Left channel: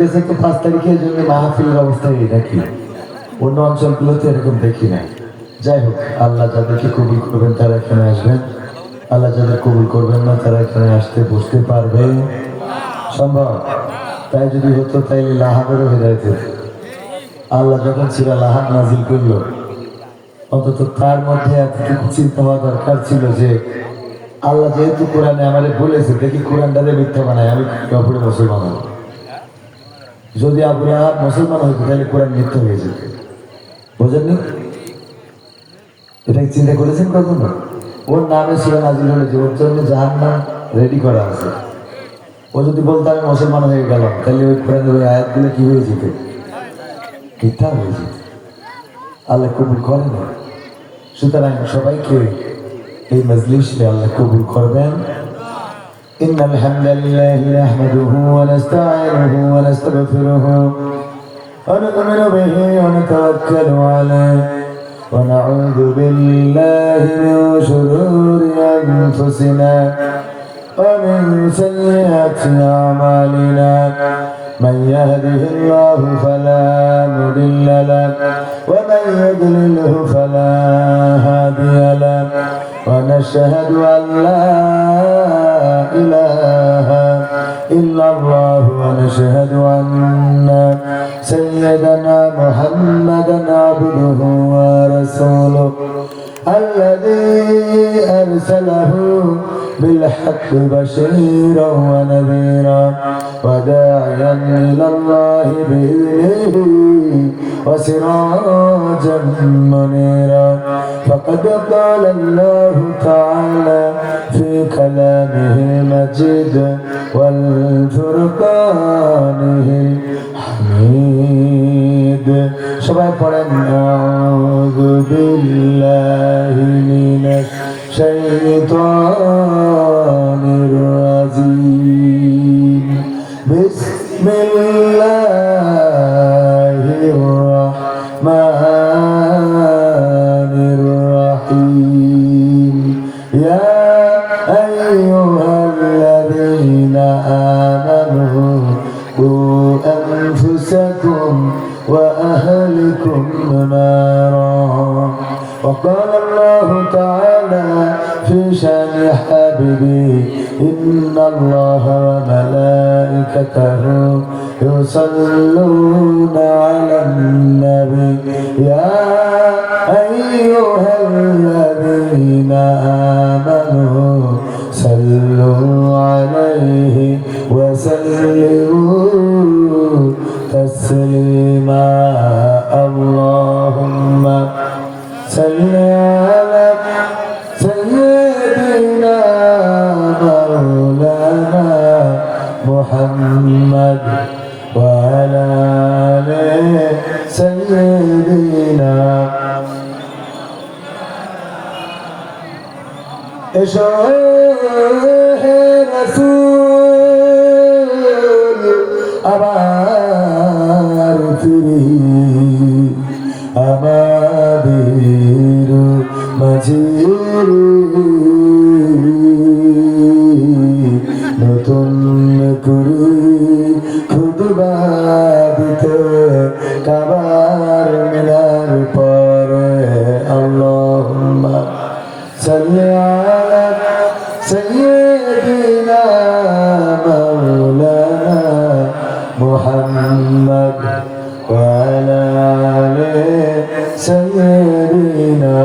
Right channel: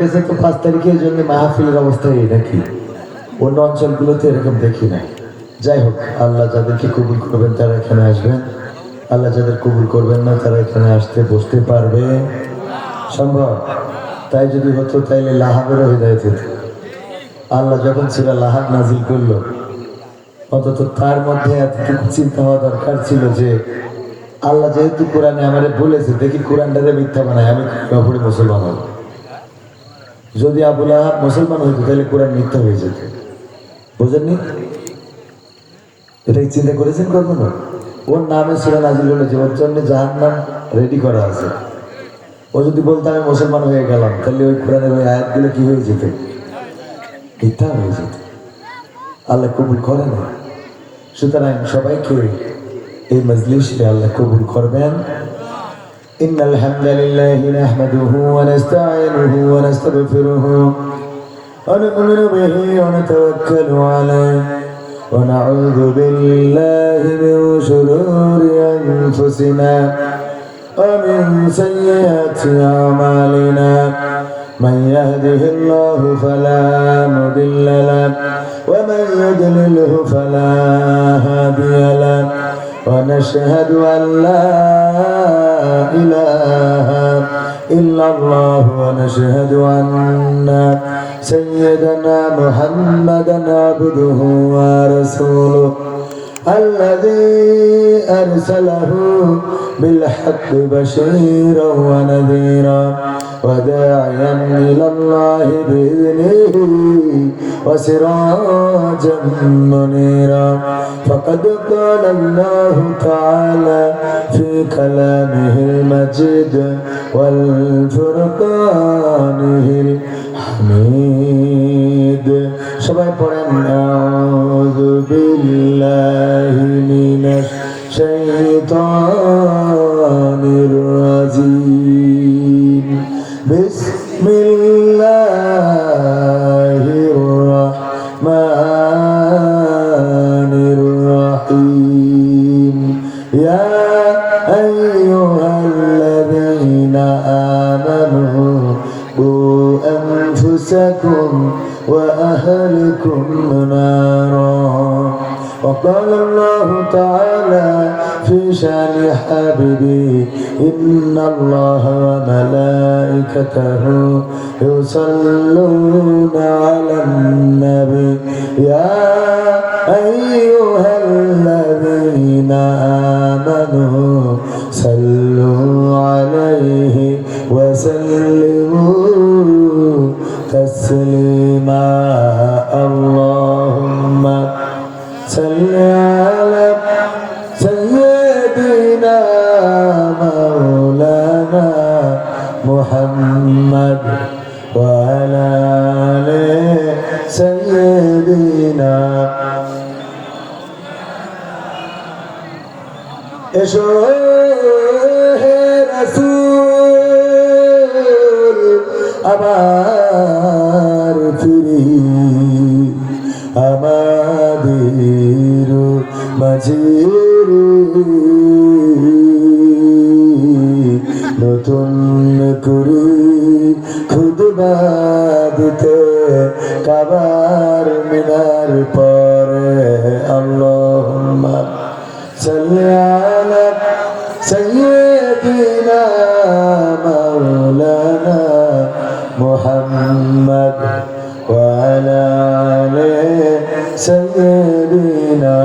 তো 5 তারিখের জন্য মাহফিলের অবস্থায় দেখি, অন্য অঞ্চলগুলোতে এরকম দেখি না। যাই হোক, আল্লাহ যাদেরকে কবুল করবেন তারা এখানে আসবেন, আল্লাহ যাদের কবুল করবেন না তারা এখানে আসতে বসতে পারবে সম্ভব? তাই যদি হতো তাইলে লাহাবেরও হৃদায়ত হতো। আল্লাহ যখন সূরা লাহাব নাজিল করলো, অন্তত তার মধ্যে এতটুকু চিন্তা হওয়া দরকার ছিল যে আল্লাহ যেহেতু কোরআনে আমাদের বলেছে, দেখি কোরআনটারে মিথ্যা বানায়, আমি কাপড়ে মুসলমান হব। যদি আবু লাহাব মুসলমান হইতো তাহলে কোরআন মিথ্যা হয়ে যেত। বোঝেননি? এটা চিন্তা করেছেন কখনো? ওর নামে সূরা নাজিল হলে যে ওর জন্য জাহান্নাম রেডি করা আছে, ও যদি বলতো আমি মুসলমান হয়ে গেলাম, তাহলে ওই কোরআনের ওই আয়াতগুলো কি হয়ে যেত? মিথ্যা হয়ে যেত। আল্লাহ কবুল করে না। সুতরাং সবাইকে এই মজলিসে আল্লাহ কবুল করবেন। إن الحمد لله نحمده ونستعينه ونستغفره ونؤمن به ونتوكل عليه ونعوذ بالله من شرور أنفسنا ومن سيئات أعمالنا من يهده الله فلا مضل له ومن يضلله فلا هادي له ونشهد أن لا إله إلا الله ونشهد أن سيدنا محمدا عبده ورسوله الذي أرسله بالحق بشيرا ونذيرا وداعيا إلى الله بإذنه وسراجا منيرا فقد قال الله تعالى في كلامه المجيد والفرقانه الحميد সবাই পড়েন আউযু বিল্লাহি মিনাশ শাইতানির রাজিম বিসমিল্লাহির রাহমানির রাহিম ইয়া আইয়ুহাল্লাযীনা আমানু أنفسكم وأهلكم نارا وقال الله تعالى في شأن حبيبي إن الله وملائكته يصلون على النبي يا أيها الذين آمنوا صلوا عليه وسلموا تسليما اللهم صل على سيدنا مولانا محمد وعلى آل سيدنا رسول আমার ফিরি আমাদের মাঝের নতুন করে খুদবা দিতে কাবার মিনার পরে আল্লাহুম্মা সাল্লি আলা সাইয়্যিদিনা মাওলানা محمد وعلى آل سيدنا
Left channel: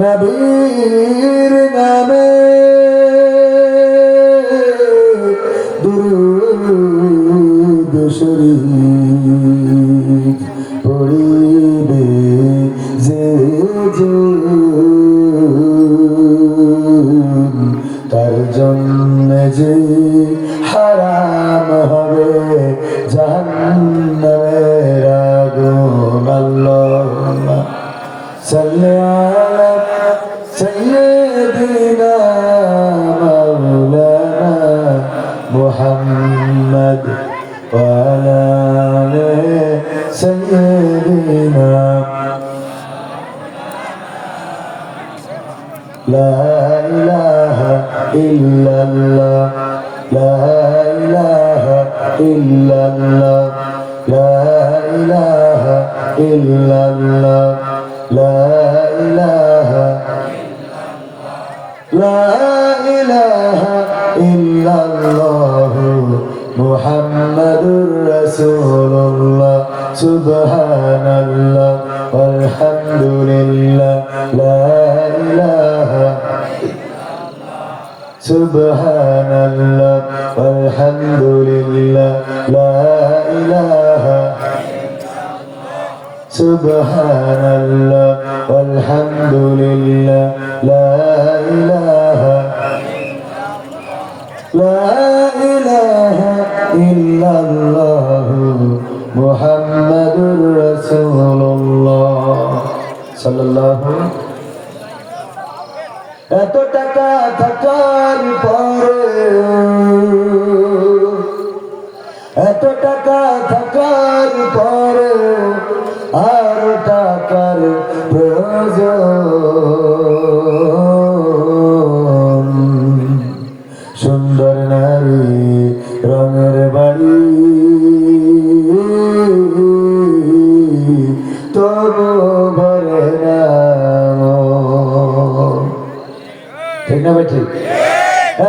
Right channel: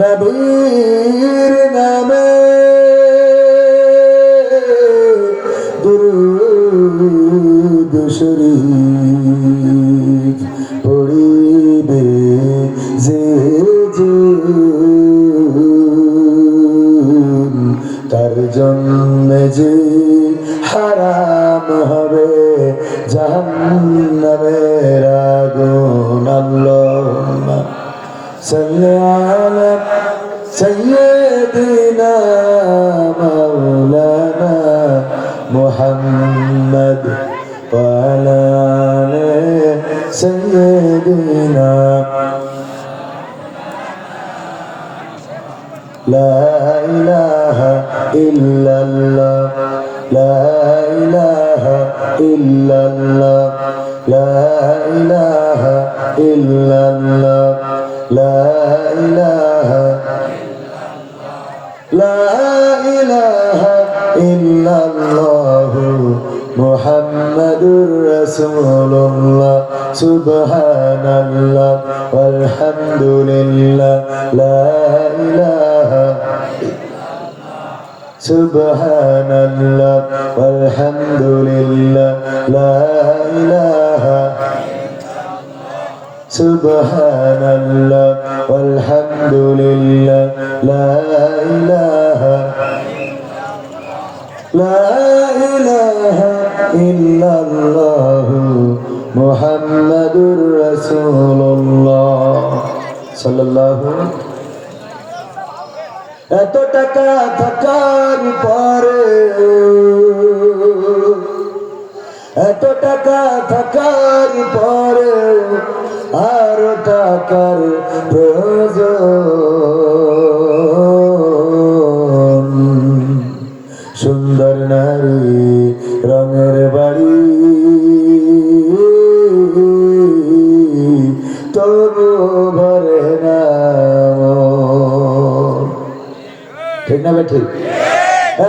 নবীর নামে দুরূদ শরীফ পড়িবে যে তার জন্য যে হারাম হবে জাহান্নামের আগুন আল্লাহুম্মা সাল্লি আলা সাইয়্যিদিনা মাওলানা মুহাম্মদ ওয়া আলা আলি সাইয়্যিদিনা لا إله إلا الله লা ইলাহা ইল্লাল্লাহ লা ইলাহা ইল্লাল্লাহ লা ইলাহা লা ইলাহা ইল্লাল্লাহ মুহাম্মাদুর রাসূলুল্লাহ সুবহানাল্লাহ walhamdulillah la ilaha subhanallah walhamdulillah la ilaha subhanallah walhamdulillah la ilaha illallah মুহাম্মাদুর রাসূলুল্লাহ সাল্লাল্লাহু এত টাকা থাকার পরে এত টাকা থাকার পরে আর টাকার প্রয়োজন সুন্দর নারী রঙের বাড়ি তবু ভরে না ঠিক না ভাই ঠিক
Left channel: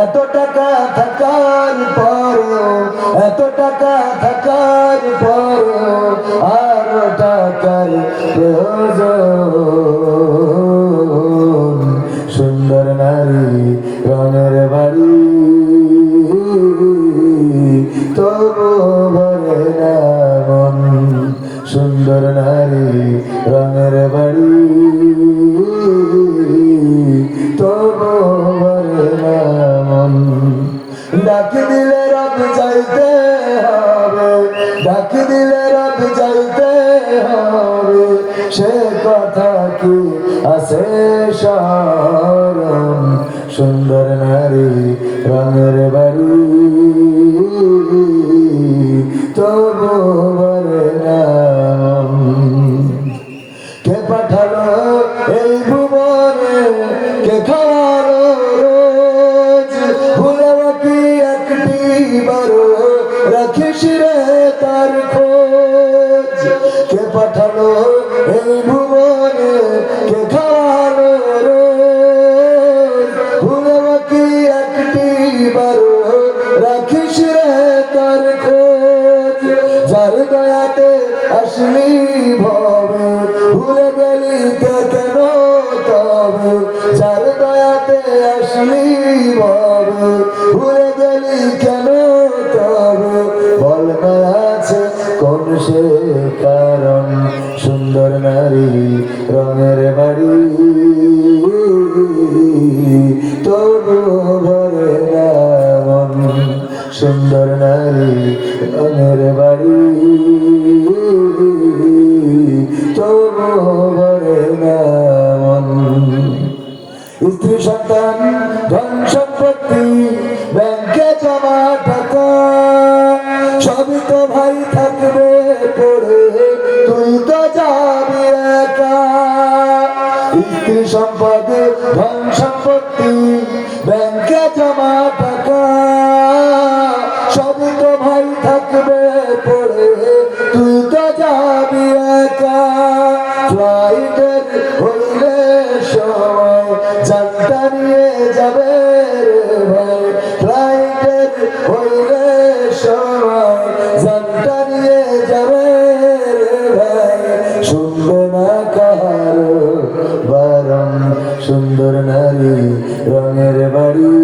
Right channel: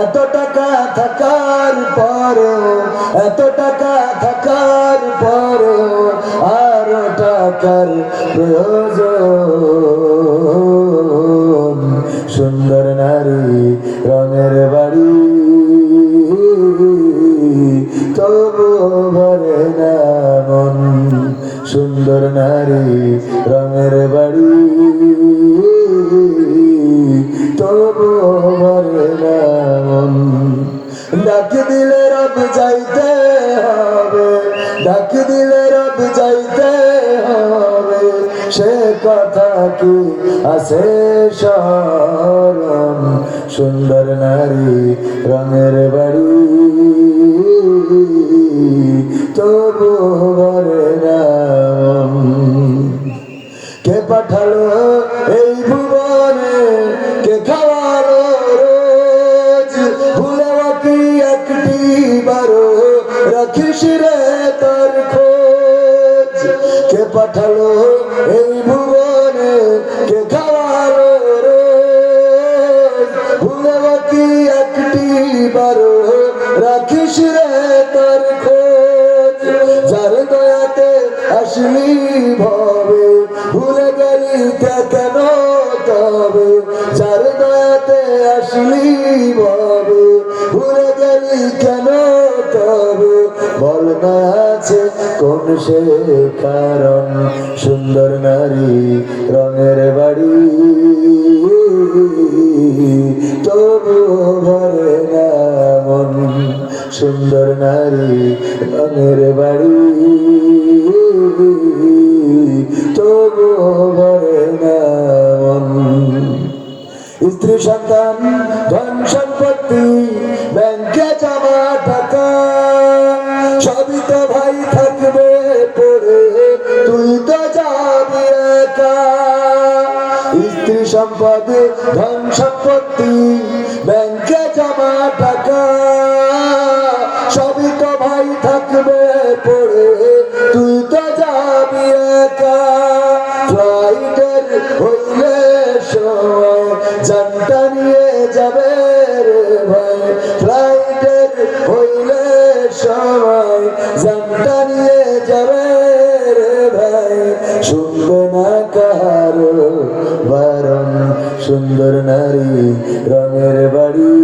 এত টাকা থাকার পর এত টাকা থাকার পর আর টাকার প্রয়োজন সুন্দর নারী রঙের বাড়ি তবু ভরে না মন সুন্দর নারী রঙের বাড়ি তবু ভরে না মন ডাক দিলে রব যাইতে হবে ডাক দিলে রব যাইতে হবে সে কথা কি আছে স্মরণ সুন্দর নারী রঙের বাড়ি তবু ভরে না মন কে পাঠালো এই ভুবনে কে খাওয়ালো রোজ ভুলেও কি একটি বারো রাখিস রে তার খোঁজ কে পাঠালো এই ভুবনে কে খাওয়ালো রোজ ভুলেও কি একটি বারো রাখিস রে তার খোঁজ যার দয়াতে আসলি ভবে ভুলে গেলি কেন তবে যার দয়াতে আসলি ভবে ভুলে গেলি কেন তবে বল না আছে কোন সে কারণ সুন্দর নারী রঙের বাড়ি তবু ভরে না মন সুন্দর নারী রঙের বাড়ি তবু ভরে না মন স্ত্রী সন্তান ধন সম্পত্তি ব্যাংকে জমা টাকা সবই তো ভাই থাকবে পড়ে তুই তো যাবি একা স্ত্রী সম্পদ ধন সম্পত্তি ব্যাংকে জমা টাকা সবই তো ভাই থাকবে পড়ে তুই তো যাবি একা ফ্লাইটের হইলে সময় জানটা নিয়ে যাবে রে ভাই ফ্লাইটের হইলে সময় জানটা নিয়ে যাবে রে ভাই শুনবে না কারো বারণ সুন্দর নারী রঙের বাড়ি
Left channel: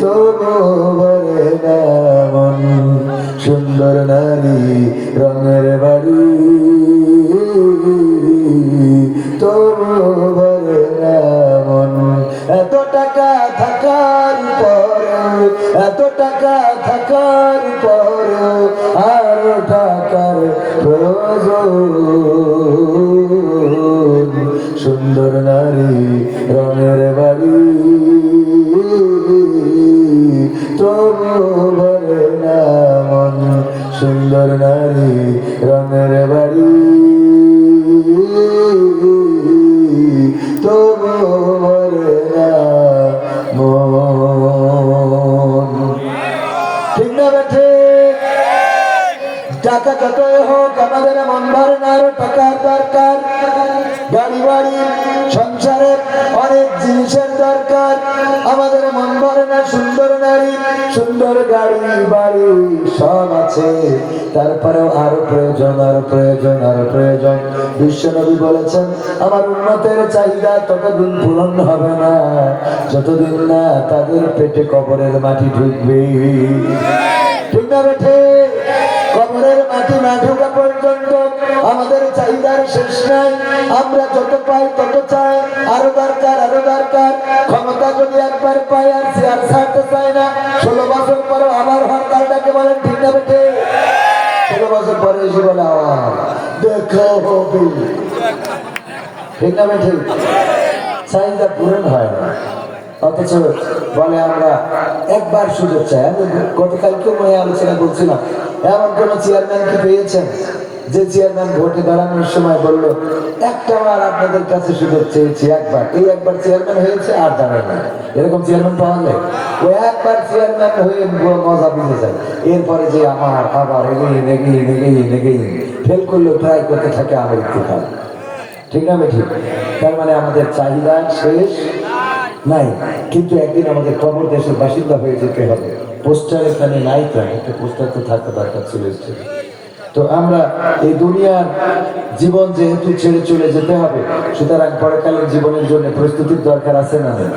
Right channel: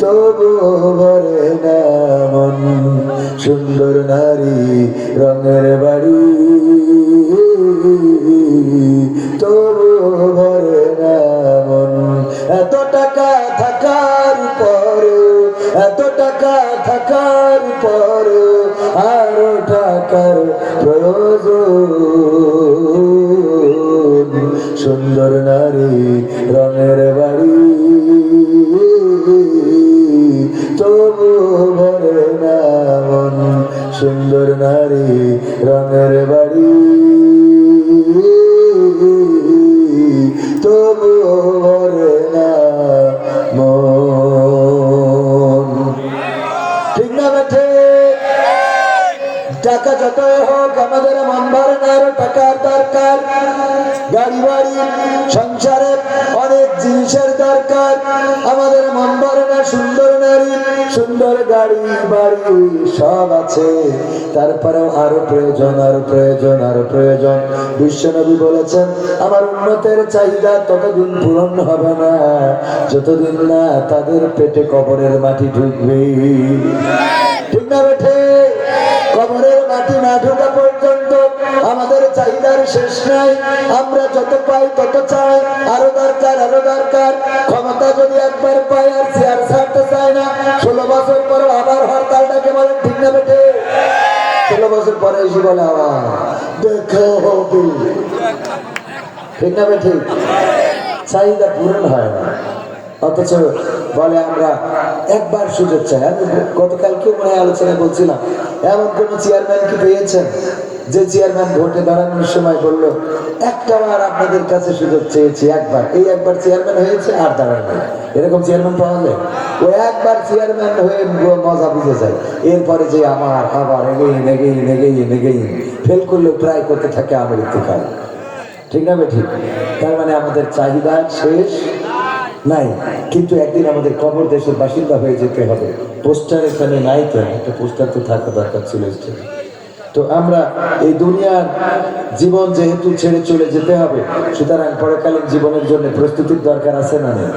তবু ভরে না মন সুন্দর নারী রঙের বাড়ি তবু ভরে না মন এত টাকা থাকার পরেও এত টাকা থাকার পরেও আর টাকার প্রয়োজন সুন্দর নারী রঙের বাড়ি তবু ভরে না মন সুন্দর নারী রঙের বাড়ি তবু ভরে না মন সুন্দর নারী, সুন্দর গাড়ি বাড়ি সব আছে, তারপরেও আরো প্রয়োজন, আরো প্রয়োজন, আরো প্রয়োজন। বিশ্বনবী বলেছেন আমার উম্মতের চাহিদা ততদিন পূরণ হবে না যতদিন না তাদের পেটে কবরের মাটি ঢুকবে। ঠিক না বেঠে? কবরের মাটি না ঢোকা পর্যন্ত আমাদের চাহিদার শেষ নাই। আমরা যত পাই তত চাই, আরো দরকার, আরো দরকার। ক্ষমতা যদি একবার পাই আর চেয়ার ছাড়তে চাই না। 16 বছর পরে আবার হরতালটাকে বলেন, ঠিক না বেটে? 16 বছর পরে এসে বলে আবার দেখা হবে, ঠিক না বেটে? চাহিদা পূরণ হয় না, অথচ বলে আমরা একবার সুযোগ চাই। আমি গতকালকে মনে আলোচনা করছিলাম, এমন কোন চেয়ারম্যান কি পেয়েছেন যে চেয়ারম্যান ভোটে দাঁড়ানোর সময় বললো একটা বার আপনাদের কাছে সুযোগ চেয়েছি, একবার, এই একবার চেয়ারম্যান হয়েছে আর দাঁড়ানো? এরকম চেয়ারম্যান পাওয়া যায়? ওই একবার চেয়ারম্যান হয়ে মজা বুঝে যায়, এরপরে যে আবার এগেই ফেল করলেও ট্রাই করতে থাকে আমার ইত্তেফাক। ঠিক না ঠিক? তার মানে আমাদের চাহিদা শেষ নাই, কিন্তু একদিন আমাদের কবর দেশের বাসিন্দা হয়ে যেতে হবে। পোস্টার এখানে নাই, কেন একটা পোস্টার তো থাকা দরকার ছিল। তো আমরা এই দুনিয়ার জীবন যেহেতু ছেড়ে চলে যেতে হবে, সুতরাং পরকালীন জীবনের জন্য প্রস্তুতির দরকার আছে না নেই?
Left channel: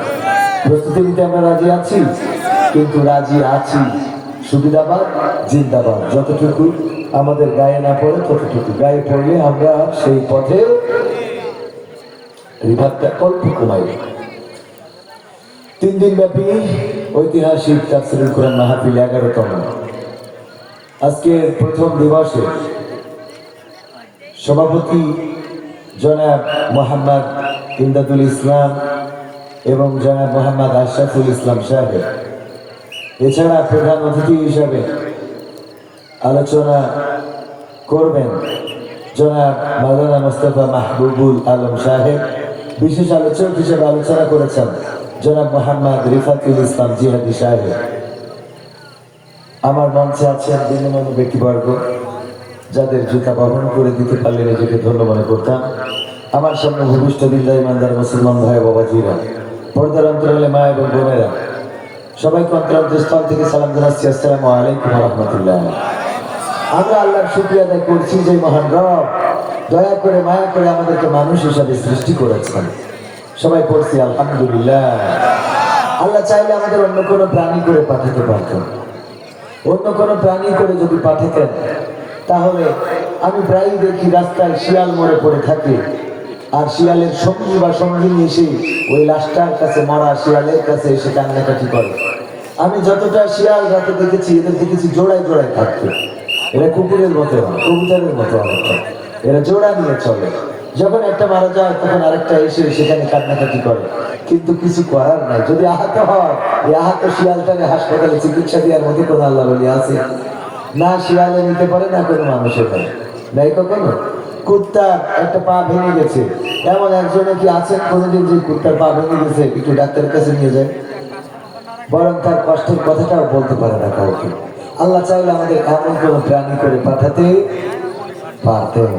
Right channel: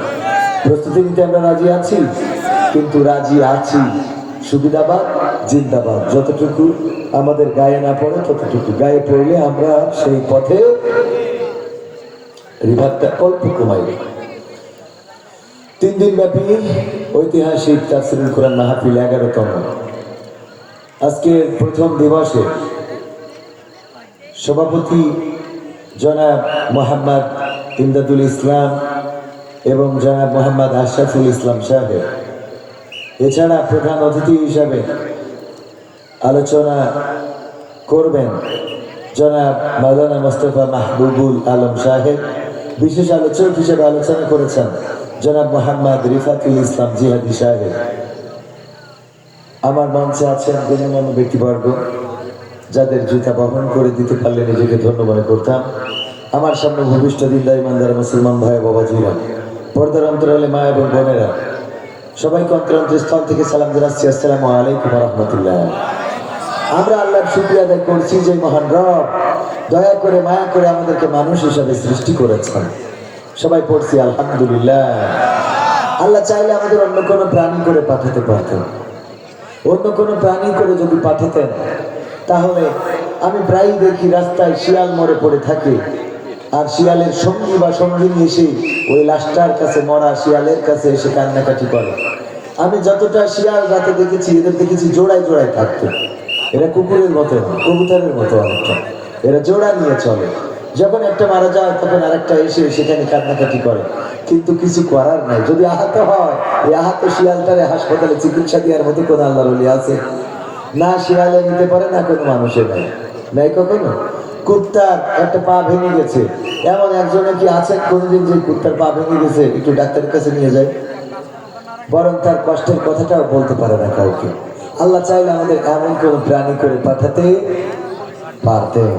প্রস্তুতি নিতে আমরা রাজি আছি, কিন্তু রাজি আছি সুবিধাবাদ জিন্দাবাদ। যতটুকু আমাদের গায়ে না পড়ে ততটুকু, গায়ে পড়লে আমরা সেই পথে রিভাবটা অল্প কমাই। 3 দিন ব্যাপী ঐতিহাসিক তাফসীরুল কোরআন মাহফিল 11তম। আজকে প্রথম দিবসে সভাপতি জনাব মোহাম্মদ ইমদাদুল ইসলাম এবং জনাব মোহাম্মদ আশরাফুল ইসলাম সাহেব, এছাড়া প্রধান অতিথি হিসাবে আলোচনা করবেন জনাব মাওলানা মোস্তফা মাহবুবুল আলম সাহেব। বিশেষ আলোচক হিসেবে আলোচনা করেছেন জনাব মোহাম্মদ রিফাতুল ইসলাম জিহাদি সাহেব। আমার মঞ্চে আছেন গণ্যমান্য ব্যক্তিবর্গ, যাদের জুতা বহন করে দিতে পারলে নিজেকে ধন্য মনে করতাম। আমার সামনে ভূমিষ্ঠ দিনদার ইমানদার মুসলমান ভাই বাবাজিরা, পর্দার অন্তরালে মা এবং বোনেরা, সবাইকে অন্তরস্থল থেকে সালাম জানাচ্ছি, আসসালামু আলাইকুম ওয়া রাহমাতুল্লাহ। আমরা আল্লাহর শুকরিয়া আদায় করছি যে মহান রব দয়া করে মায়া করে আমাদেরকে মানুষ হিসাবে সৃষ্টি করেছেন। সবাই পড়ছি আলহামদুলিল্লাহ। আল্লাহ চাইলে আমাদের অন্য কোনো প্রাণী করে পাঠাতে পারতেন। অন্য কোনো প্রাণী করে যদি পাঠাতেন, তাহলে আমি প্রায়ই দেখি রাস্তায় শিয়াল মরে পড়ে থাকে, আর শিয়ালের সঙ্গী বা সঙ্গিনী এসে ওই লাশটার কাছে, মরা শিয়ালের কাছে এসে কান্নাকাটি করে। আমি যতটা শিয়াল রাতে দেখেছি, এদের দেখেছি জোড়ায় জোড়ায় থাকতো। এরা কুকুরের মতো, কবুতরের মতো অনেকটা, এরা জোড়া নিয়ে চলে। যখন একটা মারা যায় তখন আরেকটা এসে সেখানে কান্নাকাটি করে, কিন্তু কিছু করার নাই। যদি আহত হয়, এই আহত শিয়ালটারে হাসপাতালে চিকিৎসা দেওয়ার মতো কোনো আল্লাহ বলি আছে? না শিয়ালে নিতে পারে, না কোনো মানুষের নেই, নাই কখনো। কুত্তার একটা পা ভেঙে গেছে, এমন একজনে কি আছেন কোনোদিন যে কুত্তার পা ভেঙে গেছে একটু ডাক্তারের কাছে নিয়ে যায়? বরং তার কষ্টের কথাটাও বলতে পারে না কাউকে। আল্লাহ চাইলে আমাদের এমন কোন প্রাণী করে পাঠাতে পারতেন।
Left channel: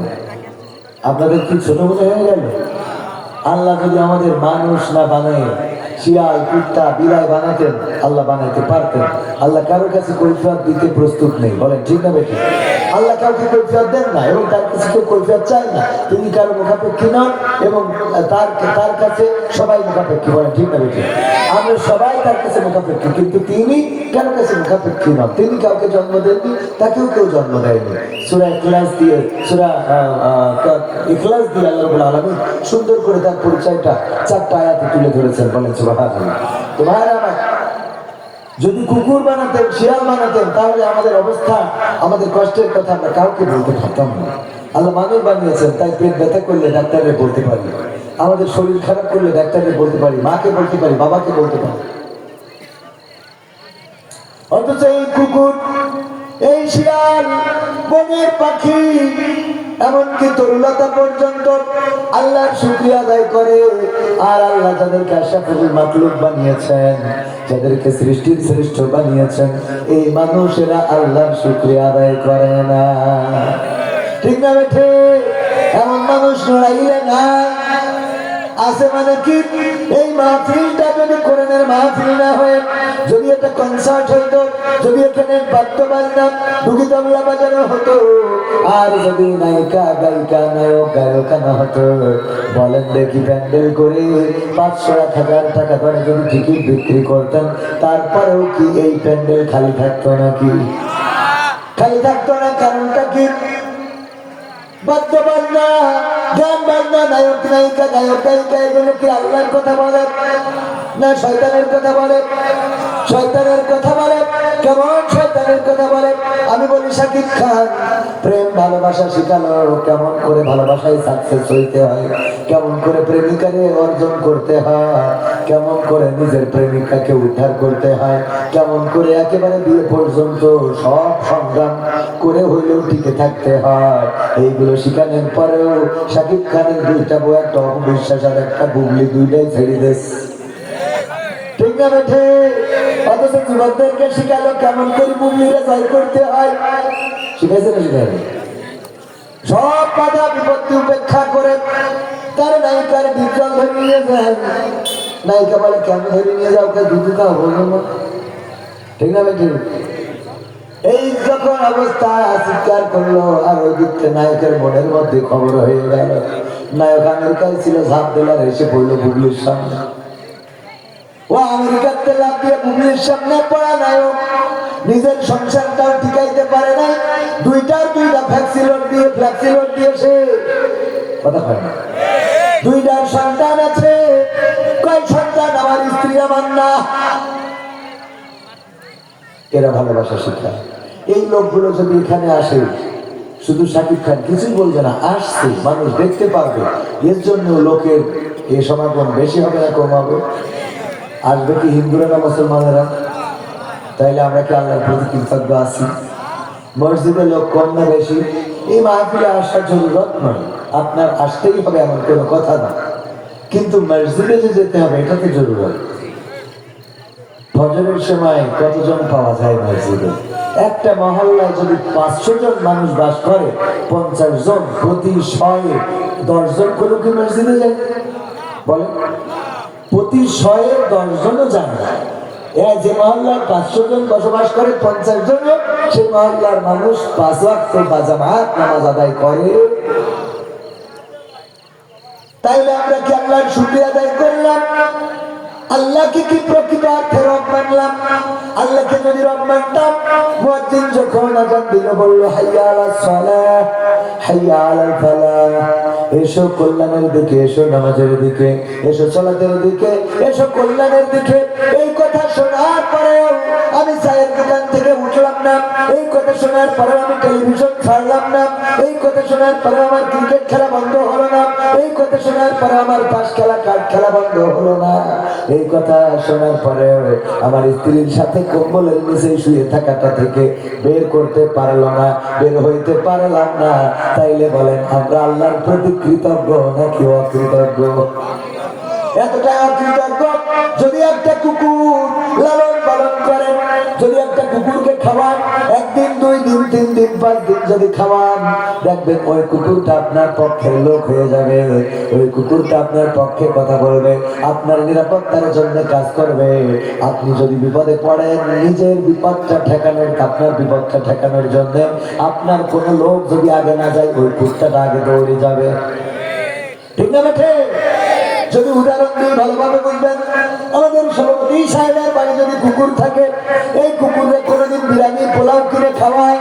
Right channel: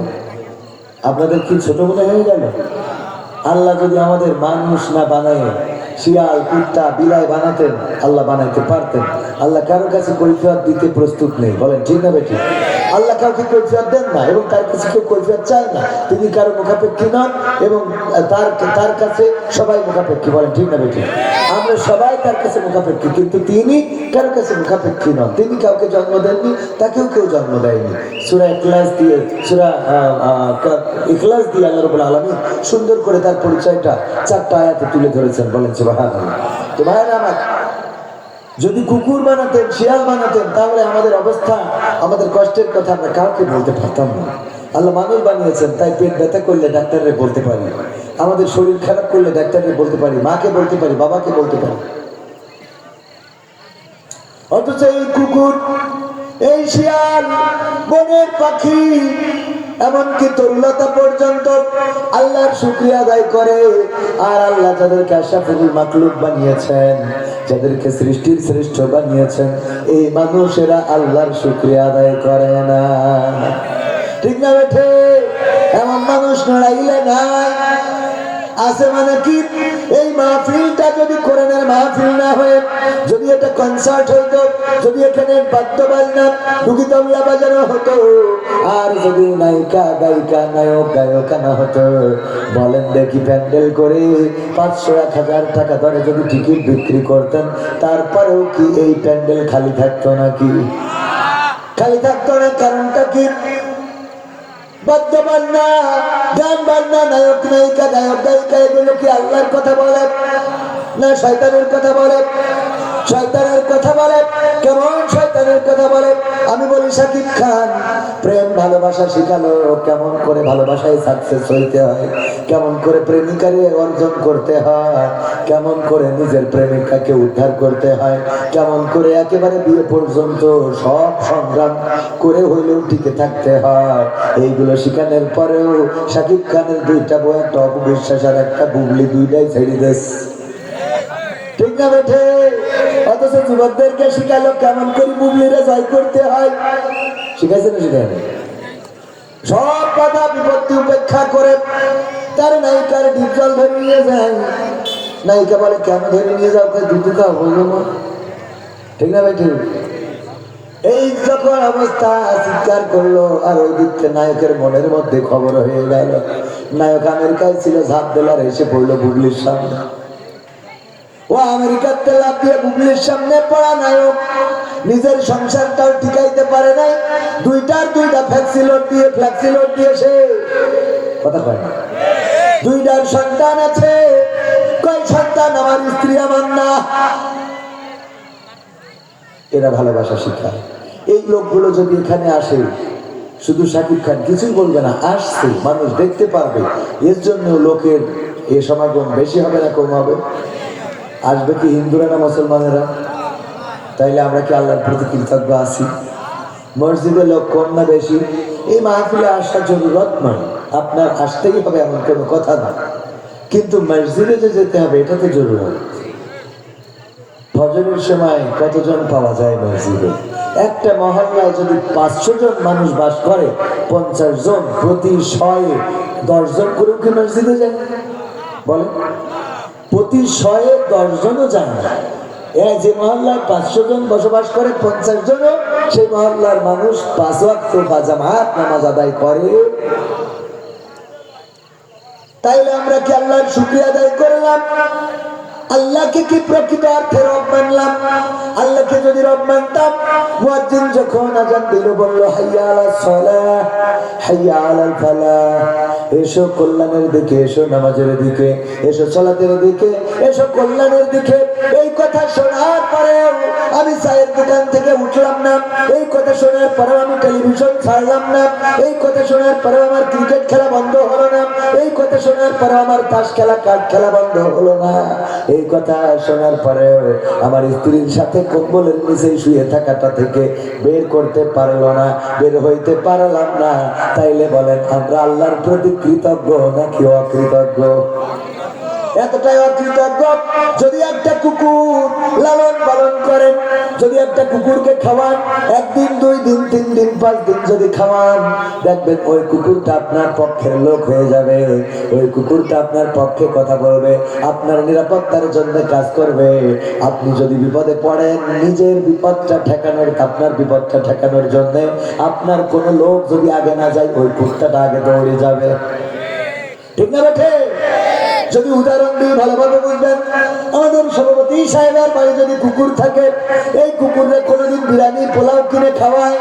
আপনাদের কি ছোট মনে হয়ে গেল? আল্লাহ যদি আমাদের মানুষ না বানায়, শিয়াল কুত্তা বিড়াল বানাতেন, আল্লাহ বানাইতে পারতেন। আল্লাহ কারোর কাছে কৈফিয়ত দিতে প্রস্তুত নেই, বলেন ঠিক না বেঠিক? আল্লাহ কাউকে কৈফিয়ত দেন না এবং তার কাছে কেউ কৈফিয়ত চায় না। তিনি কারো মুখাপেক্ষী নন এবং তার কাছে সবাই মুখাপেক্ষী, বলেন ঠিক না বেঠিক? আমরা সবাই তার কাছে মুখাপেক্ষী, কিন্তু তিনি কারো কাছে মুখাপেক্ষী নন। তিনি কাউকে জন্ম দেননি, তাকেও কেউ জন্ম দেয়নি। সূরা ইখলাস দিয়ে আল্লাহ রাব্বুল আলামিন সুন্দর করে তার পরিচয়টা 4টা আয়াতে তুলে ধরেছেন, বলেন সুবহানাল্লাহ। তো ভাইরা আমার, যদি কুকুর বানাতেন, শিয়াল বানাতেন, তাহলে আমাদের অবস্থা, আমাদের কষ্টের কথা আমরা কাউকে বলতে পারতাম না। আল্লাহ মানুষ বানিয়েছেন, তাই পেট ব্যথা করলে ডাক্তারকে বলতে পারি, আমাদের শরীর খারাপ করলে ডাক্তারকে বলতে পারি, মাকে বলতে পারি, বাবাকে বলতে পারি। অথচ এই কুকুর, এই শিয়াল, বনের পাখি, এমনকি তরুলতা পর্যন্ত আল্লাহর শুকরিয়া আদায় করে। আর আল্লাহ তাদেরকে আশরাফুল মাখলুক বানিয়েছেন, যাদেরকে সৃষ্টির শ্রেষ্ঠ বানিয়েছেন, এই মানুষেরা আল্লাহর শুকরিয়া আদায় করে না। ঠিক না বেঠে? এমন মানুষ নড়াইলে নাই আছে। মানে কি, এই মাহফিলটা যদি কোরআনের মাহফিল না হয়ে যদি একটা কনসার্ট হইতো, যদি এখানে বাদ্য বাজনা ঢুকি তবলা বাজানো হতো, আর যদি নায়িকা গায়িকা নায়ক গায়িকা হতো, বলেন দেখি প্যান্ডেল করে 500-1000 টাকা ধরে যদি টিকিট বিক্রি করতেন, তারপরেও কি এই প্যান্ডেল খালি থাকতো নাকি? খালি থাকতো না। কারণটা কি? বাদ্য বাজনা, গান বাজনা, নায়ক নায়িকা নায়ক গায়িকা এগুলো কি আল্লাহর কথা বলে না শয়তানের কথা বলে? শয়তানের কথা বলে। কেমন শয়তানের কথা বলে? আমি বলি শাকিব খান প্রেম ভালোবাসা শিখালো কেমন করে ভালোবাসায় সাকসেস হইতে হয়, কেমন করে প্রেমিকারে অর্জন করতে হয়, কেমন করে নিজের প্রেমিকাকে উদ্ধার করতে হয়, কেমন করে একেবারে বিয়ে পর্যন্ত সব সংগ্রাম করে হইলেও টিকে থাকতে হয়, এইগুলো শিখানোর পরেও শাকিব খানের 2টা বউ, একটা অপবিশ্বাস আর একটা বুবলি, 2টাই ছেড়ে দেশ। ঠিক না বেঠে? অথচ যুবকদেরকে শিখালো কেমন করে বুবলিরা জয় করতে হয়। শিখাইছে না? শিখাই সব বাধা বিপত্তি উপেক্ষা করে তার নায়িকার ডিপজল ধরে নিয়ে যায়। নায়িকা বলে কেন ধরে নিয়ে যাও? দুধুকা হলো। ঠিক না বেঠে? এই যখন অবস্থা চিৎকার করলো, আর ওই দিকটা নায়কের মনের মধ্যে খবর হয়ে গেল। নায়ক আমেরিকায় ছিল, ঝাঁপ দিলার এসে পড়লো বুবলির সামনে। ও আমেরিকাতে লাভ দিয়ে বুবলির সামনে পড়া নায়ক নিজের সংসারটাও টিকাইতে পারে না, 2টা ফ্ল্যাক্সিলোড দিয়ে সে কথা পারে না। 2টার সন্তান আছে। কয় সন্তান? আমার স্ত্রী আমার না। এরা ভালোবাসা শিখায়। এই লোকগুলো যদি এখানে আসে, শুধু শাকিব খান কিছুই বলবে না, আসছে মানুষ দেখতে পারবে, এর জন্য লোকের এ সমাগম বেশি হবে না কম হবে? আসবে কি হিন্দুরা না মুসলমানেরা? তাইলে আমরা কি আল্লাহর প্রতি কৃতজ্ঞ আছি? মসজিদে লোক কম না বেশি? এই মাহফিলে আসার জরুরত নয়, আপনার আসতেই হবে এমন কোনো কথা না, কিন্তু মসজিদে যে যেতে হবে এটা তো জরুরত। ফজরের সময় কতজন পাওয়া যায় মসজিদে? একটা মহল্লায় যদি 500 জন মানুষ বাস করে, 50 জন প্রতি 10 জন করে কি মসজিদে যায়? বলে প্রতি 10 জনও যায় না। এরা যে মহল্লায় 500 জন বসবাস করে, 50 জনও সেই মহল্লার মানুষ 5 ওয়াক্ত বা জামাত নামাজ আদায় করে। তাইলে আমরা কি আল্লাহর শুকরিয়া আদায় করলাম? আল্লাহকে কি প্রকৃত অর্থে রব মানলাম? আল্লাহকে যদি রব মানতাম, মুয়াজ্জিন যখন আযান দিল বলল হাইয়া আলাস সালাহ হাইয়া আলাল ফালাহ, এসো কল্যাণের দিকে, এসো নামাজের দিকে, এসো সালাতের দিকে, এসো কল্যাণের দিকে। এই কথা শোনার পরেও আমি চায়ের দোকান থেকে উঠলাম না, এই কথা শোনার পরেও আমি টেলিভিশন ছাড়লাম না, এই কথা শোনার পরেও আমার ক্রিকেট খেলা বন্ধ হলো না, এই কথা শোনার পরেও আমার তাস খেলা কার্ড খেলা বন্ধ হলো না, এই কথা শোনার পরেও আমার স্ত্রীর সাথে কম্বলের নিচে শুয়ে থাকাটা থেকে বের করতে পারলো না, বের হইতে পারলাম না। তাইলে বলেন আমরা আল্লাহর প্রতি কৃতজ্ঞ নাকি অকৃতজ্ঞ? এতটাই অকৃতজ্ঞ। যদি একটা কুকুর লালন পালন করেন, যদি একটা কুকুরকে খাওয়ান, 1 দিন 2 দিন 3 দিন 5 দিন যদি খাওয়ান, দেখবেন ওই কুকুরটা আপনার পক্ষের লোক হয়ে যাবে, ওই কুকুরটা আপনার পক্ষে কথা বলবে, আপনার নিরাপত্তার জন্য কাজ করবে। আপনি যদি বিপদে পড়েন, নিজের বিপদটা ঠেকানোর, আপনার বিপদটা ঠেকানোর জন্য আপনার কোনো লোক যদি আগে না যায়, ওই কুকুরটা আগে দৌড়ে যাবে। ঠিক না বেঠে? যদি উদাহরণ দিই ভালোভাবে বুঝবেন, আমাদের সভাপতি সাহেবের বাড়ি যদি কুকুর থাকে, এই কুকুরে কোনোদিন বিরিয়ানি পোলাও কিনে খাওয়ায়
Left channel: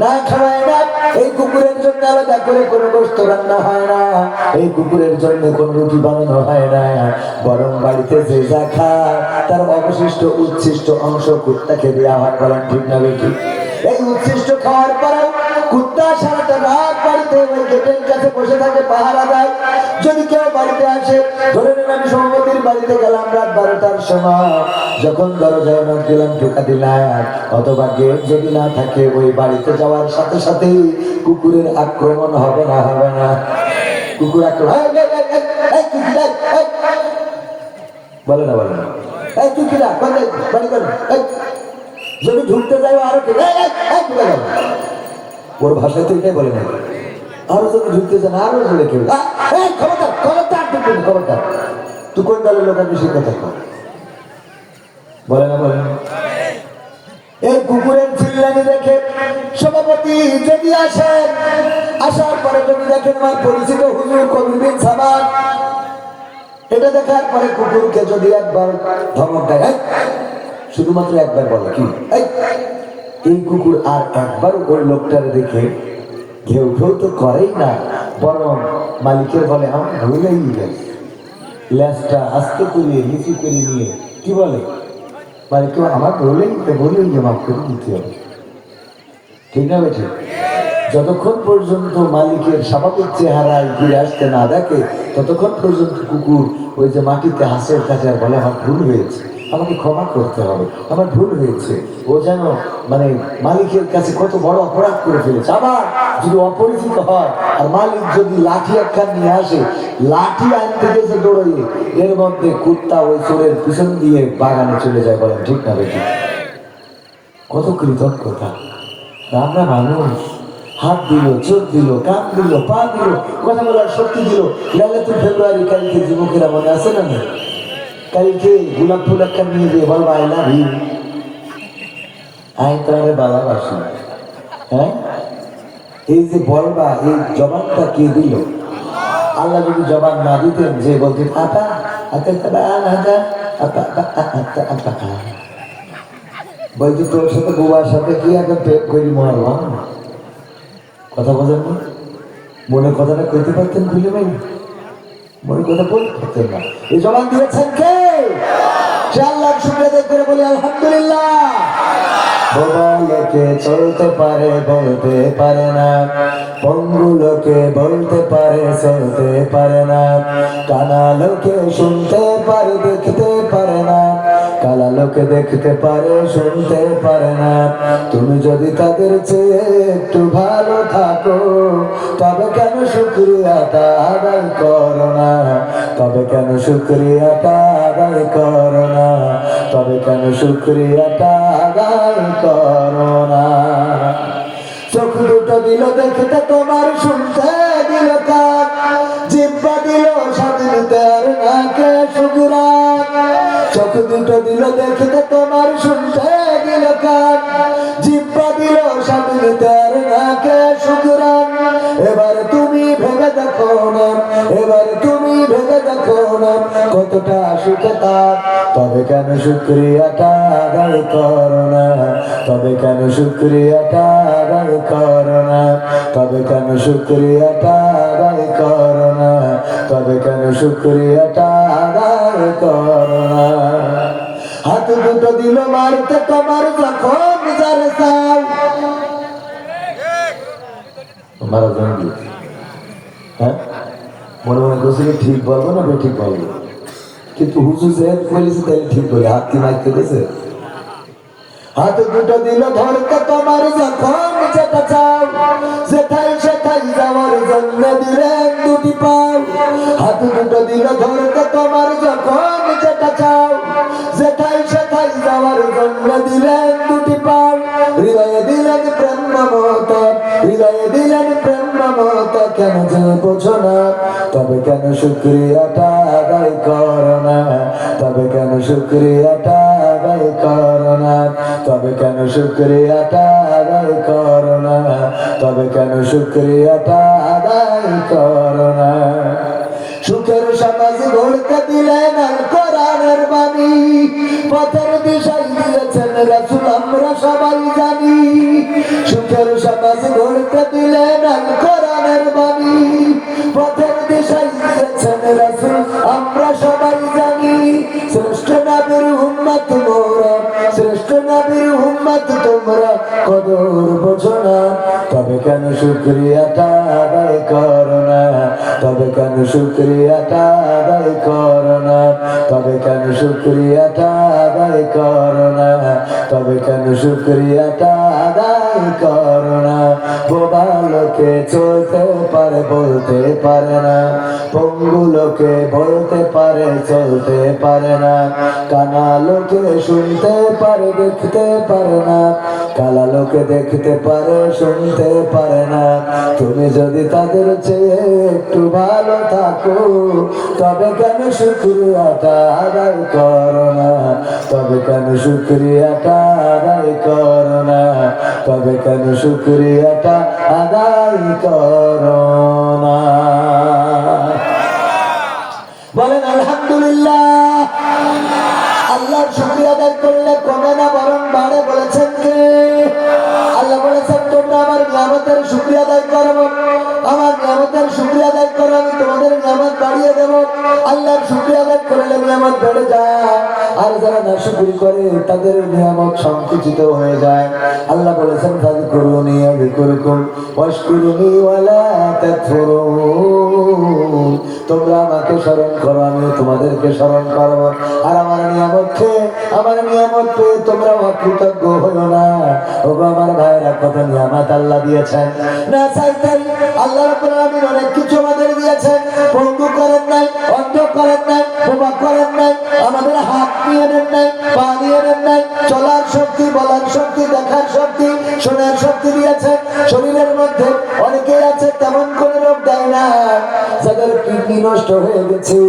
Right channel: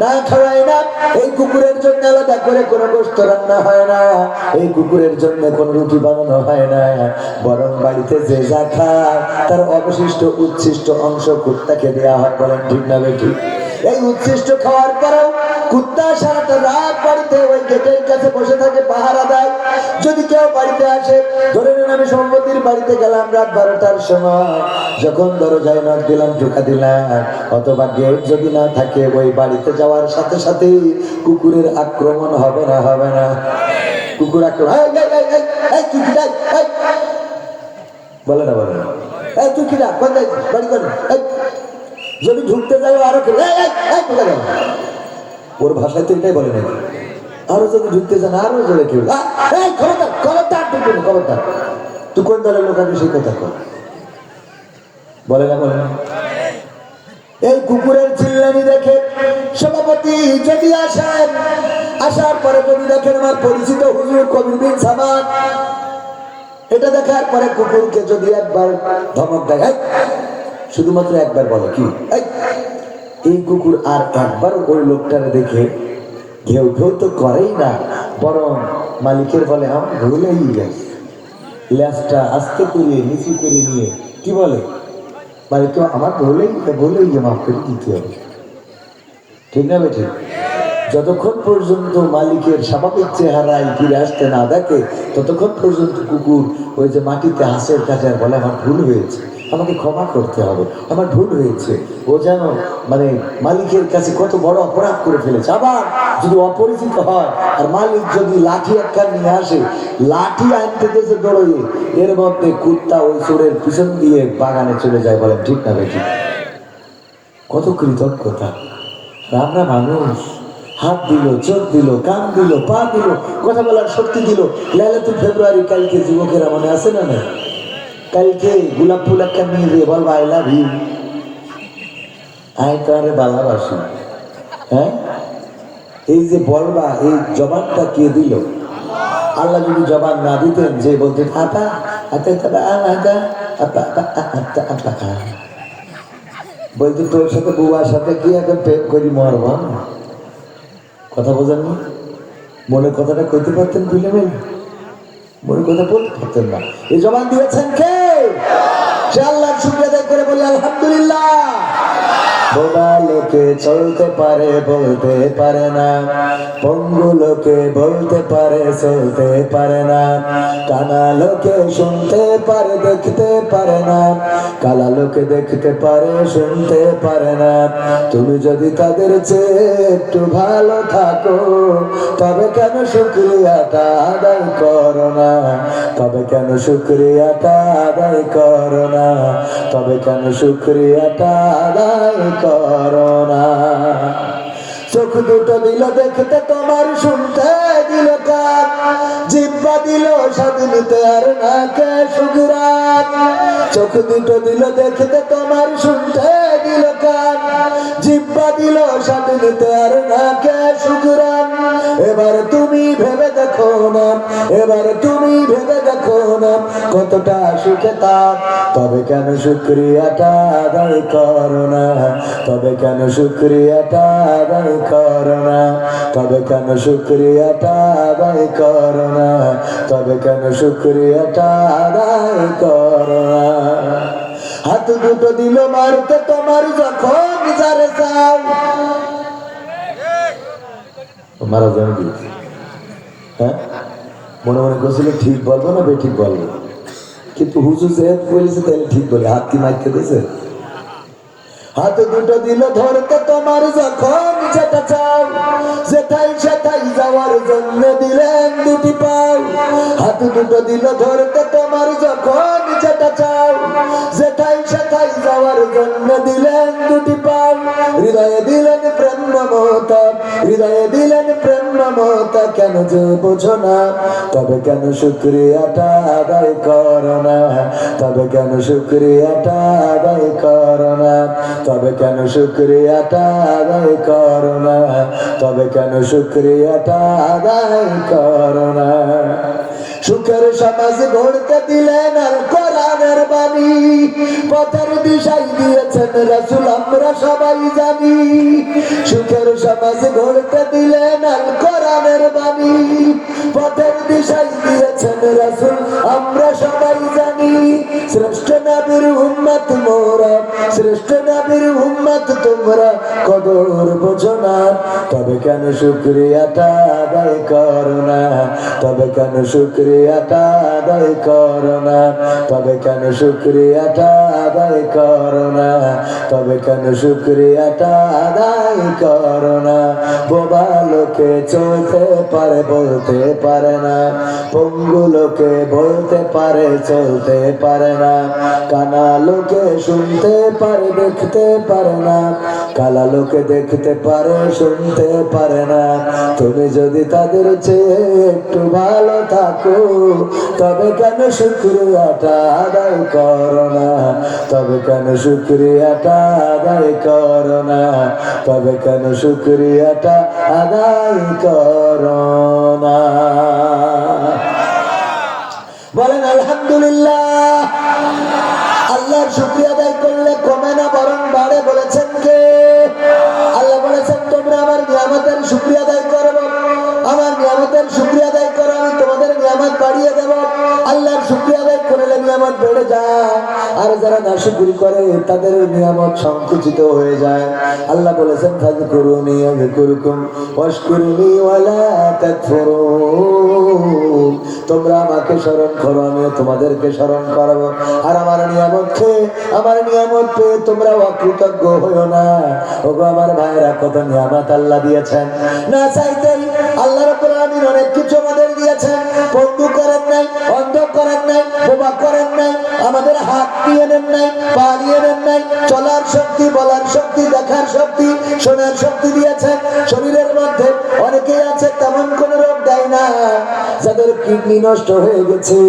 না? খাওয়ায় না। এই কুকুরের জন্য আলাদা করে কোনো গোশত রান্না হয় না, এই কুকুরের জন্য কোনো রুটি বানানো হয় না, বরং বাড়িতে যে যা খায় তার অবশিষ্ট উচ্ছিষ্ট অংশ কুত্তাকে দেওয়া হয়। বলেন ঠিক না বেঠি? এই উচ্ছিষ্ট খাওয়ার পরেও কুত্তা সারাটা রাত বাড়িতে ওই গেটের কাছে বসে থাকে, পাহারা দেয়। যদি কেউ বাড়িতে আসে, ধরে নেন আমি সম্পত্তির বাড়িতে গেলাম রাত 12টার সময়, যখন দরজায় নক দিলাম, ঢোকা দিলাম, অথবা গেট যদি না থাকে, ওই বাড়িতে যাওয়ার সাথে সাথেই কুকুরের আক্রমণ হবে না? হবে না? কুকুর আক্রমণ বলে না? বলে না? এই তুই কিনা বাড়ি কর, যদি ঢুকতে যাই আরো ওর ভাষায় তো এটাই বলে না, আরো যদি ঢুকতে চান আরো জলে কেউ খবরদার খবরদার ঢুকবে না, খবরদার। তুই কোন দলের লোক? আমি সেই কথা কর। বলে না বলেন? এই কুকুরের চিল্লানি দেখে সভাপতি যদি আসেন, আসার পরে যদি দেখেন আমার পরিচিত হুজুর কবির বিন সামাদ, এটা দেখার পরে কুকুরকে যদি একবার ধমক দেয়, শুধুমাত্র একবার বলো কি, এই কুকুর আর একবার ওই লোকটারে দেখে ঘেউ ঘেউ তো করেই না, বরং মালিকের বলে আমার ভুলেই গেছে, ল্যাসটা আস্তে করিয়ে নিচু করে নিয়ে কি বলে, মালিককে আমার ভুলেই যে মাফ করে দিতে হবে। ঠিক না বেঠিক? যতক্ষণ পর্যন্ত মালিকের স্বাভাবিক চেহারায় ফিরে আসতে না দেখে, ততক্ষণ পর্যন্ত কুকুর ওই যে মাটিতে হাসের কাটে আর বলে আমার ভুল হয়েছে, আমাকে ক্ষমা করতে হবে, আমার ভুল হয়েছে। ও যেন মানে মালিকের কাছে কত বড় অপরাধ করে ফেলেছে। আবার যদি অপরিচিত হয় আর মালিক যদি লাঠি একখান নিয়ে আসে, লাঠি আনতে গেছে দৌড়িয়ে, এর মধ্যে কুত্তা ওই চোরের পিছন দিয়ে বাগানে চলে যায়। বলেন ঠিক না বেঠিক? কত কৃতজ্ঞতা! আমরা মানুষ, হাত দিল, চোখ দিল, কান দিল, পা দিল, কথা বলার শক্তি দিল। লাইলাতুল ফেব্রুয়ারি কালকে যুবকেরা মনে আছে না? না, কালকে গোলাপ ফুল একটা নিয়ে দিয়ে বল আই লাভ ইউ, আমি তো ভালোবাসি। হ্যাঁ, এই যে বলবা, এই জবানটা কে দিল? আল্লাহ যদি জবান না দিতেন, যে বলতেন আপা বলতো তোর সাথে বুবার সাথে কি এখন প্রেম করি মরব, কথা বোঝেন না? মনের কথাটা কইতে পারতেন, বুঝে নেই, মনের কথা বলতে পারতেন না। এই জবান দিয়েছেন কে? সে আল্লাহর শুকরিয়া আদায় করে বলে আলহামদুলিল্লাহ। বোবা লোকে চলতে পারে, বলতে পারে না, পঙ্গু লোকে বলতে পারে, চলতে পারে না, কানা লোকে শুনতে পারে, দেখতে পারে না, কালা লোকে দেখতে পারে, শুনতে পারে না। তুমি যদি তাদের চেয়ে একটু ভালো থাকো, তবে কেন শুকরিয়াটা আদায় করো না? তবে কেন শুকরিয়াটা আদায় করো না? তবে কেন শুকরিয়াটা আদায় করো না? চোখ দুটো দিল দেখতে তোমার, শুনতে দিল কান, জিহ্বা দিল স্বাধীনতা আর নাকে সুগুরান। চোখ দুটো দিল দেখতে তোমার, শুনতে দিল কান, জিহ্বা দিল স্বাধীনতা আর নাকে সুগুরান। এবার তুমি ভেবে দেখো না, এবার তুমি ভেবে দেখো না, কতটা সুখে তাপ। তবে কেন শুকরিয়াটা আদায় করো না? তবে কেন শুকরিয়াটা আদায় করো না? তবে কেন শুকরিয়াটা আদায় করো না? তবে কেন শুকরিয়াটা আদায় করো না? হাত দুটো দিল মারতে তোমার, যখন যারে চাও মারা যান দিয়েছে। হ্যাঁ, মনে মনে করছিল ঠিক বলবো না বেঠিক বলবো, কিন্তু হুজুর যেহেতু বলেছে তাহলে ঠিক বলে। হাত কি মাইতে দিয়েছে? হাত দুটো দিল ধরতে তোমার, যখন যেটা চাও, যেটাই সেটাই যাওয়ার জন্য দিলেন দুটি পাও। হাত দুটো দিল ধরতে তোমার, যখন যেটা চাও, যেটাই সেটাই যাওয়ার জন্য দিলেন দুটি পাও। হৃদয়ে দিলেন প্রেম মমতা, হৃদয়ে দিলেন প্রেম মমতা, কেন যে বোঝো না? তবে কেন শুকরিয়াটা আদায় করো না? তবে কেন শুকরিয়াটা আদায় করো না? তবে কেন শুকরিয়াটা আদায় করো না? তবে কেন শুকরিয়াটা আদায় করো না? সুখের সমাজ গড়তে দিলেন আল কোরআনের বাণী, পথের দিশাই দিয়েছেন রাসূল আমরা সবাই জানি। সুখের সমাজ গড়তে দিলেন আল কোরআনের বাণী, পথের দিশাই দিয়েছেন রাসূল আমরা সবাই জানি। শ্রেষ্ঠ নবীর উম্মত মোরা, শ্রেষ্ঠ নবীর উম্মত তোমরা, কদর বোঝো না? তবে কেন শুকরিয়াটা আদায় করো না? তবে কেন শুকরিয়াটা আদায় করো না? তবে কেন শুকরিয়াটা আদায় করো না? তবে কেন শুকরিয়াটা আদায় করো না? বোবা লোকে চলতে পারে, বলতে পারে না, পঙ্গু লোকে বলতে পারে, চলতে পারে না, কানা লোকে শুনতে পারে দেখতে পারে না, কালা লোকে দেখতে পারে শুনতে পারে না। তুমি যদি তাদের চেয়ে একটু ভালো থাকো, তবে কেন শুকরিয়াটা আদায় করো না? তবে কেন শুকরিয়াটা আদায় করো না? তবে কেন শুকরিয়াটা আদায় করো না? বলেন আলহামদুলিল্লাহ। আল্লাহর শুকরিয়া আদায় করলে কমে না বরং বাড়ে, বলেছেন কে? আল্লাহ বলেছেন তোমরা আমার নিয়ামতের শুকরিয়া আদায় করো, আমার নিয়ামতের শুকরিয়া আদায় করো, আমি তোমাদের নিয়ামত বাড়িয়ে দেব। আল্লাহর শুকরিয়া আদায় করলে নিয়ামত বেড়ে যায়, আর যারা নাশুকরি করে তাদের নিয়ামত সংকুচিত হয়ে যায়। আল্লাহ বলেছেন ফাযকুরুনি আযকুরকুম ওয়াশকুরুনি ওয়ালা তাকফুরুন। তোমরা আমাকে স্মরণ করো, আমিও তোমাদেরকে স্মরণ করব। আর আমার নিয়ামত খেয়ে, আমার নিয়ামত পেয়ে তোমরা অকৃতজ্ঞ হইও না। ওগো আমার ভাইরা, কত নিয়ামত আল্লাহ দিয়েছেন, না চাইতেন আল্লাহ রাব্বুল আলামিন অনেক কিছু আমাদের দিয়েছেন। বন্ধু করেন নাই, অন্ধ করেন নাই, বোমা করেন নাই, আমাদের হাত দিয়ে নেন নাই, পা দিয়ে নেন নাই, চলার শক্তি, বলার শক্তি, দেখার শক্তি, শোনার শক্তি দিয়েছেন। শরীরের মধ্যে অনেকেই আছে তেমন কোন রোগ দেয় না। যাদের কিডনি নষ্ট হয়ে গেছে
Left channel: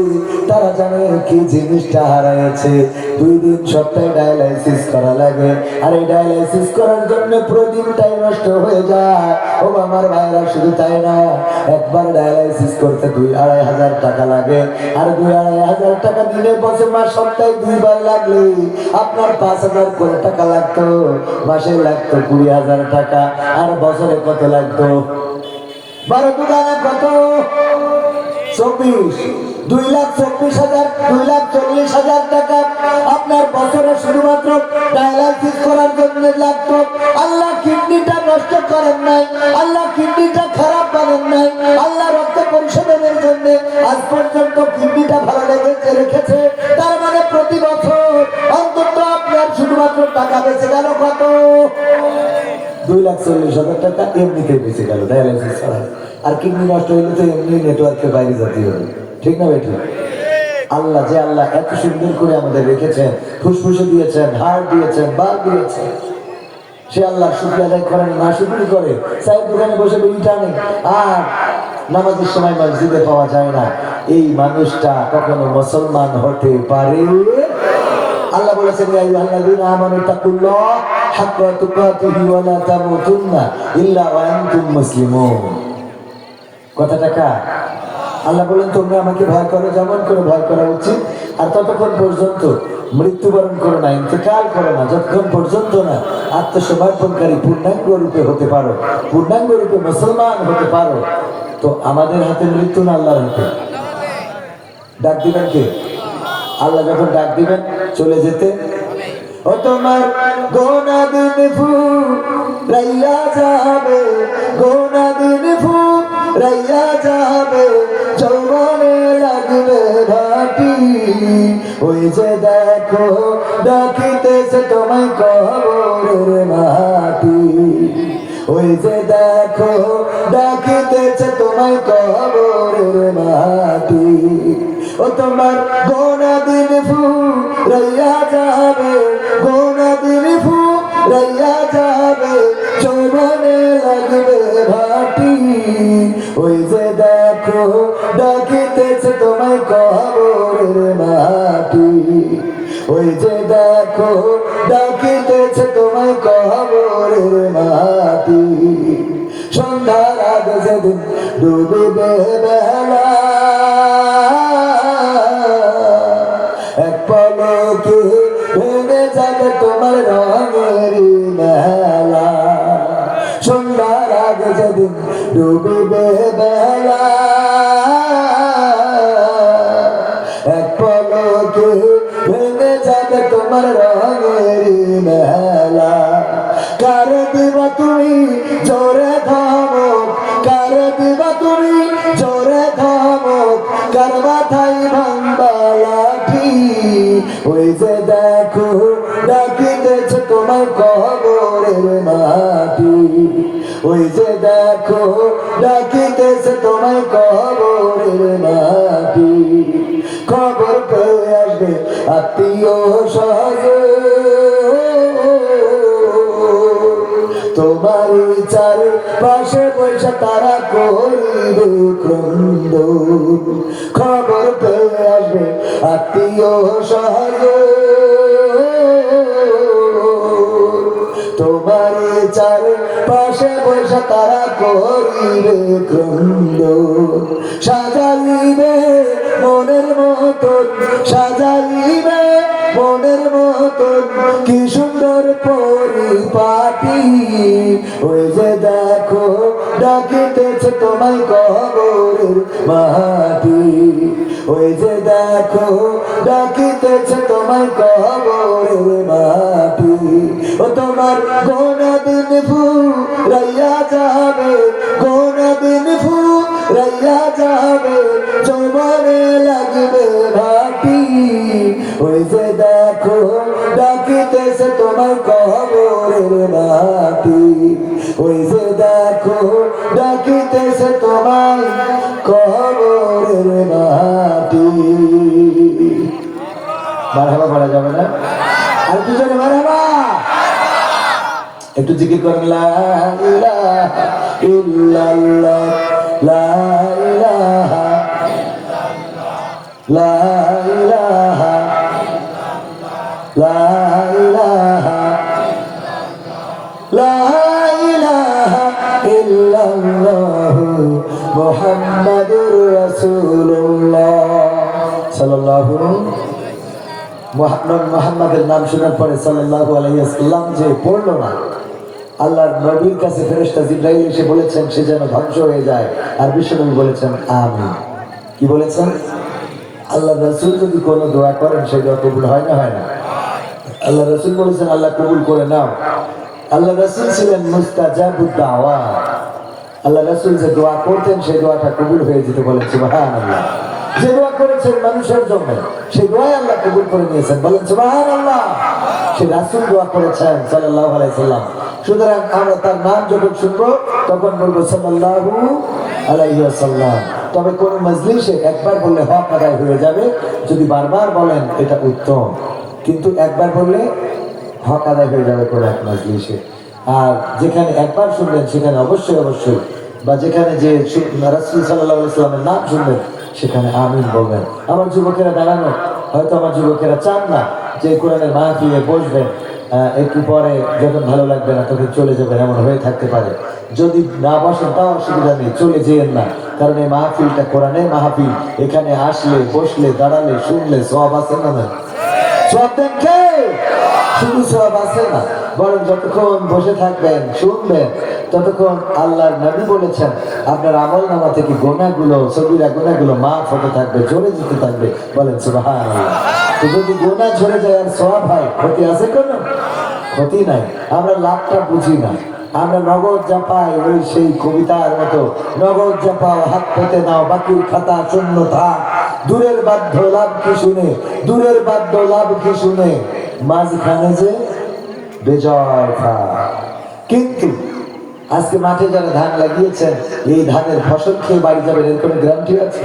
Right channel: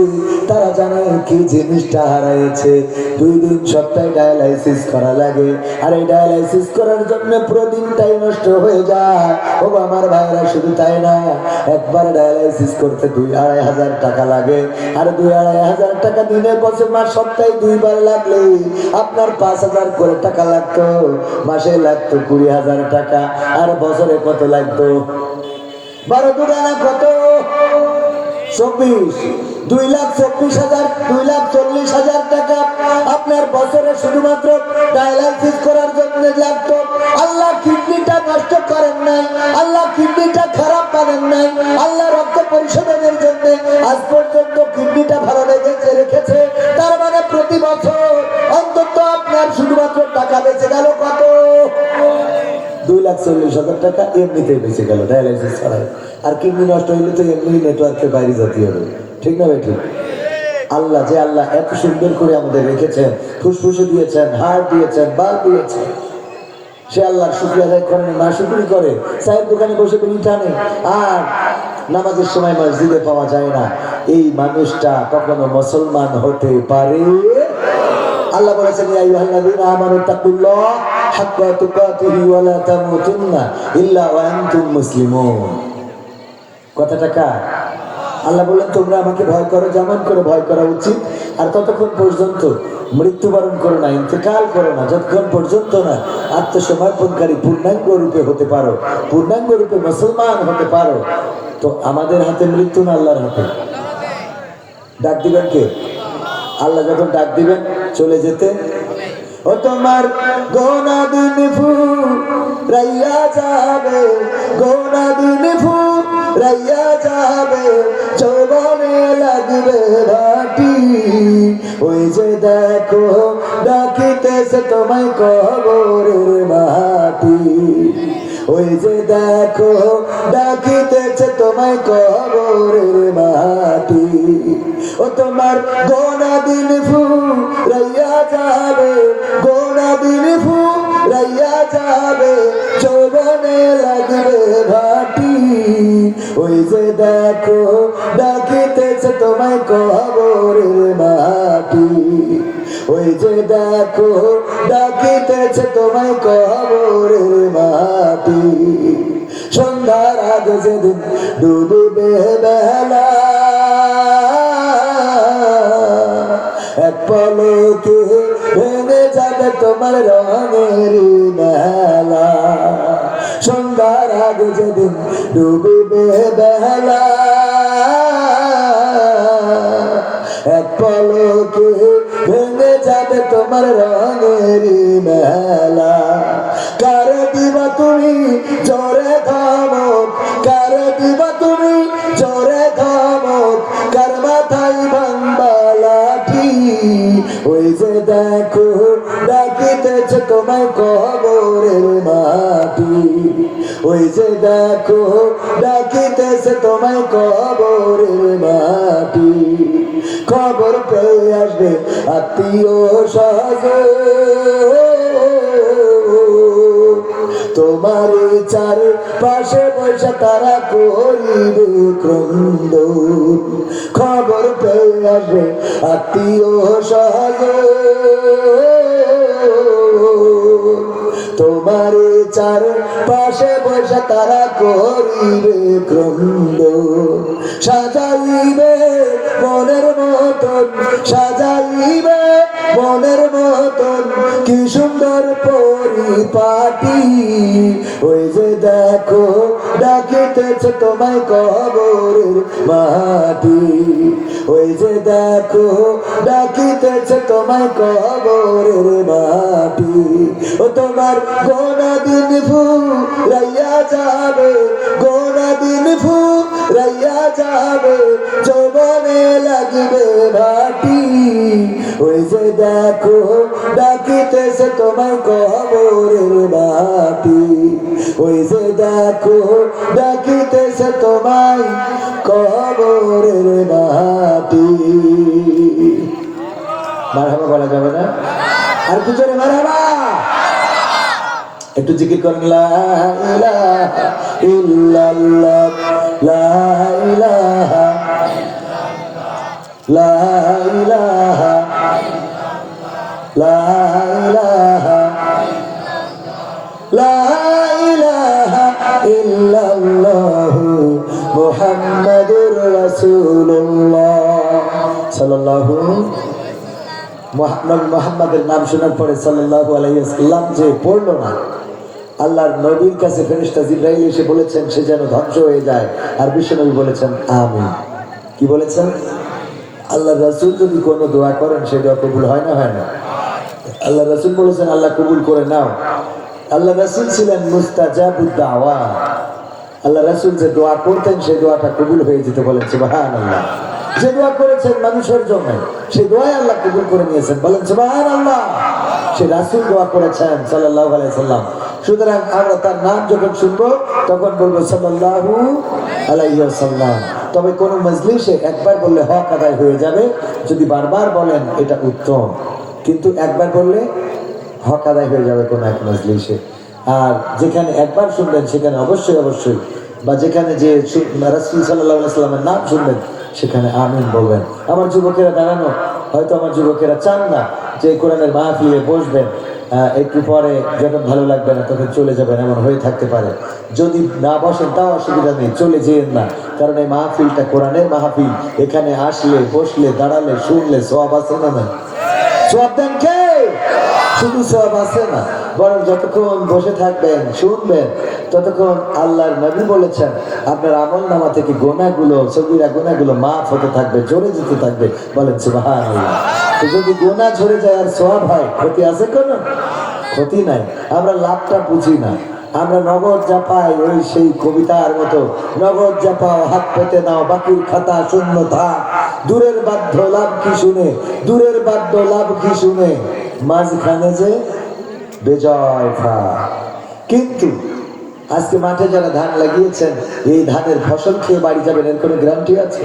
তারা জানে কি জিনিসটা হারাইছে। 2 দিন সপ্তাহে ডায়ালাইসিস করা লাগে, আর এই ডায়ালাইসিস করার জন্য পুরো দিনটাই নষ্ট হয়ে যায়। ও আমার ভাইরা, শুধু তাই না, একবার ডায়ালাইসিস করতে 2-2.5 হাজার টাকা লাগে, আর 2-2.5 হাজার টাকা দিনে বছর মাস সপ্তাহে 2 বার লাগলে আপনার 5,000 করে টাকা লাগতো, মাসে লাগতো 20,000 টাকা, আর বছরে কত লাগতো? 12 দুগানা কত? 24, 2,24,000, 2,40,000 টাকা আপনার বছরে শুধুমাত্র ডায়ালাইসিস করার জন্য লাগতো। আল্লাহ কিডনিটা নষ্ট করেন নাই, আল্লাহ কিডনিটা খারাপ করেন নাই, আল্লাহ রক্ত পরিশোধনের জন্য আজ পর্যন্ত কিডনিটা ভালো রেখেছে। তার মানে প্রতি বছর অন্তত আপনার শুধুমাত্র টাকা বেঁচে গেল কত? 2,40,000 টাকা এমনিতেই বেঁচে গেল ডায়ালাইসিস ছাড়াই। আর কিডনি নষ্ট হইলে তো এমনি নেটওয়ার্কের বাইরে যেতে হবে, ঠিক না ভাই? ঠিক। আল্লাহ যে আল্লাহ এত সুন্দর করে আমাদের রেখেছেন, ফুসফুসে দিয়েছেন, হাড় দিয়েছেন, বাল দিয়েছেন, সে আল্লাহ শুকরিয়া আদায় করেন না, শুকরি করে চায়ের দোকানে বসে বিড়ি টানে, আর নামাজের সময় মসজিদে পাওয়া যায় না। এই মানুষটা কখনো মুসলমান হতে পারে? আল্লাহ বলেছেন ইয়া আইয়ুহাল্লাযীনা আমানু তাকুল্লাহ হাক্কা তুকাতিহি ওয়া লা তামুতুন্না ইল্লা ওয়া আনতুম মুসলিমুন। কথাটা কার? আল্লাহ বলেন তোমরা আমাকে ভয় করো যেমন করে ভয় করা উচিত, আর ততক্ষণ পর্যন্ত মৃত্যুবরণ করো না, ইন্তেকাল করো না, যতক্ষণ পর্যন্ত না আত্মসমর্পণকারী পূর্ণাঙ্গ রূপে হতে পারো, পূর্ণাঙ্গ রূপে মুসলমান হতে পারো। তো আমাদের হাতে মৃত্যু না আল্লাহর হাতে? ডাক দিবেন কে? আল্লাহ যখন ডাক দিবেন চলে যেতে, ও তোমার গোনা দিন ফুরাইয়া যাবে, গোনা দিন ফুরাইয়া যাবে, যৌবনে লাগবে ভাটি। ওই যে দেখো ডাকিতেছে তোমায় কবরের মাটি, ওই যে দেখো ডাকিতেছে তোমায় কবরের মাটি। ও তোমার গোনা দিন ফুরাইয়া যাবে, গোনা দিন ফুরাইয়া যাবে, যৌবনে লাগবে ভাটি। ওই যে দেখো ডাকিতেছে তোমায় কবরের মাটি, ওই যে দেখো ডাকিতেছে তোমায় কবরের মাটি। সন্ধ্যার আগে যেদিন ডুবিবে বেলা, এক পলকে ভেঙে যাবে তোমার রঙের মেলা। সন্ধ্যার আগে যেদিন ডুবিবে বেলা, এক পলকে ভেঙে যাবে তোমার রঙের মেলা। কারে দিবা তুমি জোরে ধমক, কারে দিবা তুমি জোরে ধমক, কার মাথায় ভাঙবা লাঠি। ওই যে দেখো ডাকিতেছে তোমার কবরের মাটি, ওই যে দেখো ডাকিতেছে তোমায় কবরের মাটি, খবর পেয়ে আসবে আত্মীয় স্বজন, তোমারই চারপাশে বসে তারা করিবে ক্রন্দন, খবর পেয়ে আসবে আত্মীয় স্বজন, তোমারই চারপাশে বসে তারা করিবে ক্রন্দন, সাজাইবে মনের মতন, সাজাইবে মনের মতন কি সুন্দর পরিপাটি, ওই যে দেখো ডাকিতেছে তোমায় কবরের মাটি, ওই যে দেখো ডাকিতেছে তোমায় কবরের মাটি, ও তোমার গোনা দিন ফুরাইয়া যাবে, গোনা দিন ফুরাইয়া যাবে, যৌবনে লাগিবে ভাটি, ওই যে দেখো ডাকিতেছে তোমায় কবরের মাটি, ওই যে দেখো ডাকিতেছে তোমায় কবরের মাটি। মারহাবা বলা যাবে না? আর একটু জোরে মারহাবা, একটু জিকির করেন লা ইলাহা ইল্লাল্লাহ, লা ইলাহা লা ইলাহা লা ইলাহা লা ইলাহা ইল্লাল্লাহ মুহাম্মাদুর রাসূলুল্লাহ সাল্লাল্লাহু মুহাম্মাদের নাম শোনার পরে সাল্লাল্লাহু আলাইহি ওয়াসাল্লাম যে পড়লো না, আল্লাহর নবীর কাছে ফেরেশতা জিবরাইল এসে বলেছেন সে যেন ধ্বংস হয়ে যায়, আর বিশ্বনবী বলেছেন আমিন। কি বলেছেন? আল্লাহ রাসূল যদি কোনো দোয়া করেন সেই দোয়া কবুল হয় না? হয় না। আল্লাহ রাসূল বলেছেন আল্লাহ কবুল করে নাও। আল্লাহ রাসূল ছিলেন মুস্তাজাবুদ দাওয়াত, আল্লাহ রাসূল যে দোয়া করতেন সেই দোয়াটা কবুল হয়ে যেতে বলেন সুবহানাল্লাহ। যে দোয়া করেছেন মানুষের জন্য সেই দোয়া আল্লাহ কবুল করে নিয়েছেন, বলেন সুবহানাল্লাহ। সে রাসূল দোয়া করেছেন সাল্লাল্লাহু আলাইহি সাল্লাম, সুতরাং আমরা তার নাম যখন শুনবো তখন বলবো সাল্লাল্লাহু আলাইহি ওয়াসাল্লাম। তবে কোন মজলিসে একবার বললে হক আদায় হয়ে যাবে, যদি বারবার বলেন এটা উত্তম, কিন্তু একবার বললে হক আদায় হয়ে যাবে কোন এক মজলিসে। আর যেখানে একবার শুনবেন সেখানে অবশ্যই অবশ্যই, বা যেখানে যে রাসূল সাল্লাল্লাহু আলাইহি ওয়াসাল্লামের নাম শুনবেন সেখানে আমিন বলবেন। আমার যুবকেরা দাঁড়ানো, হয়তো আমার যুবকেরা চান না যে কোরআনের মাহফিলে বসবেন, একটু পরে যখন ভালো লাগবে না তখন চলে যাবেন, এমন হয়ে থাকতে পারে। যদি না বসেন তাও অসুবিধা নেই, চলে যেয়েন না, কারণ এই মাহফিলটা কোরআনের মাহফিল। এখানে আসলে বসলে দাঁড়ালে শুনলে সওয়াব আছে না? সওয়াব দেন কে? শুধু সওয়াব আছে না, বরং যতক্ষণ বসে থাকবেন শুনবেন ততক্ষণ আল্লাহর নবী বলেছেন আপনার আমল নামা থেকে গুনাহগুলো, সগীরা গুনাহগুলো মাফ হতে থাকবে, ঝরে যেতে থাকবে, বলেন সুবহানাল্লাহ। তো যদি গুনাহ ঝরে যায় আর সওয়াব হয়, ক্ষতি আছে কোনো? ক্ষতি নাই। আমরা লাভটা বুঝি না, আমরা নগদ জাপাই ওই সেই কবিতার মতো, নগদ জাপাও হাত পেতে নাও বাকির খাতা শূন্য থাক, দূরের বাধ্য লাভ কি শুনে, দূরের বাধ্য লাভ কি শুনে, মাঝখানে যে বেজয় ফা। কিন্তু আজকে মাঠে যারা ধান লাগিয়েছেন এই ধানের ফসল খেয়ে বাড়ি যাবেন এর কোনো গ্যারান্টি আছে?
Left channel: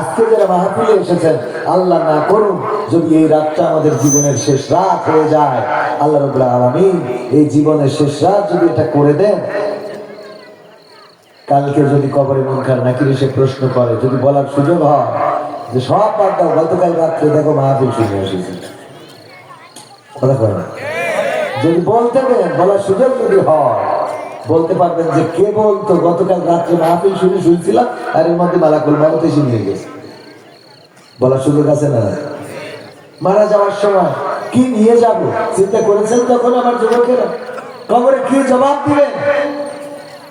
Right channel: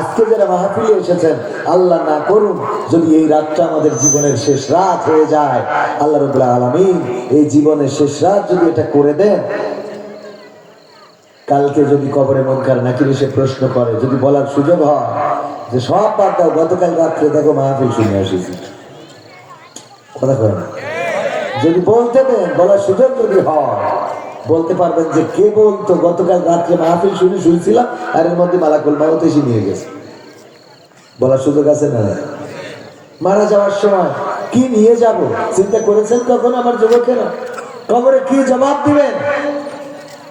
আজকে যারা মাহফিলে এসেছেন, আল্লাহ না করুন যদি এই রাতটা আমাদের জীবনের শেষ রাত হয়ে যায়, আল্লাহ রাব্বুল আলামিন এই জীবনের শেষ রাত যদি এটা করে দেন, কালকে যদি কবরে মুনকার নাকির এসে প্রশ্ন করে, যদি বলার সুযোগ হয় যে সব বাদ দাও, গতকাল রাত্রে দেখো মাহফিল শুনে এসেছি, যদি বলতে পারেন, বলার সুযোগ যদি হয়, বলতে পারবেন যে কে বলতো গতকাল রাত্রে মাহফিল শুনে শুনছিলাম আর এর মধ্যে মালাকুল মউত এসে নিয়ে গেছে। বলার সুযোগ আছে না? মারা যাওয়ার সময় কি নিয়ে যাব চিন্তা করেছেন তখন আমার যুবকেরা? কবরে কি জবাব দিবেন?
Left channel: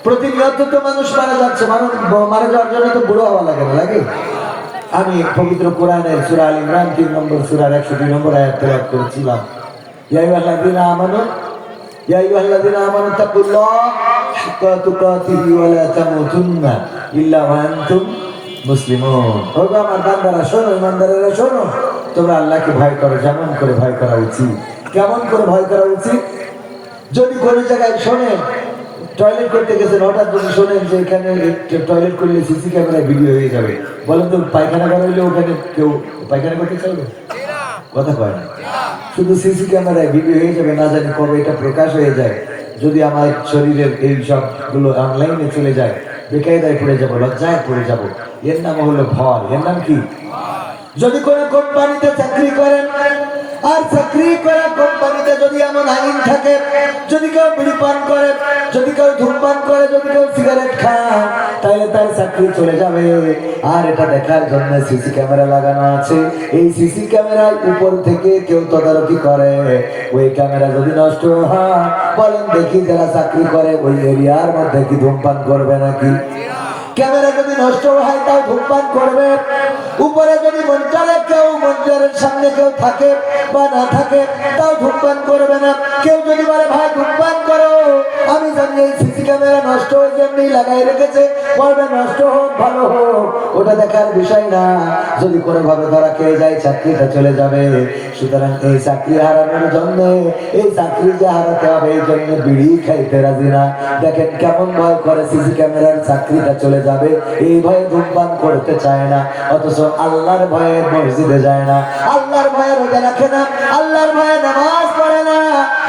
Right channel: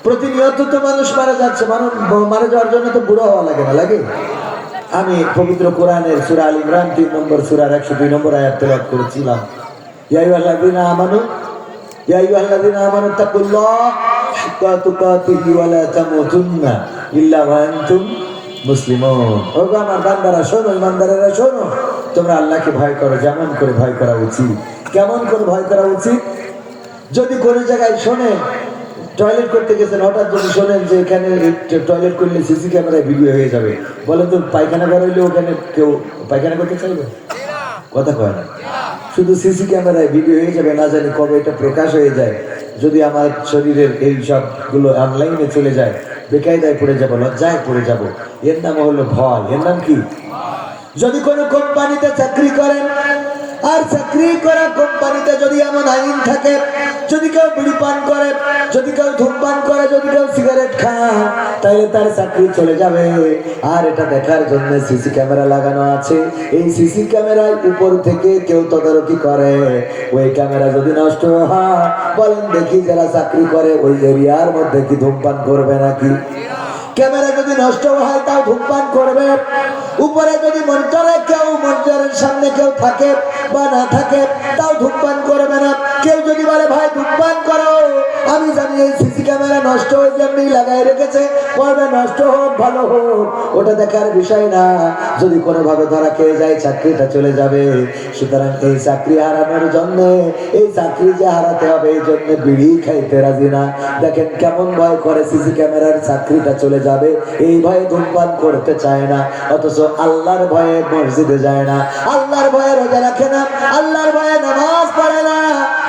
প্রতিনিয়ত তো মানুষ মারা যাচ্ছে, মানুষ মারা যাওয়ার জন্য তো বুড়ো হওয়া লাগে না? লাগে? আমি পবিত্র কোরআনের সূরা আল ইমরান 3 নম্বর সূরার 102 নম্বর আয়াত তেলাওয়াত করেছিলাম। ইয়া আইয়ুহাল্লাযীনা আমানু ইয়া আইয়ুহাল্লাযীনা আমানু তাকুল্লাহ হাক্কা তুকাতিহি ওয়া লা তামুতুন্না ইল্লা ওয়া আনতুম মুসলিমুন। ওগো আমার বান্দারা শোনো, ইমানদারেরা শোনো, তোমরা আল্লাহকে ভয় করো যেমন করে ভয় করা উচিত। কেমন করে ভয় করা উচিত? যদি কোনো জায়গায় শোনে টয়লেট করতে গেছেন, হঠাৎ যদি শোনেন যে এখানে টয়লেট করলে সিসি ক্যামেরায় ভিডিও হয়ে যাবে, বলেন তো পায়খানা করা হইলে ওখানে কেউ পায়খানা করতে চাইবে? কথা কয় না। শুধু সিসি ক্যামেরায় ভিডিও হয়ে যাবে, না জানি কবে এটা প্রকাশ হয়ে যায়। যদি আমার শরীরের এই সবগুলো অনলাইনে চলে যায়, বেকায়দায় পড়ে যাবো, লজ্জায় পড়ে যাব। এর নাম হলো ভয়। এর নাম কি? যদি কোনো কোম্পানিতে চাকরি করেন, আর চাকরি করা কোম্পানিতে যদি এমন আইন থাকে, যদি কেউ বিড়ি পান করে, যদি কেউ ধূমপান করে, যদি কেউ সিগারেট খায়, তাহলে তার চাকরি চলে যাবে। আর এটা দেখার জন্য সিসি ক্যামেরা লাগানো আছে। এই সিসি ক্যামেরার উপর থেকে কেউ তদারকি করে। ওই ক্যামেরা যদি নষ্ট হয়, বলেন দেখি যারা চাকরি করে ওই এরিয়ার মধ্যে কি ধূমপান করবে নাকি? ক্যামেরা যদি নষ্ট হয় তাও ধূমপান করবে। উপরে যদি মনিটরের সামনে কেউ থাকে বা না থাকে, তাও ধূমপান করবে না। কেউ যদি বলে ভাই ধূমপান করো, আমি জানি এই সিসি ক্যামেরা নষ্ট হয়ে যেমনি লাগাই রেখেছে, করবে নষ্ট হোক ভালো হোক, ওটা দেখার বিষয় না। যদি কোনোভাবে ধরা খেয়ে যায়, চাকরিটা চলে যাবে। সুতরাং এই চাকরি হারানোর জন্য, এই চাকরি যে হারাতে হবে এই জন্য বিড়ি খাইতে রাজি না। দেখেন কেমন ভয় করে, সিসি ক্যামেরার চাকরিটা চলে যাবে এই ভয়ে ধূমপান করতে চায় না। অথচ আল্লাহর ভয়ে মসজিদে যায় না, আল্লাহর ভয়ে রোজা রাখে না, আল্লাহর ভয়ে নামাজ পড়ে না,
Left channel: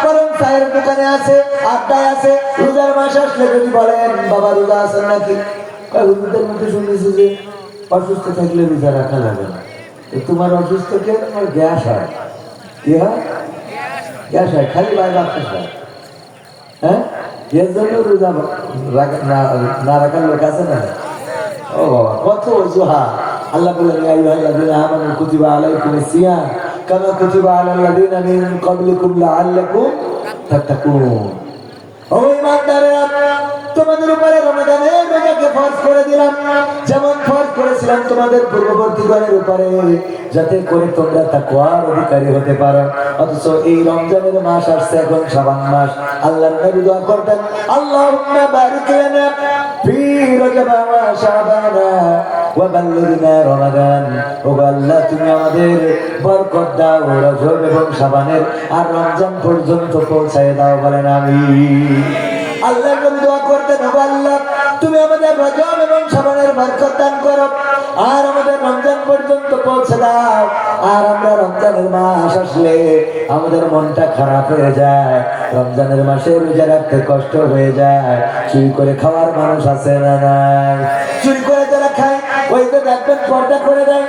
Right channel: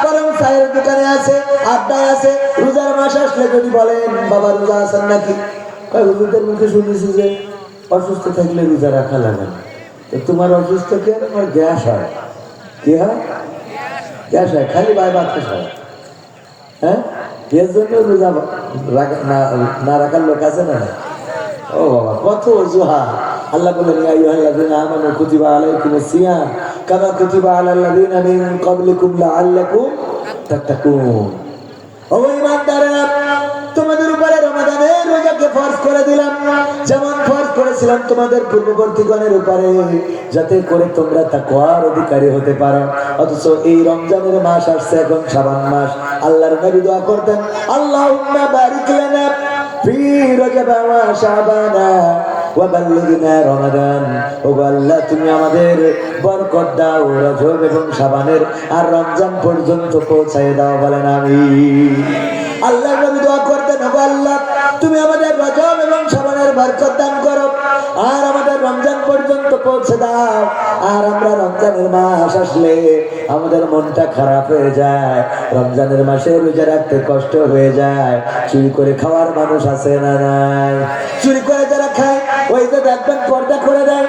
বরং চায়ের দোকানে আছে, আড্ডায় আছে। রোজার মাস আসলে যদি বলেন বাবা রোজা আছেন নাকি, হুজুরদের মুখে শুনেছি যে অসুস্থ থাকলে রোজা রাখা লাগে না। তোমার অসুস্থ কে? তোমার গ্যাস হয়। কি হয়? গ্যাস হয়, খালি ভাই বাতাস হয়। হ্যাঁ, এর জন্য রোজা না রাখার লোক আছে না? ও বাবা, কত অজুহাত। আল্লাহ বলেন ইয়া আইয়ুহাল্লাযীনা আমানু কুতিবা আলাইকুমুস সিয়াম কামা কুতিবা আলাল লাযীনা মিন ক্বাবলিকুম লাআল্লাকুম তাত্তাকুন। ও ঈমানদারেরা, তোমাদের উপরে রমাদানের রোজাকে ফরজ করে দিলাম, যেমন ফরজ করেছিলাম তোমাদের পূর্ববর্তীগণের উপরে, যাতে করে তোমরা তাকওয়ার অধিকারী হতে পারো। অথচ এই রমজানের মাস আসছে, এখন শাবান মাস। আল্লাহর নবী দোয়া করতেন, আল্লাহুম্মা বারিক লানা ফি রজব ওয়া শাবানা ওয়া বাল্লিগনা রমাদান। ও আল্লাহ, তুমি আমাদের বরকত দাও রজব এবং শাবানের আর রমজান পর্যন্ত পৌঁছায় দাও, বলেন আমিন। আল্লাহ নবী দোয়া করতেন, ও আল্লাহ, তুমি আমাদের রজব এবং শাবানের বরকত দান করো আর আমাদের রমজান পর্যন্ত পৌঁছে দাও। আর আমরা রমজানের মাস আসলে আমাদের মনটা খারাপ হয়ে যায়, রমজানের মাসে রোজা রাখতে কষ্ট হয়ে যায়। চুরি করে খাওয়ার মানুষ আছে না নাই? চুরি করে যারা খায়, ওই তো দেখবেন পর্দা করে দেয়,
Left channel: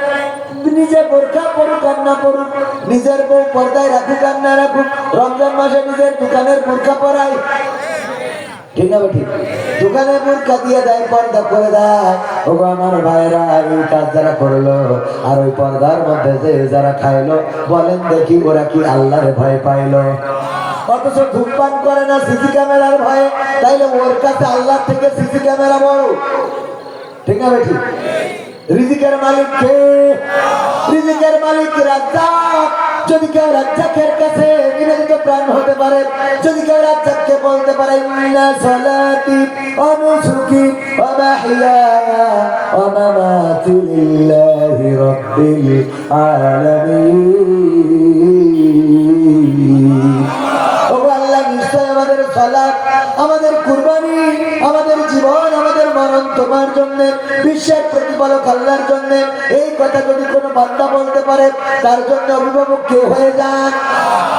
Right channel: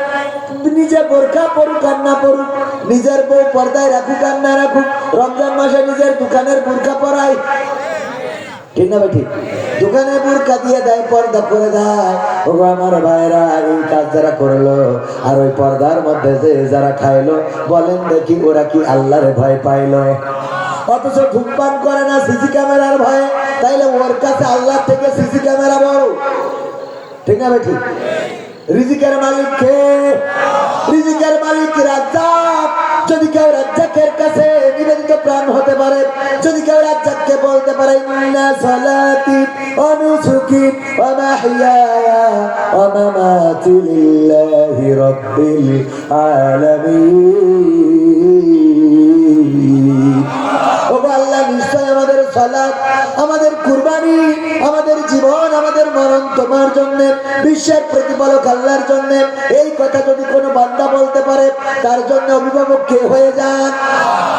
নিজে বোরকা পরুক আর না পরুক, নিজের বউ পর্দায় রাখুক আর না রাখুক, রমজান মাসে নিজের দোকানের বোরকা পরায়। ঠিক না ঠিক? দোকানে বোরকা দিয়ে দেয়, পর্দা করে দেয়। ও আমার ভাইরা, এই কাজ যারা করলো আর ওই পর্দার মধ্যে যে যারা খাইলো, বলেন দেখি ওরা কি আল্লাহর ভয় পাইলো? অথচ ধূমপান করে না সিসি ক্যামেরার ভয়ে, তাইলে ওর কাছে আল্লাহ থেকে সিসি ক্যামেরা বড়। ঠিক না ঠিক? রিজিকের মালিক কে? রিজিকের মালিক রাজ্জাক। যদি কেউ রাজ্জাকের কাছে নিবেদিত প্রাণ হতে পারে, যদি কেউ রাজ্জাককে বলতে পারে ইন্না সালাতি ওয়া নুসুকি ওয়া মাহইয়ায়া ওয়া মামাতি লিল্লাহি রাব্বিল আলামিন। ও আল্লাহ, নিশ্চয় আমাদের সালাত, আমাদের কুরবানি, আমাদের জীবন, আমাদের মরণ তোমার জন্য, বিশ্বের প্রতিপালক আল্লাহর জন্য। এই কথা যদি কোনো বান্দা বলতে পারে, তার জন্য অভিভাবক কে হয়ে যান?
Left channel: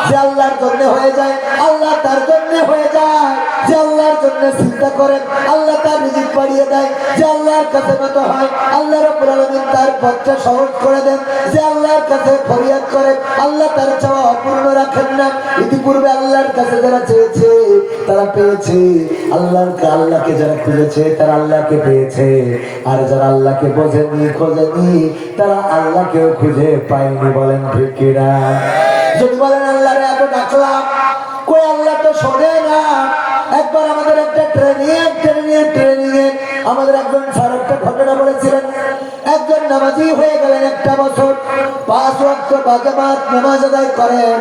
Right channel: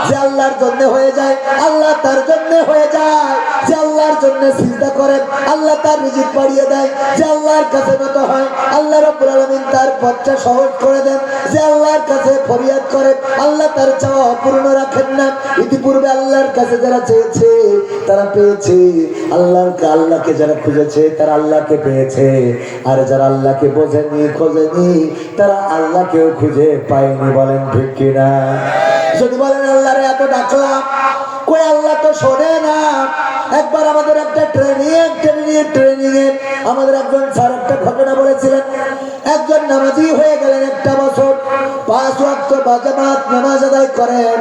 যে আল্লাহর জন্য হয়ে যায়, আল্লাহ তার জন্য হয়ে যায়। যে আল্লাহর জন্য চিন্তা করেন, আল্লাহ তার রিজিক বাড়িয়ে দেয়। যে আল্লাহর কাছে নত হয়, আল্লাহ রাব্বুল আলামিন তার পথটা সহজ করে দেন। যে আল্লাহর কাছে ফরিয়াদ করে, আল্লাহ তার চাওয়া অপূর্ণ রাখেন না। ইতিপূর্বে আল্লাহর কাছে যারা চেয়েছে তারা পেয়েছে, আল্লাহকে যারা খুঁজেছে তারা আল্লাহকে পেয়েছে। আর যারা আল্লাহকে বোঝেনি, খোঁজেনি, তারা আল্লাহকেও খুঁজে পায়নি, বলেন ঠিক কিনা? যদি বলেন আল্লাহরে এত ডাকলাম, কই আল্লাহ তো শোনে না। একবার আমাদের একটা ট্রেনিং এ আমাদের একজন স্যার একটা ঘটনা বলেছিলেন। একজন নামাজি হয়ে গেলেন, একটা বছর 5 ওয়াক্ত বাজামাত নামাজ আদায় করেন,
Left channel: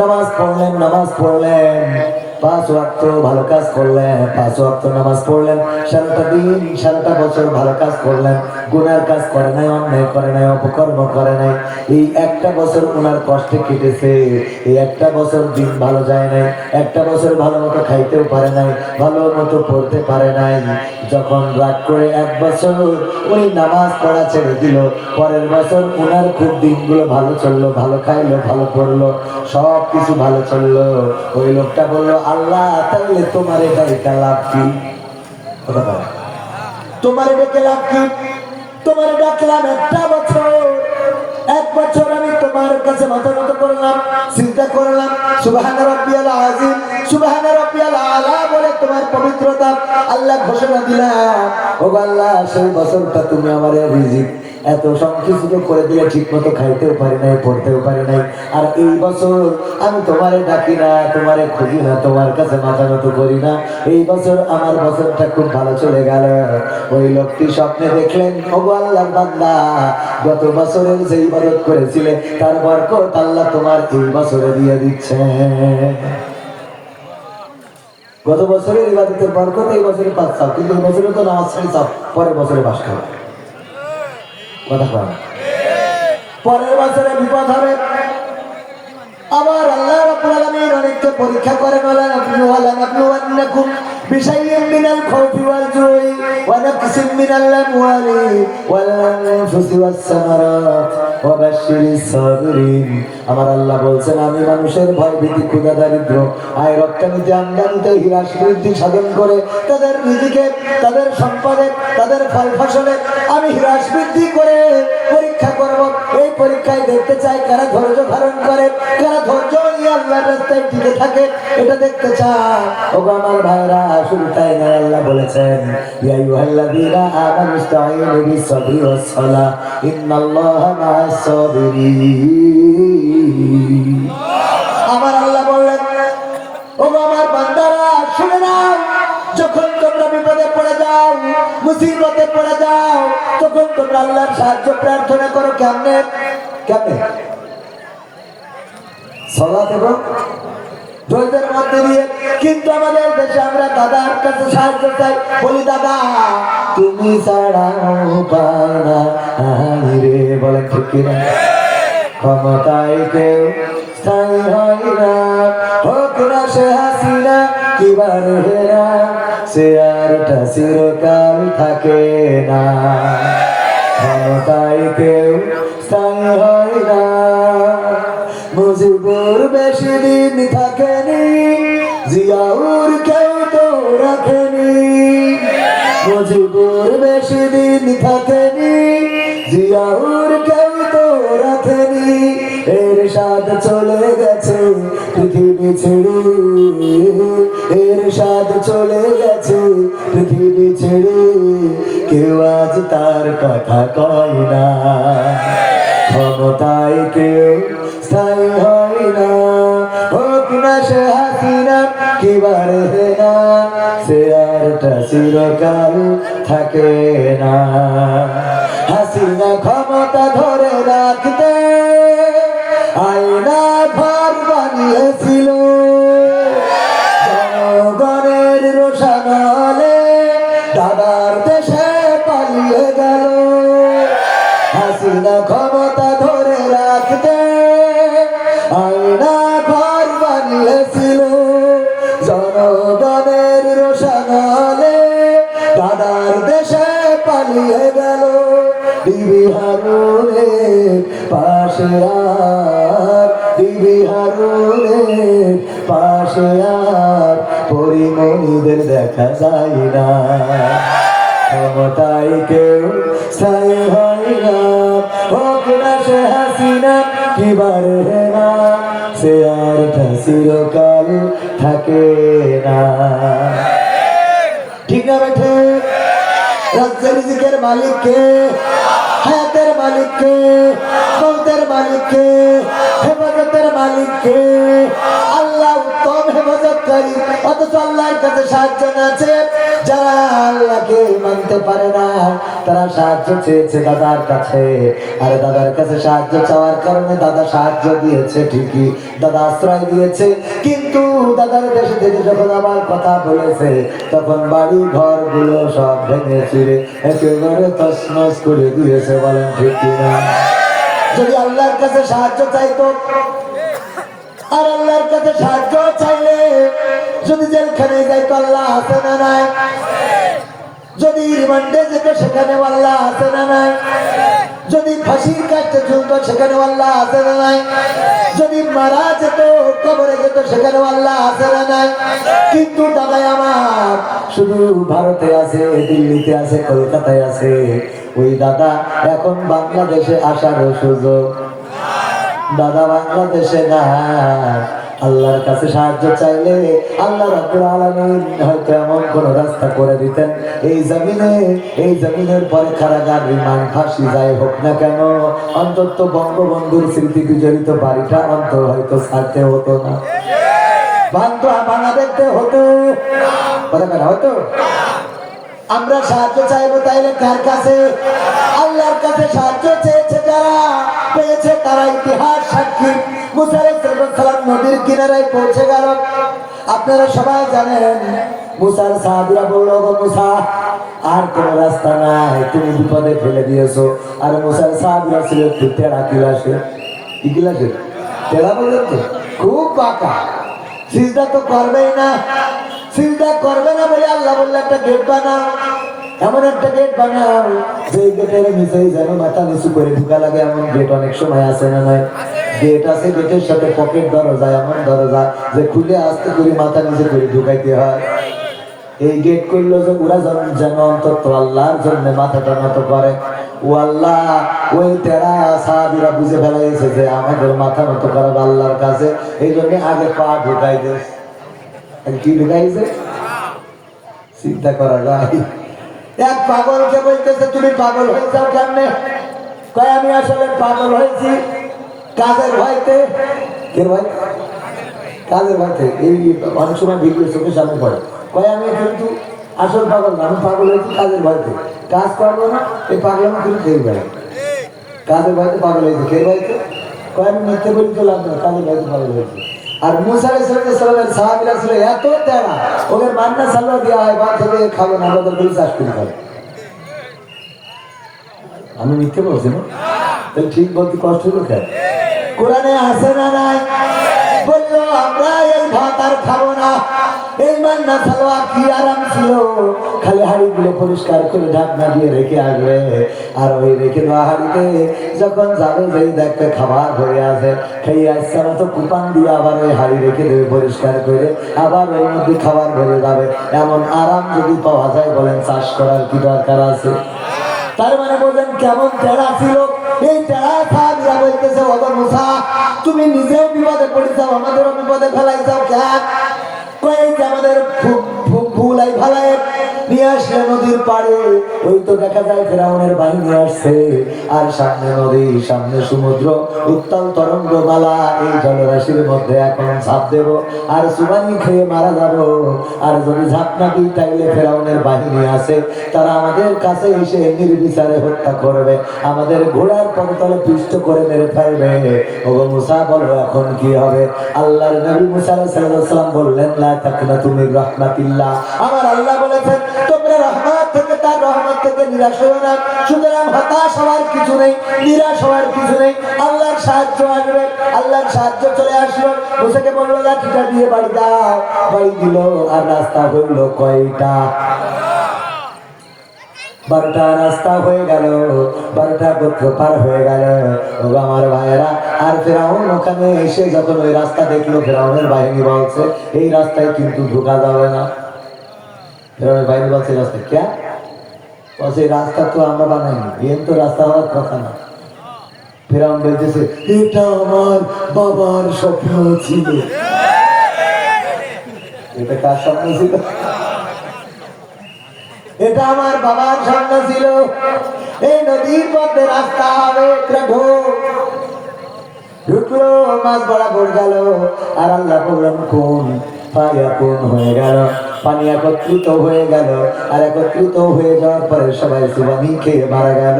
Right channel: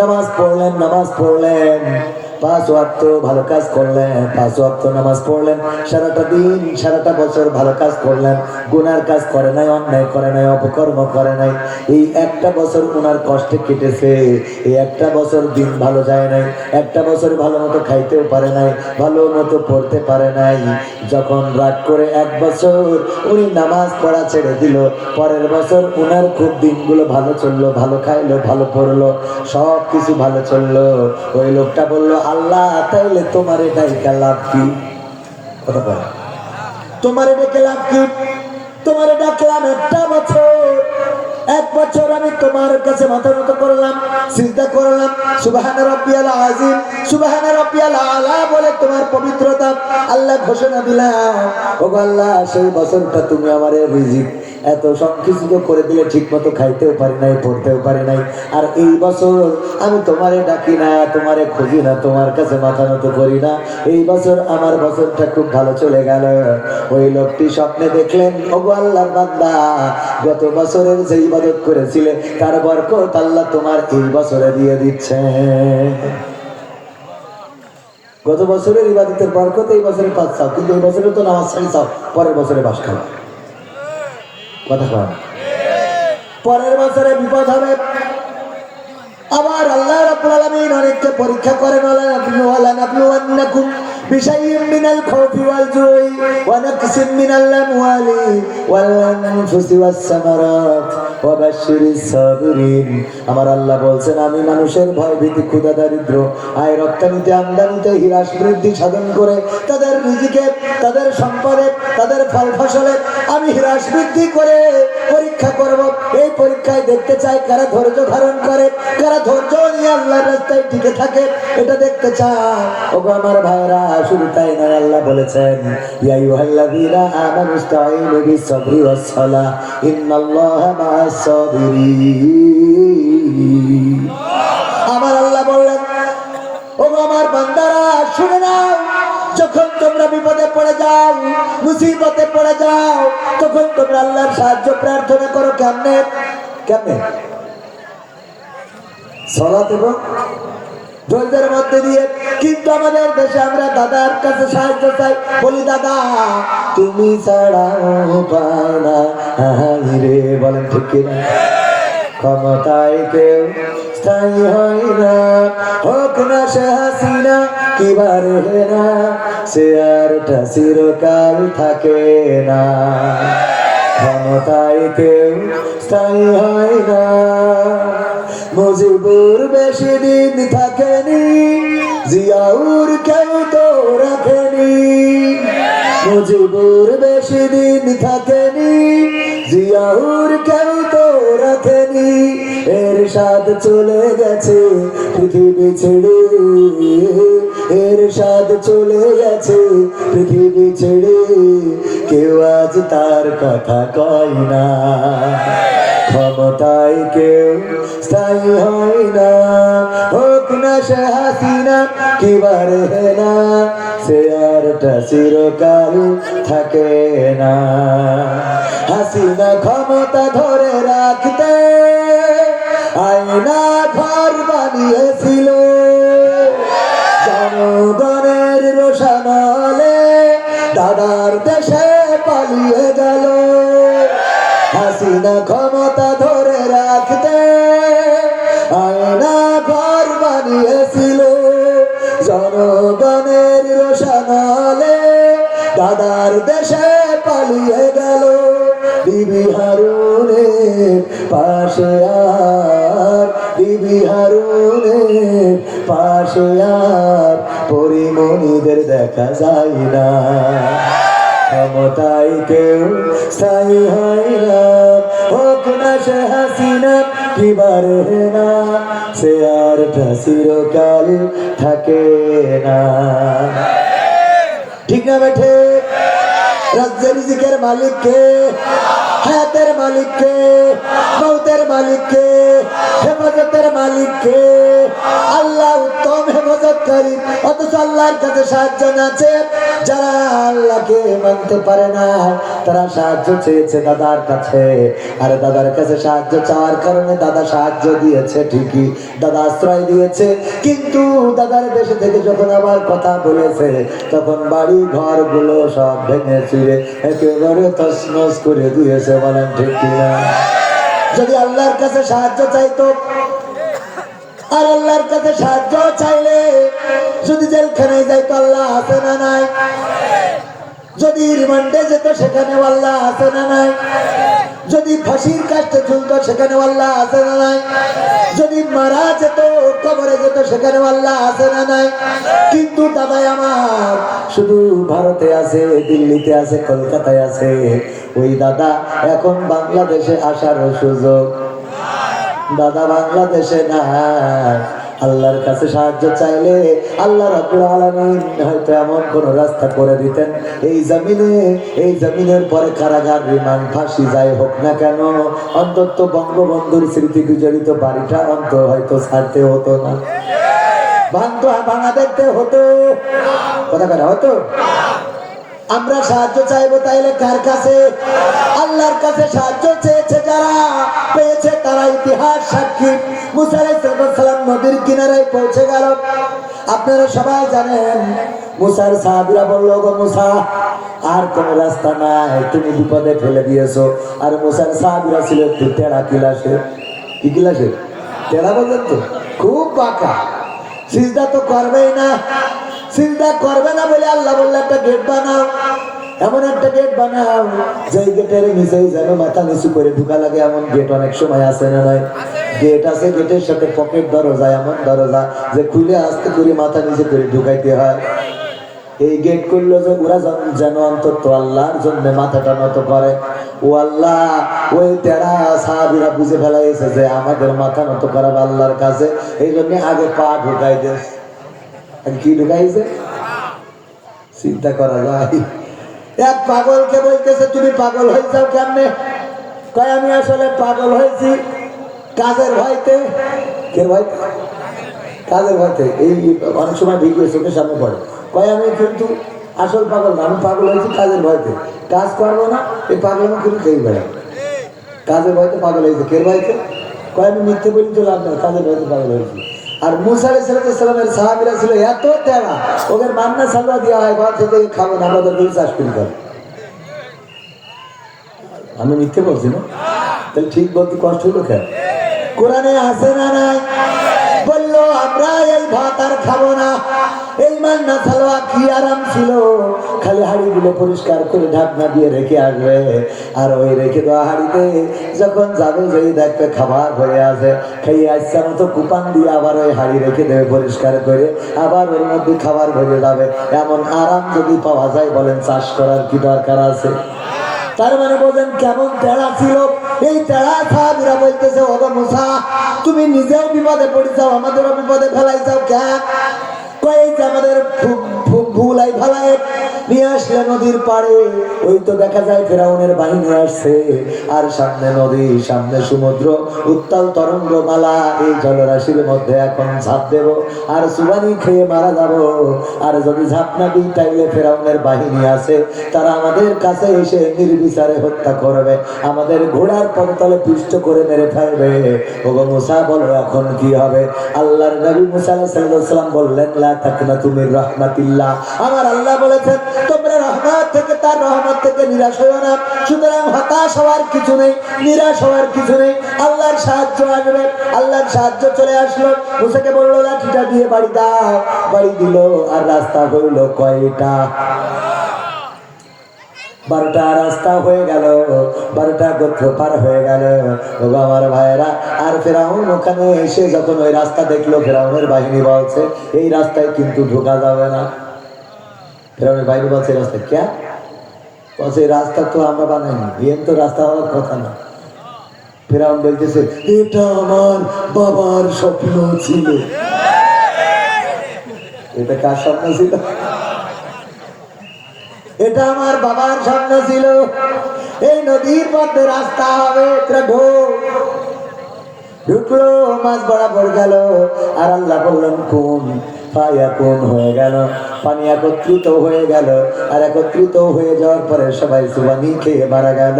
নামাজ পড়লেন, 5 ওয়াক্ত ভালো কাজ করলেন, 5 ওয়াক্ত নামাজ পড়লেন, সারাটা দিন সারাটা বছর ভালো কাজ করলেন, গুনার কাজ করে নাই, অন্যায় করে নাই, অপকর্ম করে নাই। এই একটা বছর ওনার কষ্টে কেটেছে, এই একটা বছর দিন ভালো যায় নাই, একটা বছর ভালো মতো খাইতেও পারে নাই, ভালো মতো পড়তে পারে নাই। যখন রাগ করে 1 বছর উনি নামাজ পড়া ছেড়ে দিল, পরের বছর উনার খুব দিনগুলো ভালো চললো, ভালো খাইলো, ভালো পড়লো, সব কিছু ভালো চললো। ওই লোকটা বললো, আল্লাহ তাইলে তোমার ডাইকা লাভ কি? তোমার ডেকে লাভ কি? তোমার ডাকলাম একটা বছর, 1 বছর আমি তোমার কাছে মাথা নত করলাম, চিন্তা করলাম, সুবহান রাব্বিয়াল আযীম, সুবহান রাব্বিয়াল আলা বলে তোমার পবিত্রতা আল্লাহ ঘোষণা দিলাম। ও আল্লাহ, সেই বছরটা তুমি আমারে রিজিক এত সব কিছু করে দিলে, ঠিক মতো খাইতেও পারি নাই, পড়তেও পারি নাই। আর এই বছর আমি তোমারে ডাকি না, তোমারে খুঁজি না, তোমার কাছে মাথা নত করি না, এই বছর আমার বছরটা খুব ভালো চলে গেল। ওই লোকটি স্বপ্নে দেখলেন, ও আল্লাহ বান্দা, গত বছরের যে ইবাদত করেছিলে তার বরকত আল্লাহ তোমার এই বছরে দিয়ে দিচ্ছে। গত বছরের ইবাদতের বরকত এই বছরে পাচ্ছাও, কিন্তু এই বছরে তো নামাজ ছাড়িছাও, পরের বছরে বাস খাও। কথা কন, পরের বছরে বিপদ হবে। আবার আল্লাহ রাব্বুল আলামিন অনেককে পরীক্ষা করে, বলেন নাবলুওয়ান্নাকুম বিশাইইন মিনাল খাউফি ওয়াল জুই ওয়া নাকসিম মিনাল আমওয়ালি ওয়াল আনফুসি ওয়াস সামারাত ওয়া বাশশিরিস সাবিরিন। আমার আল্লাহ বলছেন, আমি মানুষের ভয় ভীতি, ক্ষুধা, দারিদ্র, আয় রপ্তানিতে, আমদানিতে হ্রাস বৃদ্ধি সাধন করে তাদের রিজিকে, তাদের সম্পদে, তাদের ফল ফসলে আমি হ্রাস বৃদ্ধি করে পরীক্ষা করব। এই পরীক্ষায় দেখতে চাই কারা ধৈর্য ধারণ করে, কারা ধৈর্য নিয়ে আল্লাহর রাস্তায় টিকে থাকে, এটা দেখতে চাই। ওগো আমার ভাইরা, শুধু তাই নয়, আল্লাহ বলেছেন, ইয়া আইয়ুহাল্লাযীনা আমানু ইসতাঈনু বিস-সাবরি ওয়াস-সালাহ ইন্নাল্লাহা মা'আস সাবিরিন। আমার আল্লাহ বললেন, ওগো আমার বান্দারা শুনে নাও, যখন তোমরা বিপদে পড়ে যাও, মুসিবতে পড়ে যাও, তখন তোমরা আল্লাহর সাহায্য প্রার্থনা করো। কেমনে? কেমনে? সালাত এবং ধৈর্যের মধ্যে দিয়ে। কিন্তু আমাদের দেশে আমরা দাদার কাছে সাহায্য চাই, বলি দাদা তুমি ছাড়া উপায় না রে। বলেন ঠিক কিনা? ক্ষমতায় কেউ স্থায়ী হয় না, হোক না সে হাসিনা কিবার হেনা, সে আরটা চিরকাল থাকে না। ক্ষমতায় কেউ স্থায়ী হয় না, মুজিবুর বেশি দিন থাকেনি, জিয়াউর কেউ তো রাখেনি। মুজিবুর বেশি দিন থাকেনি, জিয়াউর কেউ তো রাখেনি। এরশাদ চলে গেছে পৃথিবী ছেড়ে, এরশাদ চলে গেছে পৃথিবী ছেড়ে, কেউ আজ তার কথা কয় না। ক্ষমতায় কেউ স্থায়ী হয় না, হোক না সে হাসিনা কিবার হেনা, সে আরটা চিরকাল থাকে না। হাসিনা ক্ষমতা ধরে রাখতে আয়না ঘর বানিয়েছিল, জনগণের রোশনালে দাদার দেশে পালিয়ে গেল। হাসিনা ক্ষমতা ধরে রাখতে আয়না ঘর বানিয়েছিল, জনগণের রোশনালে দাদার দেশে পালিয়ে গেল। বিবি হারুনের পাশে আর, বিবি হারুনের পাশে আর পরিমণিদের দেখা যায় না। ক্ষমতায় কেউ স্থায়ী হয় না, হোক না সে হাসিনা কিবার হেনা, সে আরটা চিরকাল থাকে না। ঠিক না বেঠে? রাজ্যের রিজিকের মালিক কে? হায়াতের মালিক কে? মৌতের মালিক কে? হেফাজতের মালিক কে? আল্লাহ উত্তম হেফাজত গরিব, অথচ আল্লাহর কাছে সাহায্য না চেয়ে যারা আল্লাহকে মানতে পারে না তারা সাহায্য চেয়েছে দাদার কাছে। আর দাদার কাছে সাহায্য চাওয়ার কারণে দাদা সাহায্য দিয়েছে ঠিকই, দাদা আশ্রয় দিয়েছে, কিন্তু দাদার দেশে থেকে যখন আমার কথা বলেছে তখন বাড়ি ঘর গুলো সব ভেঙে চুরে একেবারে তছনছ করে দিয়েছে। বলেন ঠিক কিনা? যদি আল্লাহর কাছে সাহায্য চাইতো, আর আল্লাহর কাছে সাহায্য চাইলে যদি জেলখানে যাইতো আল্লাহ আছে না নাই? যদি রিমান্ডে যেত সেখানে আল্লাহ আছে না নাই? যদি ফাঁসির কাছে ঝুলতো সেখানে আল্লাহ আছে না নাই? যদি মারা যেত কবরে যেত সেখানে আল্লাহ আছে না নাই? কিন্তু দাদাই আমার শুধু ভারতে আছে, দিল্লিতে আছে, কলকাতায় আছে। ওই দাদা এখন বাংলাদেশে আসার সুযোগ, দাদা বাংলাদেশে না। আল্লাহর কাছে সাহায্য চাইলে আল্লাহ রাব্বুল আলামিন হয়তো এমন কোন রাস্তা করে দিতেন এই জমিনে, এই জমিনের পরে কারাগার, রিমান্ড, ফাঁসি যাই হোক না কেন, অন্তত বঙ্গবন্ধুর স্মৃতি বিজড়িত বাড়িটা অন্তত হয়তো ছাড়তে হতো না, ভাঙা দেখতে হতো, কথা হতো। আমরা সাহায্য চাইবো তাইলে কার কাছে? আল্লাহর কাছে সাহায্য চেয়েছে যারা, পেয়েছে তারা ইতিহাস সাক্ষী। মুসা আলাইহিস সালাম নদীর কিনারায় পৌঁছে গেল। আপনারা সবাই জানেন মুসার সাহাবীরা বলল, গো মুসা আর কোন রাস্তা নাই, তুমি বিপদে ফেলে দিয়েছো। আর মুসার সাহাবীরা ছিল একটু টেরা কিলাসে। কি কিলাসে? টেরা বললেন তো, খুব বাঁকা, সিজদা তো করবেই না। চিন্তা করবে না বলে আল্লাহ বললে একটা গেট বানাও, এমন একটা গেট বানাও যে গেটের নিচেই যেন মাথা নিচু করে ঢুকা লাগে। এমন গেট অনেক সময় আছে না নাই? গেট আছে, গেটের সাথে পকেট দরজা, এমন দরজা যে খুলে আস্তে করে মাথা নিচে করে ঢুকাইতে হয়। এই গেট করলো যে ওরা যেন অন্তত আল্লাহর জন্য মাথাটা নত করে। ও আল্লাহ, ওই তেরা সাহাবীরা বুঝে ফেলাইছে যে আমাদের মাথা নত করাবে আল্লাহর কাছে, এই জন্য আগে পা ঢুকাই দেয়। কি ঢুকাইছে? চিন্তা করা যায়। এক পাগলকে বলতেছে তুমি পাগল হয়ে যাও কেমনে? তাই আমি আসলে পাগল হয়েছি কাজের ভয়তে। কে ভাই? কাজের ভয়তে। এই অনেক সময় ভিডিও চোখের সামনে পড়ে, তাই আমি কিন্তু আসল পাগল না, আমি পাগল হয়েছি কাজের ভয়তে। কাজ করবো না, এই পাগল আমি কিন্তু খেয়ে বেড়াই, কাজের ভয়তে পাগল হয়েছে। কে ভাইতে? তাই আমি মিথ্যে বলি তো লাভ নেই, কাজের ভয়তে পাগল হয়েছি। আর মুসা আলাইহিস সালামের সাহাবীরা ছিল এত তেরা, ওদের বান্না সালোয়া দেওয়া হয়, বাচ্চা থেকে খাবো না, আমাদের দুই চাষ করি করে। আমি মিথ্যে বলছি না? তাহলে ঠিক বলতে কষ্ট হলো কেন? কোরআনে আছে না নাই? বললো আমরা এই ভাত আর খাবো না। এই বান্না সালোয়া কি আরাম ছিল, খালি হাড়িগুলো পরিষ্কার করে ঢাকনা দিয়ে রেখে আসবে। আর ওই রেখে দেওয়া হাড়িতে যখন যাবে যেই দেখবে খাবার হয়ে আছে, খেয়ে আসছে মতো কুপান দিয়ে আবার ওই হাড়ি রেখে দেবে পরিষ্কার করে, আবার ওর মধ্যে খাবার ভরে যাবে। এমন আরাম যদি পাওয়া যায় বলেন চাষ করার কি দরকার আছে? তার মানে বলেন কেমন তেরা ছিল। এই তেরা সাহাবীরা বলতেছে, ওগো মুসা তুমি নিজেও বিপদে পড়েছাও, আমাদেরও বিপদে ফেলাইছাও কেন? আমাদের ভুলাই ভালাই নিয়ে আসলে নদীর পাড়ে, ওই তো দেখা যায় ফেরাউনের বাহিনী আসছে, আর সামনে নদী, সামনে সমুদ্র, উত্তাল তরঙ্গ মালা। এই জলরাশির মধ্যে এখন ঝাঁপ দেব আর সুবানি খেয়ে মারা যাব। আর যদি ঝাঁপ না দিই তাইলে ফেরাউনের বাহিনী আছে, তারা আমাদের কাছে এসে নির্বিচারে হত্যা করবে, আমাদের ঘোড়ার পদতলে পিষ্ট করে মেরে ফেলবে। ওগো মুসা বলো এখন কি হবে? আল্লাহর নবী মুসা আলাইহিস সালাম বললেন, লা তাকনাতু মির রাহমাতিল্লাহ। আমার আল্লাহ বলেছেন তোমরা রহমত থেকে, তার রহমত থেকে নিরাশ হও না। সুতরাং হতাশ হওয়ার কিছু নেই, নিরাশ হওয়ার কিছু নেই। আল্লাহর সাহায্য আসবে, আল্লাহর সাহায্য চলে আসলো। মুসাকে বললো লাঠিটা দিয়ে বাড়ি দাও, বাড়ি দিল। আর রাস্তা হইল কয়টা? 12টা রাস্তা হয়ে গেল, 12টা গোত্র পার হয়ে গেল। আমার ভাইয়েরা, আর ফেরাউন ওখানে এসে যখন ওই রাস্তা দেখলো, ফেরাউনের বাহিনী বলছে এই রাস্তায় কিন্তু ঢোকা যাবে না। ফেরাউনের বাহিনী বলছে এই রাস্তা কে? বলছে এই রাস্তা তো আমরা বানাইনি, এর তো রাস্তা হওয়ার কথা না। ফেরাউন বলতেছে এটা আমার বাবার স্বপ্ন ছিল। এটা কার স্বপ্ন ছিল? এটা আমার বাবার স্বপ্ন ছিল, এই নদীর মধ্যে রাস্তা হবে। ঢুকলো, মাছ বরাবর গেল। আর আল্লাহ বললেন কোন ফায়াকুন হয়ে গেল, পানি একত্রিত হয়ে গেল। আর একত্রিত হয়ে যাওয়ার পরে সবাই সুবানি খেয়ে মারা গেল।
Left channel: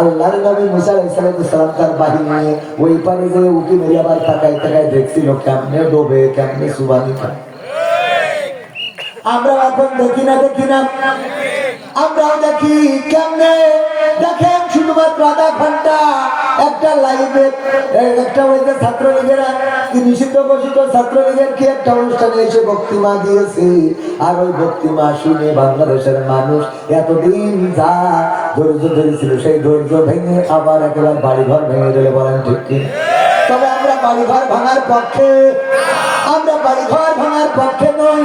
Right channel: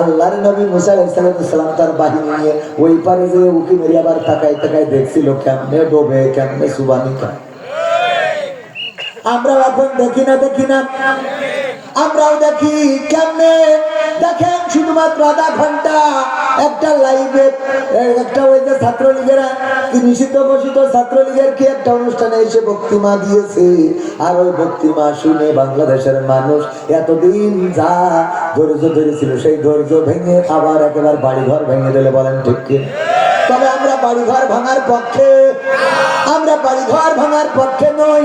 আল্লাহর নবী মুসা আলাইহিস সালাম তার বাহিনী নিয়ে ওই পারে যে উকি মেরে আবার তাকায় তাকায় দেখছিল কেমনে ডোবে, কেমনে সুবানি খায়। আমরা এখন দেখি না, আমরাও দেখি কেমনে। দেখেন শুধুমাত্র আধা ঘন্টা একটা লাইভে একটা ওই যে ছাত্রলীগেরা নিষিদ্ধ ঘোষিত ছাত্রলীগের কি একটা অনুষ্ঠানে এসে বক্তৃতা দিয়েছে। আর ওই বক্তৃতা শুনে বাংলাদেশের মানুষ এতদিন যা ধৈর্য ধরেছিল সেই ধৈর্য ভেঙে আবার একেবারে বাড়িঘর ভেঙে দিলে, বলেন ঠিক কি? তবে আমরা বাড়িঘর ভাঙার পক্ষে, আমরা বাড়িঘর ভাঙার পক্ষে নই।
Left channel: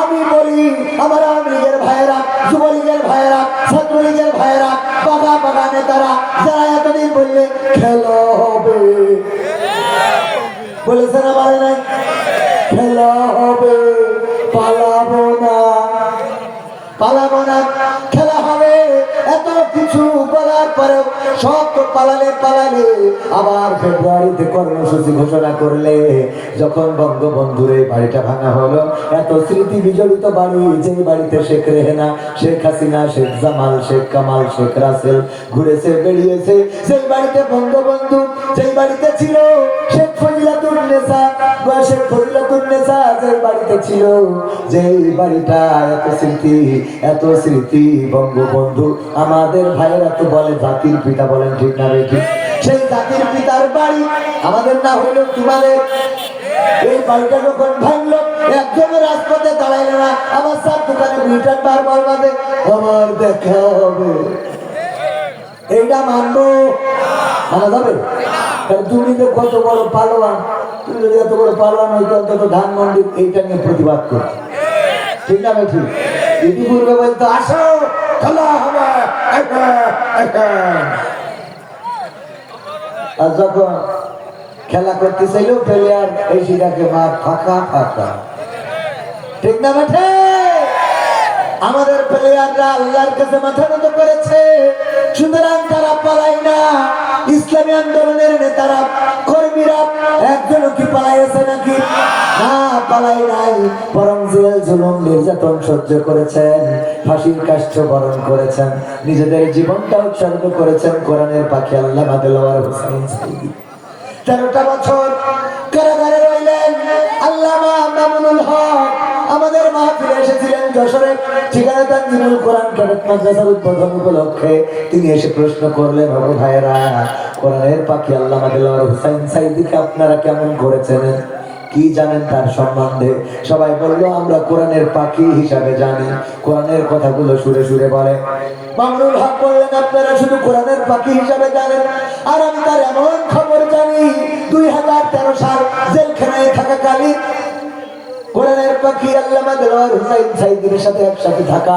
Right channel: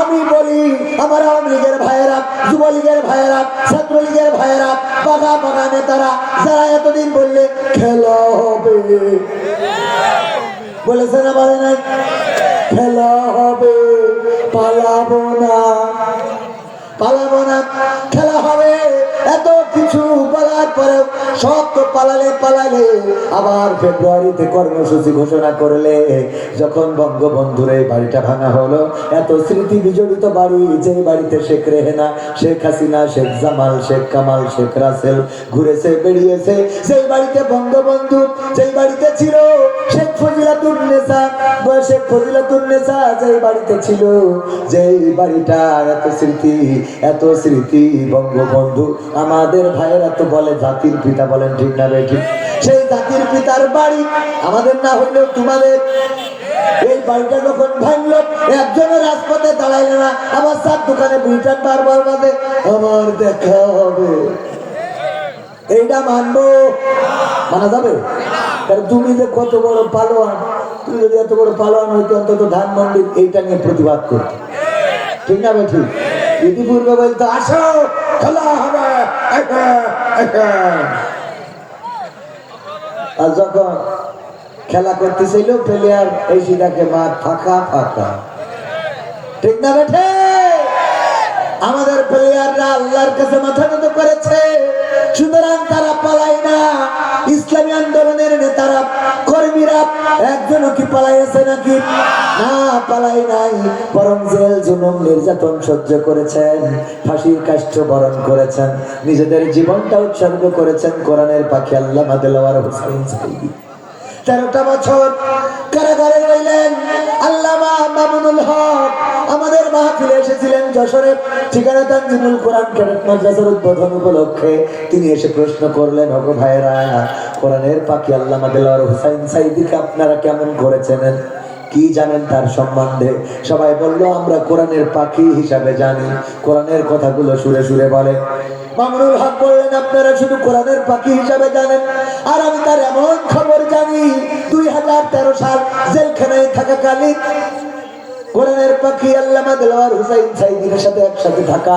আমি বলি আমার আওয়ামী লীগের ভাইয়েরা, যুবলীগের ভাইয়েরা, ছাত্রলীগের ভাইয়েরা, পাকা পাকা নেতারা যারা এতদিন বললে খেলা হবে, বলেছে না বলে নাই? খেলা হবে, পালাবো না, পালাবো না, খেলা হবে। এত কিছু বলার পরে সব তো পালালে আবার ফেব্রুয়ারিতে কর্মসূচি ঘোষণা করলে। যখন বঙ্গবন্ধুর এই বাড়িটা ভাঙা হলো, এত স্মৃতি বিজড়িত বাড়ি, যে বাড়িতে শেখ রেহেনা, শেখ হাসিনা, শেখ জামাল, শেখ কামাল, শেখ রাসেল ঘুরেছে বেরিয়েছে, সেই বাড়িতে বঙ্গবন্ধু, যেই বাড়িতে ছিল শেখ ফজিলাতুন্নেসা, শেখ ফজিলাতুন্নেসা যেই বাড়িতে ছিল, যেই বাড়িটা এত স্মৃতি বঙ্গবন্ধু আমাদের ভাইরা তো বলে জাতির পিতা, বলেন ঠিক না বেঠিক? সেই জাতির পিতার বাড়ি আমাদের না হইলেও তোমাদের। এই বাড়িটা যখন ভাঙলো, একজনের রাজপথে দাঁড়াইল না, আবার সব দোকানে ব্রিটেন বারবার বাদে আমার দেখা হবে। এইটা মানবো? মানা যাবে? তুমি যে কত বড় পালোয়ান, তুমি যদি এত বড় পালোয়ান হইতো অন্তত ধানমন্ডি এইটা নিয়ে প্রতিবাদ করতো, ঠিক না বেঠিক? ইতিপূর্বে বলতো আসো খেলা হবে, আর যখন খেলা করতে চাইল প্লেয়ার এই শিখাকে মাঠ ফাঁকা ফাঁকা, ঠিক না বেঠে? আমাদের প্লেয়াররা আল্লাহর কাছে মাথা নত করেছে, সুতরাং তারা পালায় না। ইসলামী আন্দোলনের নেতারা, কর্মীরা একজনও কি পালাইছে নাকি? না, পালাই নাই, বরং জেল জুলুম নির্যাতন সহ্য করেছেন, ফাঁসির কাষ্ঠ বরণ করেছেন, নিজেদের জীবনটা উৎসর্গ করেছেন কোরআনের পাখি আল্লামা দেলোয়ার হোসেন সাঈদী। 13টা বছর কারাগারে রইলেন আল্লামা মামুনুল হক। আমাদের মাহফিলে এসেছিলেন যশোরে, ঠিকানা তানজিমুল কোরআন ক্যাডেট মাদ্রাসার উদ্বোধন উপলক্ষে। তিনি এসে প্রশ্ন করলেন, বাবু ভাইয়েরা, কোরআনের পাখি আল্লামা দেলোয়ার হোসেন সাঈদীকে আপনারা কেমন করেছেন, কি জানেন তার সম্বন্ধে? সবাই বলল, আমরা কোরআনের পাখি হিসাবে জানি, কোরআনের কথাগুলো সুরে সুরে বলে। মামুনুল হক বললেন, আপনারা শুধু কোরআনের পাখি হিসাবে জানেন, আর আমি তার এমন খবর জানি 2013 সাল জেলখানায় থাকাকালীন কোরআনের পাখি আল্লামা দেলোয়ার হোসেন সাঈদীর সাথে একসাথে থাকা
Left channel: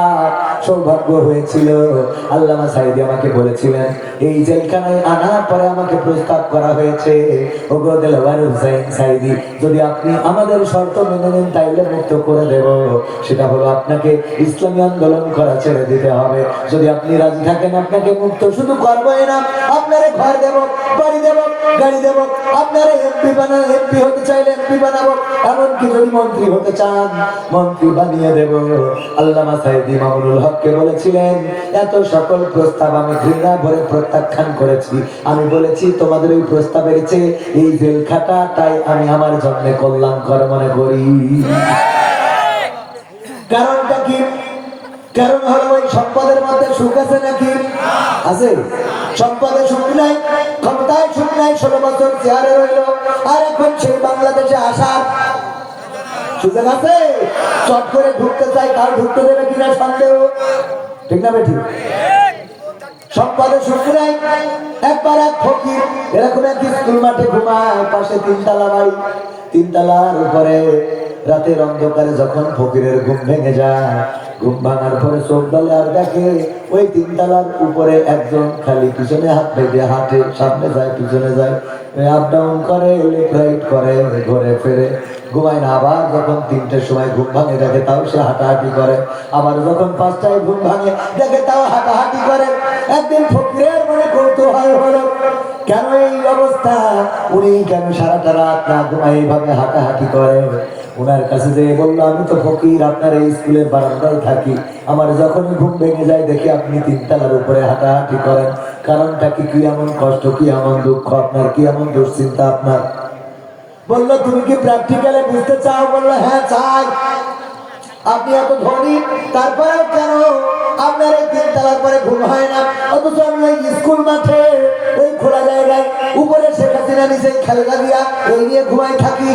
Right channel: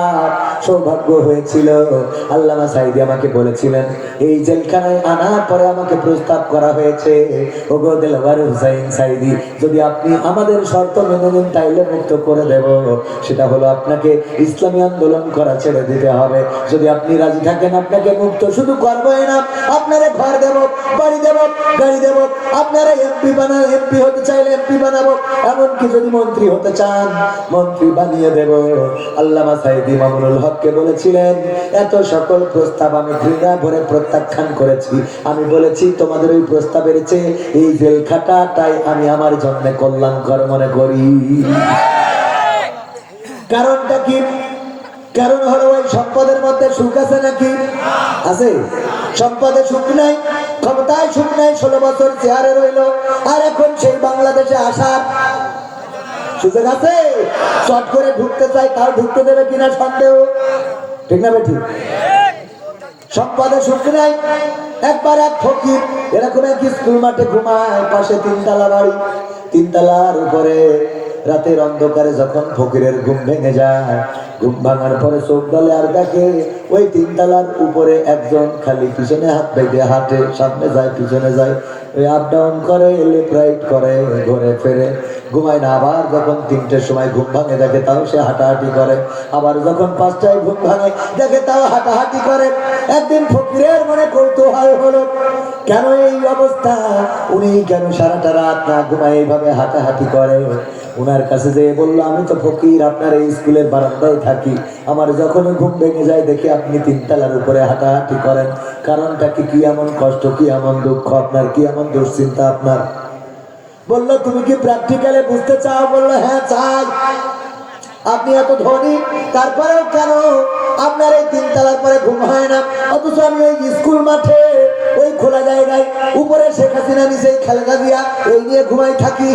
সৌভাগ্য হয়েছিল। আল্লামা সাঈদী আমাকে বলেছিলেন, এই জেলখানায় আনার পরে আমাকে প্রস্তাব করা হয়েছে, ওগো দেলোয়ার হোসেন সাঈদী, যদি আপনি আমাদের শর্ত মেনে নেন তাইলে মুক্ত করে দেব। সেটা হলো আপনাকে ইসলামী আন্দোলন করা ছেড়ে দিতে হবে। যদি আপনি রাজি থাকেন, আপনাকে মুক্ত শুধু করবোই না, আপনারে ঘর দেব, বাড়ি দেব, গাড়ি দেব, আপনারা এমপি হতে চাইলে এমপি বানাবো, এমনকি যদি মন্ত্রী হতে চান মন্ত্রী বানিয়ে দেব। আল্লামা সাঈদী মামুনুল হককে বলেছিলেন, এত সকল প্রস্তাব আমি ঘৃণা ভরে প্রত্যাখ্যান করেছি। আমি বলেছি, তোমাদের ওই প্রস্তাবের চেয়ে এই জেল খাটাটাই আমি আমার জন্য কল্যাণকর মনে করি। কারণটা কি? কারণ হলো ওই সম্পদের মধ্যে সুখ আছে নাকি? আছে। সম্পদে সুখ নাই, ক্ষমতায় সুখ নাই, 16 বছর চেয়ারে রইল, আর এখন সেই বাংলাদেশে আসার সুযোগ আছে। চট করে ঢুকতে চাই, কার ঢুকতে দেবে কিনা সন্দেহ, ঠিক না বেঠিক? সম্পদে সুখ নাই, একবার এক ফকির এরকম এক স্কুল মাঠে ঘুমায়, পাশে 3 তলা বাড়ি, 3 তলার উপরে রাতের অন্ধকারে যখন ফকিরের ঘুম ভেঙে যায়, ঘুম ভাঙার পরে চোখ ডালে আর দেখে ওই 3 তলার উপরে একজন খালি পিছনে হাত বেঁধে হাঁটে, সামনে যায় পিছনে যায়, আপ ডাউন করে, লেফট রাইট করে, ঘুরে ফেরে, ঘুমায় না। আবার যখন 3টের সময় ঘুম ভাঙে দেখে তাও সে হাঁটাহাঁটি করে, আবার যখন 5টায় ঘুম ভাঙে দেখে তাও হাঁটাহাঁটি করে। একদিন ফকিরের মনে কৌতূহল হলো, কেন এই অবস্থা, উনি কেন সারাটা রাত না ঘুমায় এইভাবে হাঁটাহাঁটি করে? ওনার কাছে যেয়ে বললো, আমি তো ফকির, আপনার এই স্কুলের বারান্দায় থাকি, আমার যখনই ঘুম ভেঙে যায় দেখি আপনি তিনতলার উপরে হাঁটাহাঁটি করেন, কারণটা কি এমন কষ্ট, কি এমন দুঃখ আপনার, কি এমন দুশ্চিন্তা আপনার? বললো, তুমি কি প্র্যাকটিক্যালে বুঝতে চাও? বললো, হ্যাঁ চাই। আপনি এত ধনী, তারপরেও কেন আপনার এই তিনতলার পরে ঘুম হয় না? অথচ আমি ওই স্কুল মাঠে ওই খোলা জায়গায় উপরে শেখ হাসিনা, নিচে খালেদা জিয়া, এই নিয়ে ঘুমাই থাকি।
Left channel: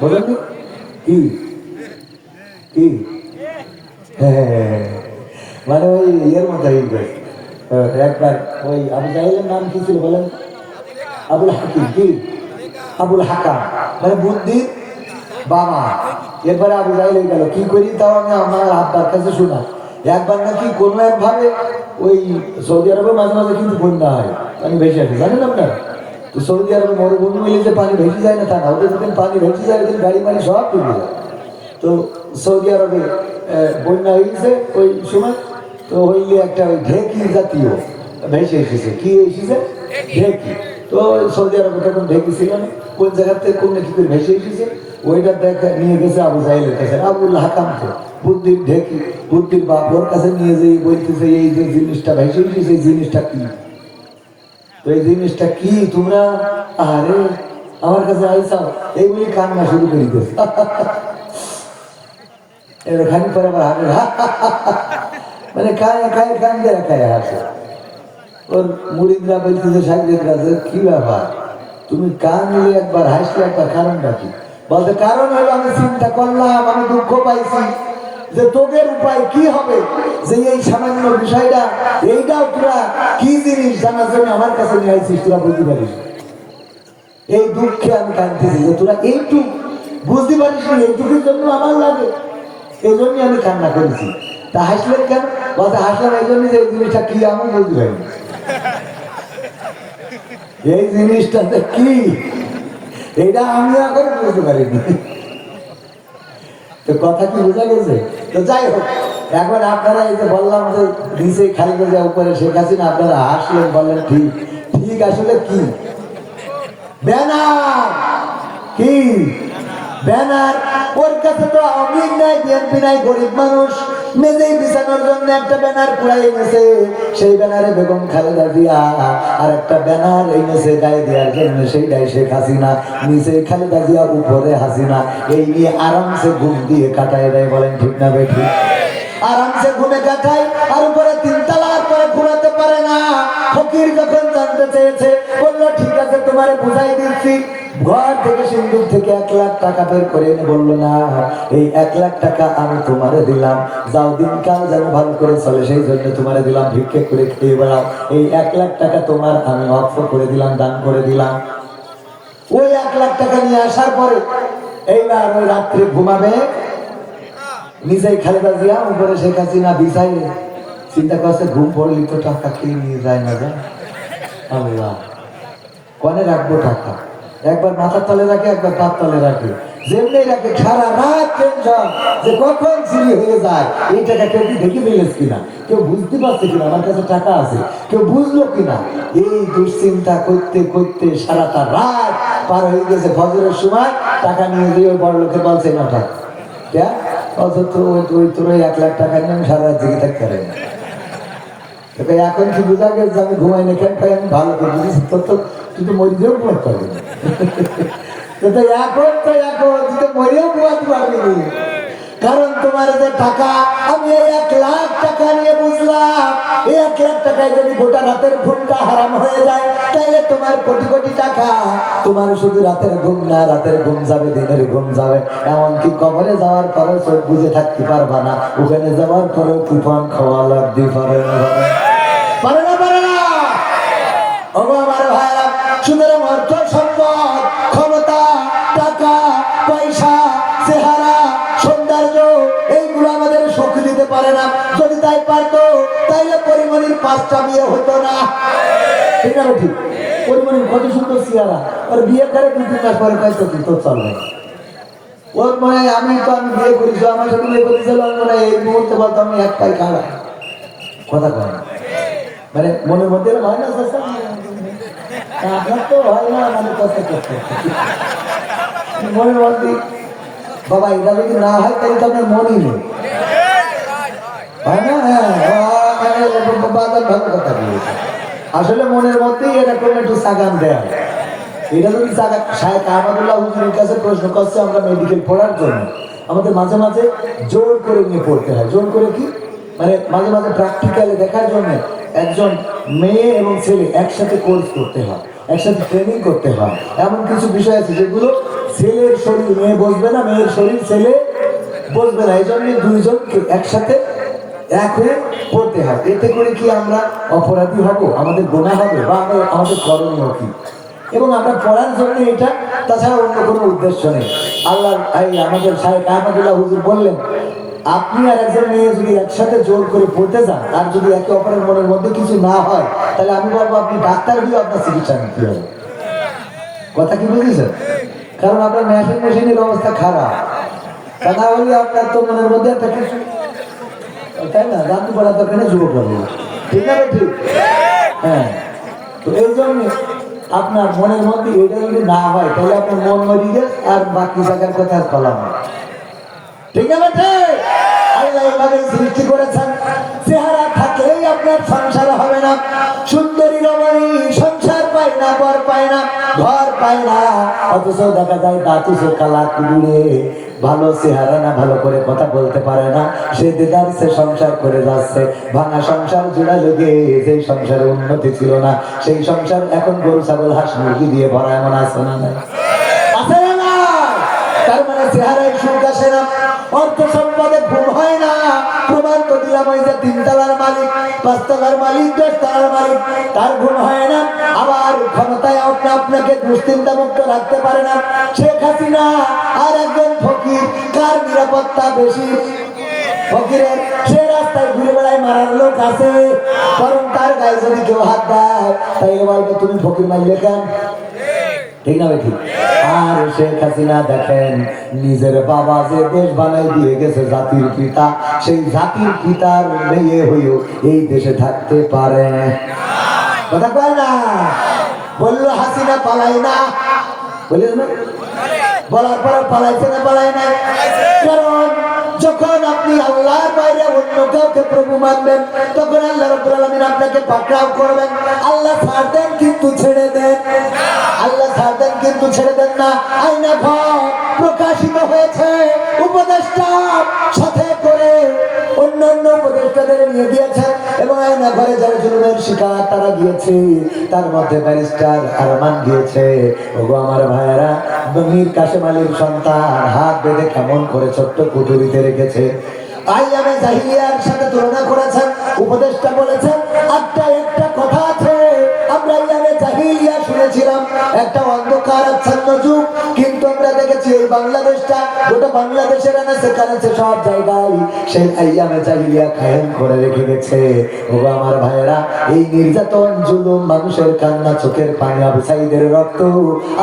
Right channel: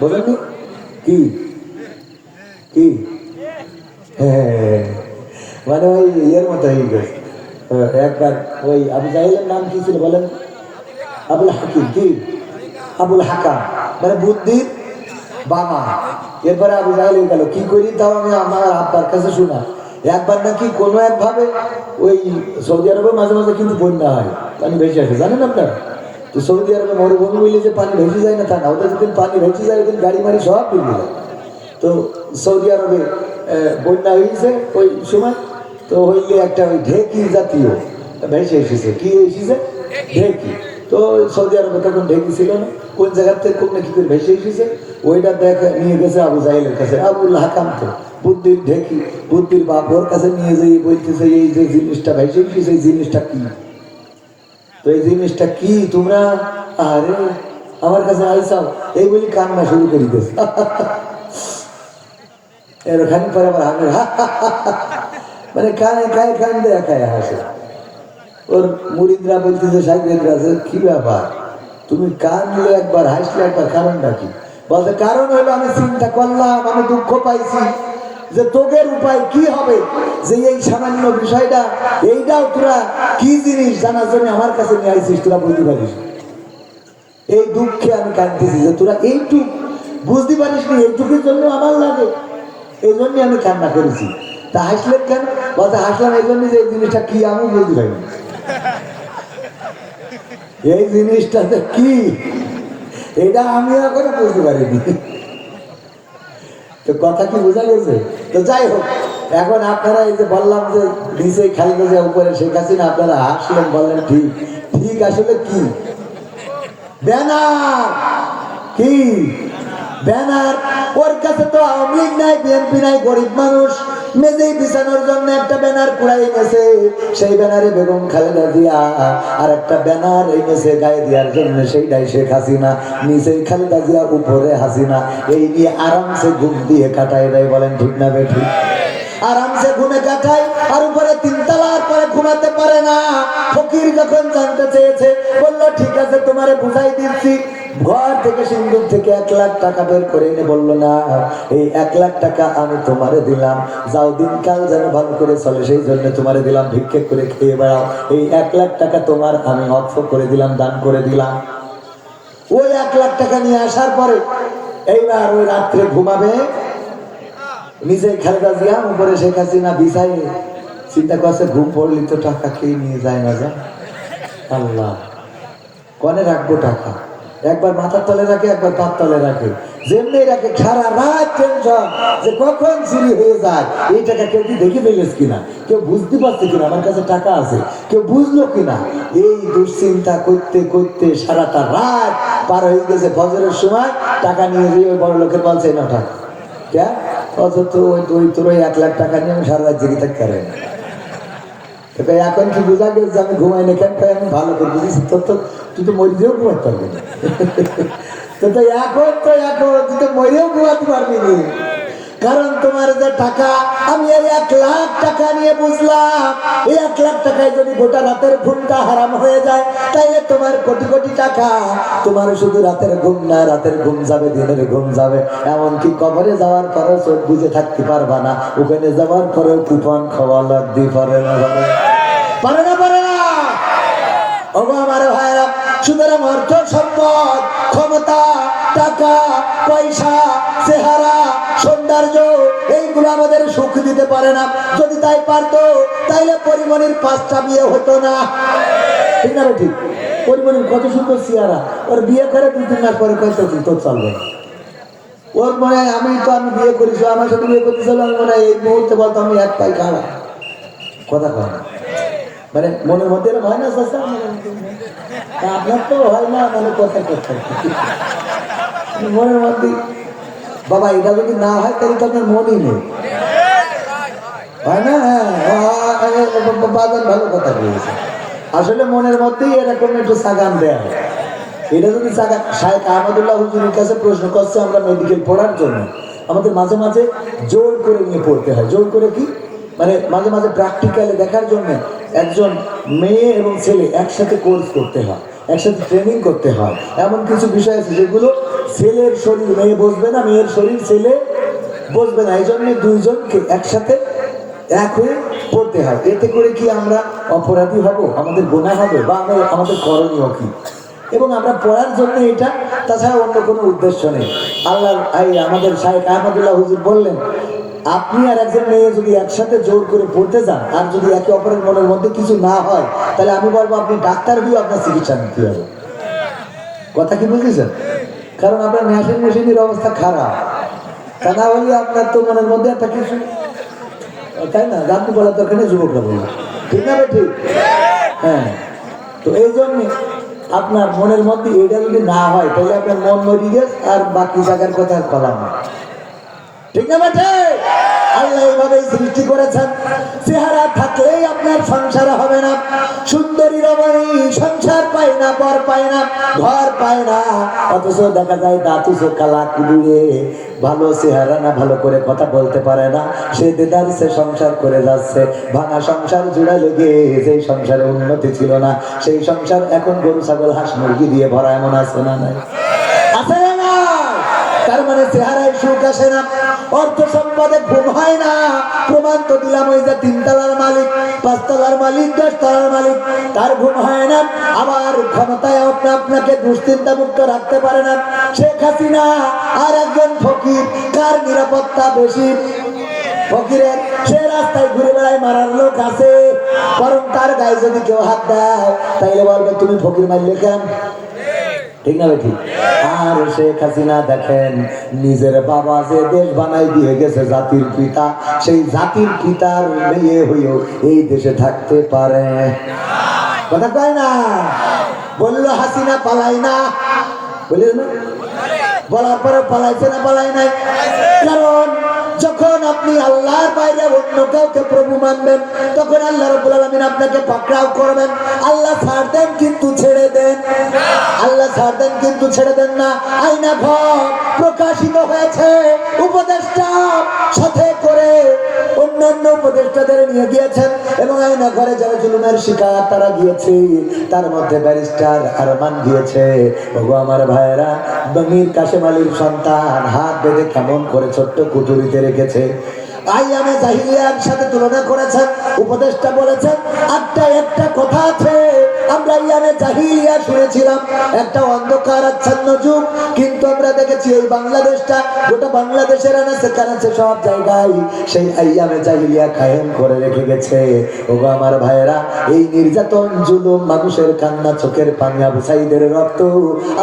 বলেন কি কি হ্যাঁ, মানে ওই ইয়ের মতো হয়ে গেছে। একবার ওই আবু জাহিলের নাম কি ছিল বলেন? আবুল হাকিম। কি আবুল হাকাম, মানে বুদ্ধির বাবা। এরপরে আবু জাহিল হয়ে গেল। কি করি তাও আমি আমার আব্বার কাছে শোনা, একবার নাকি কোনো একভাবে ওই সৌদি আরবে মাঝে মাঝে কিন্তু বন্যা হয়, পানি ভেসে আসে, জানেন আপনারা? তো সৌদি আরবে মরুভূমি মিলে যে পানি ভেসে যায় না তা না, ওদের যখন পানি ভেসে যায় ওদের গাড়ি মাড়ি সব ডুবে যায়। তো সৌদি আরবে বন্যা হয়েছে ওই সময়, তো হইলে একটা ওই ঢেকি জাতীয় ভেসে এসেছে। কি এসেছে? ঢেকি। তো সৌদি আরবে তখন ঢেকি ছিল না, কোন জায়গার থেকে কোন কি করে ভেসে এসেছে, ওইটা দেখা নিয়ে গেছে আবু জাহিলের কাছে। আবুল হাকাম তো বুদ্ধির ঢেকি, বুদ্ধির বাপ, ওর কাছে নিয়ে যেয়ে বলতেছে, এই যে জিনিসটা ভেসে এসেছে এই জিনিসটা কি? তো এই জিনিসটা কি তোমরা আরে আমার কাছে আইসাও, এই বলি কান্না শুরু করে দিয়েছে। এরখানি পরে আবার হাঁটে, মানে কানে কানে কান দেয়া খায় হাসে। ওর মুরিদরা বলতেছে, সাহেবরা, কি ব্যাপার তুমি কানলে একবার হাসলে একবার, কারণটা কি? বলতে কারণ হলো আমি চিন্তা করলাম, আমি দুঃখ পাইছি যে তোদের উপায় কি হবে, যে এই সামান্য বিষয়টা এইটাও তোরা কি জিনিস জানার জন্য আমার কাছে নিয়ে আইছিস, তোরা বুঝতে পারিস। এই দুঃখে আমি কাঁদতেছি যে তোরা এইটুক বুঝতে পারিস নি, এইটুকুর জন্য আমার লাগে, এই জন্যই আমি কান্না করেছি। তা হাসলেন কেন? বলতে হাসলেন এই জন্য যে এই জিনিসটা কি আমি বুঝতে পারিনি। এই জিনিসটাতে কি এইটা আমি এখন বুঝতে পারিনি। তো কথা কি বোঝা গেছে? তো যাই হোক, এখন আপনারা এই যে বললাম যে নিচেই খালেদা জিয়া উপরে শেখ হাসিনা, আপনারা হাসলেন, বললেন ঠিক। ঠিক আসলে কি? ব্যানার। কি ব্যানার? ওর কাছে তো আওয়ামী লীগ নাই, বিএনপি নাই, গরিব মানুষ মেজেই বিছানোর জন্য একটা ব্যানার পুরাই এনেছে। সেই ব্যানারে বেগম খালেদা জিয়া, আর একটা ব্যানার এনেছে গায়ে দেওয়ার জন্য, সেইটাই শেখ হাসিনা। নিচে খালেদা জিয়া, উপরে হাসিনা। এই নিয়ে আরামসে ঘুম দিয়ে কাটায় দেয়। বলেন ঠিক না বেঠিক? আরামসে ঘুমে কাটায়, আর উপরে তিনতলার পরে ঘুমাতে পারে না। ফকির যখন জানতে চেয়েছে, বললো ঠিক আছে তোমারে বুঝাই দিচ্ছি। ঘর থেকে সিন্দুক থেকে 1 লাখ টাকা বের করে এনে বললো, না এই 1 লাখ টাকা আমি তোমারে দিলাম, যাও দিনকাল যেন ভালো করে চলে সেই জন্য তোমারে দিলাম, ভিক্ষে করে খেয়ে বেড়াও, এই 1 লাখ টাকা তোমার আমি অক্ষ করে দিলাম, দান করে দিলাম। ওই 1 লাখ টাকা নিয়ে আসার পরে এইবার ওই রাত্রে ঘুমাবে নিজেই খালেদা জিয়া, উপরে শেখ হাসিনা বিছাইয়ে। চিন্তা করছে ঘুম পড়লি তো টাকা খেয়ে নিয়ে যায় না, যায় আল্লাহ কনে রাখবো টাকা? একবার মাথার তলে রাখে, একবার পাত তলে রাখে, যেমনি রাখে। সারা রাত টেনশন যে কখন চুরি হয়ে যায়। এই টাকা কেউ কি দেখে ফেলেছ কিনা, কেউ বুঝতে পারছে কিনা আমার কাছে টাকা আছে, কেউ বুঝলো কিনা। এই দুশ্চিন্তা করতে করতে সারাটা রাত পার হয়ে গেছে। ফজরের সময় টাকা নিয়ে গিয়ে ওই বড় লোকের বলছে, না টাকা তোর 1 লাখ টাকা নিয়ে আমি সারা রাত জেগে থাকতে পারি না। এখন কি বোঝা গেছে আমি ঘুমাই না কেন? আমি ভালো করে বুঝেছি, তুই তো মরিতেও ঘুমাতে পারবি না। এখন তুই তো মরিও ঘুমাতে পারবি না, কারণ তোমার যে টাকা, আমি এই 1 লাখ টাকা নিয়ে বুঝলাম, এই 1 লাখ টাকায় যদি গোটা রাতের ঘুমটা হারাম হয়ে যায়, তাইলে তোমার কোটি কোটি টাকা, তোমার শুধু রাতের ঘুম না, রাতের ঘুম যাবে, দিনের ঘুম যাবে। এমনকি কবরে যাওয়ার পরেও চোখ বুঝে থাকতে পারবা না, ওখানে যাওয়ার পরেও কুপন খাওয়া লাগতে পারে না, পারে না, পারে না। ওগো আমার ভাইরা, সুতরাং অর্থ সম্পদ, ক্ষমতা, টাকা পয়সা, চেহারা, সৌন্দর্য, এইগুলো আমাদের সুখ দিতে পারে না। যদি তাই পারতো তাইলে পরিমণির 5টা বিয়ে হতো না। ঠিক আছে? ঠিক। পরিমণির কত সুন্দর চেহারা, ওর বিয়ে করে 2-3 মাস পরে কয় তোর চলবে না। ওর মনে আমি বিয়ে করেছি, আমার সাথে বিয়ে করতেছিল, মনে এই মুহূর্তে বলতো আমি 1 পাই খাওয়া কথা কয় না, মানে মনের মধ্যে হয় না, আপনার তো হয় না, মানে কথা করতে মনের মধ্যে বাবা এটা যদি না হয় তাহলে তো আপনার মনই নেই, হয় না? বাজার ভালো কথা বলেছে। আসলে মনের মধ্যেই এরকম একটু সাগান দেয়। এটা যদি শায়েখ আহমদুল্লাহ হুজুরের কাছে প্রশ্ন করছে আমরা মেডিকেল পড়ার জন্য, আমাদের মাঝে মাঝে জোর করে নিয়ে পড়তে হয়। জোর করে কি মানে মাঝে মাঝে প্র্যাকটিক্যালি দেখার জন্য একজন মেয়ে এবং ছেলে একসাথে কোর্স করতে হয়, একসাথে ট্রেনিং করতে হয়। এমন কিছু বিষয় আছে যেগুলো ছেলের শরীর মেয়ে বসবে না, মেয়ের শরীর ছেলে বসবে না, এই জন্য দুইজনকে একসাথে এক হয়ে পড়তে হয়। এতে করে কি আমরা অপরাধী হব, আমাদের গুনাহ হবে, বা আমাদের করণীয় কি? এবং আমরা পড়ার জন্য এটা, তাছাড়া অন্য কোনো উদ্দেশ্য নেই। আল্লাহ আমাদের শায়েখ আহমদুল্লাহ হুজুর বললেন, আপনি আর একজন মেয়ে যদি একসাথে জোর করে পড়তে যান আর যদি একে অপরের মনের মধ্যে কিছু না হয়, তাহলে আমি বলবো আপনি ডাক্তার হয়েও আপনার চিকিৎসা নিতে হবে। কথা কি বুঝেছেন? কারণ আপনার মেশিনের অবস্থা খারাপ, তা না হলে আপনার তো মনের মধ্যে একটা কিছু, তাই না? রাত্রি বলার দরকার নেই, যুবক বলবো, ঠিক আছে? ঠিক, হ্যাঁ। তো এই জন্য আপনার মনের মধ্যে এটা যদি না হয় তাহলে আপনার মন মরি গেছে, আর বাকি জায়গার কথা আর বলা হয়, ঠিক না? ঠিক। আল্লাহ এইভাবেই সৃষ্টি করেছেন, চেহারা থাকলেই আপনার সংসার হবে না। সুন্দরী রমণী সংসার পায় না, বর পায় না, ঘর পায় না, অথচ দেখা যায় দাঁতু কালা কুড়ে, ভালো চেহারা না, ভালো করে কথা বলতে পারে না, সে দেদার সে সংসার করে যাচ্ছে। ভাঙা সংসার জোড়া লেগে যে সংসারে উন্নতি ছিল না, সেই সংসার এখন গরু ছাগল হাঁস মুরগি দিয়ে ভরা, এমন আছে না? নাই? আছে না? তার মানে চেহারায় সুখ আসে না, অর্থ সম্পদে ঘুম হয় না। প্রমাণ তো দিলাম, ওই যে 3 তলার মালিক, 5 তলার মালিক, 10 তলার মালিক, তার ঘুম হয় না। আবার ক্ষমতায় আপনাকে দুশ্চিন্তা মুক্ত রাখতে পারে না শেখ হাসিনা। আর একজন ফকির, কার নিরাপত্তা বেশি? ফকিরের। সে রাস্তায় ঘুরে বেড়ায়, মারার লোক আছে, বরং তার গায়ে যদি কেউ হাত দেয় তাইলে বলবে তুমি ফকির মারলে কেন? ঠিক না? ঠিক। আর শেখ হাসিনা দেখেন, নিজের বাবা যে দেশ বানাই দিয়ে গেছে, জাতির পিতা, সেই জাতির পিতার মেয়ে হইও এই দেশে থাকতে পারে? কথা কয় না? বললো হাসিনা পালাই না, বলি না, বলার পরে পালাইছে না পালায় না? কারণ যখন আপনি আল্লাহর বাইরে অন্য কাউকে প্রভু মানবেন, তখন আল্লাহ রাব্বুল আলামিন আপনাকে পাকড়াও করবেন। আল্লাহ ছাড় দেন কিন্তু ছেড়ে দেন, আল্লাহ ছাড় দেন কিন্তু ছেড়ে দেন না। আয়না ঘর প্রকাশিত হয়েছে, উপদেষ্টা সাথে করে অন্যান্য উপদেষ্টাদের নিয়ে গিয়েছেন, এবং আয়না ঘরে যারা জুলুমের শিকার তারা গিয়েছে, তার মধ্যে ব্যারিস্টার আরমান গিয়েছে। ওগো আমার ভাইয়েরা, মীর কাসেম আলীর সন্তান হাত বেঁধে কেমন করে ছোট্ট কুঠুরিতে রেখেছে। আইয়ামে জাহিলিয়ার সাথে তুলনা করেছেন, উপদেষ্টা বলেছেন একটা কথা আছে, আমরা আইয়ামে জাহিলিয়া শুনেছিলাম, একটা অন্ধকার আচ্ছন্ন যুগ, কিন্তু আমরা দেখেছি এই বাংলাদেশটা, গোটা বাংলাদেশের আনাচে কানাচে সব জায়গায় সেই আইয়ামে জাহিলিয়া কায়েম করে রেখে গেছে। ওগো আমার ভাইয়েরা, এই নির্যাতন, জুলুম, মানুষের কান্না, চোখের পানি, আবু সাঈদের রক্ত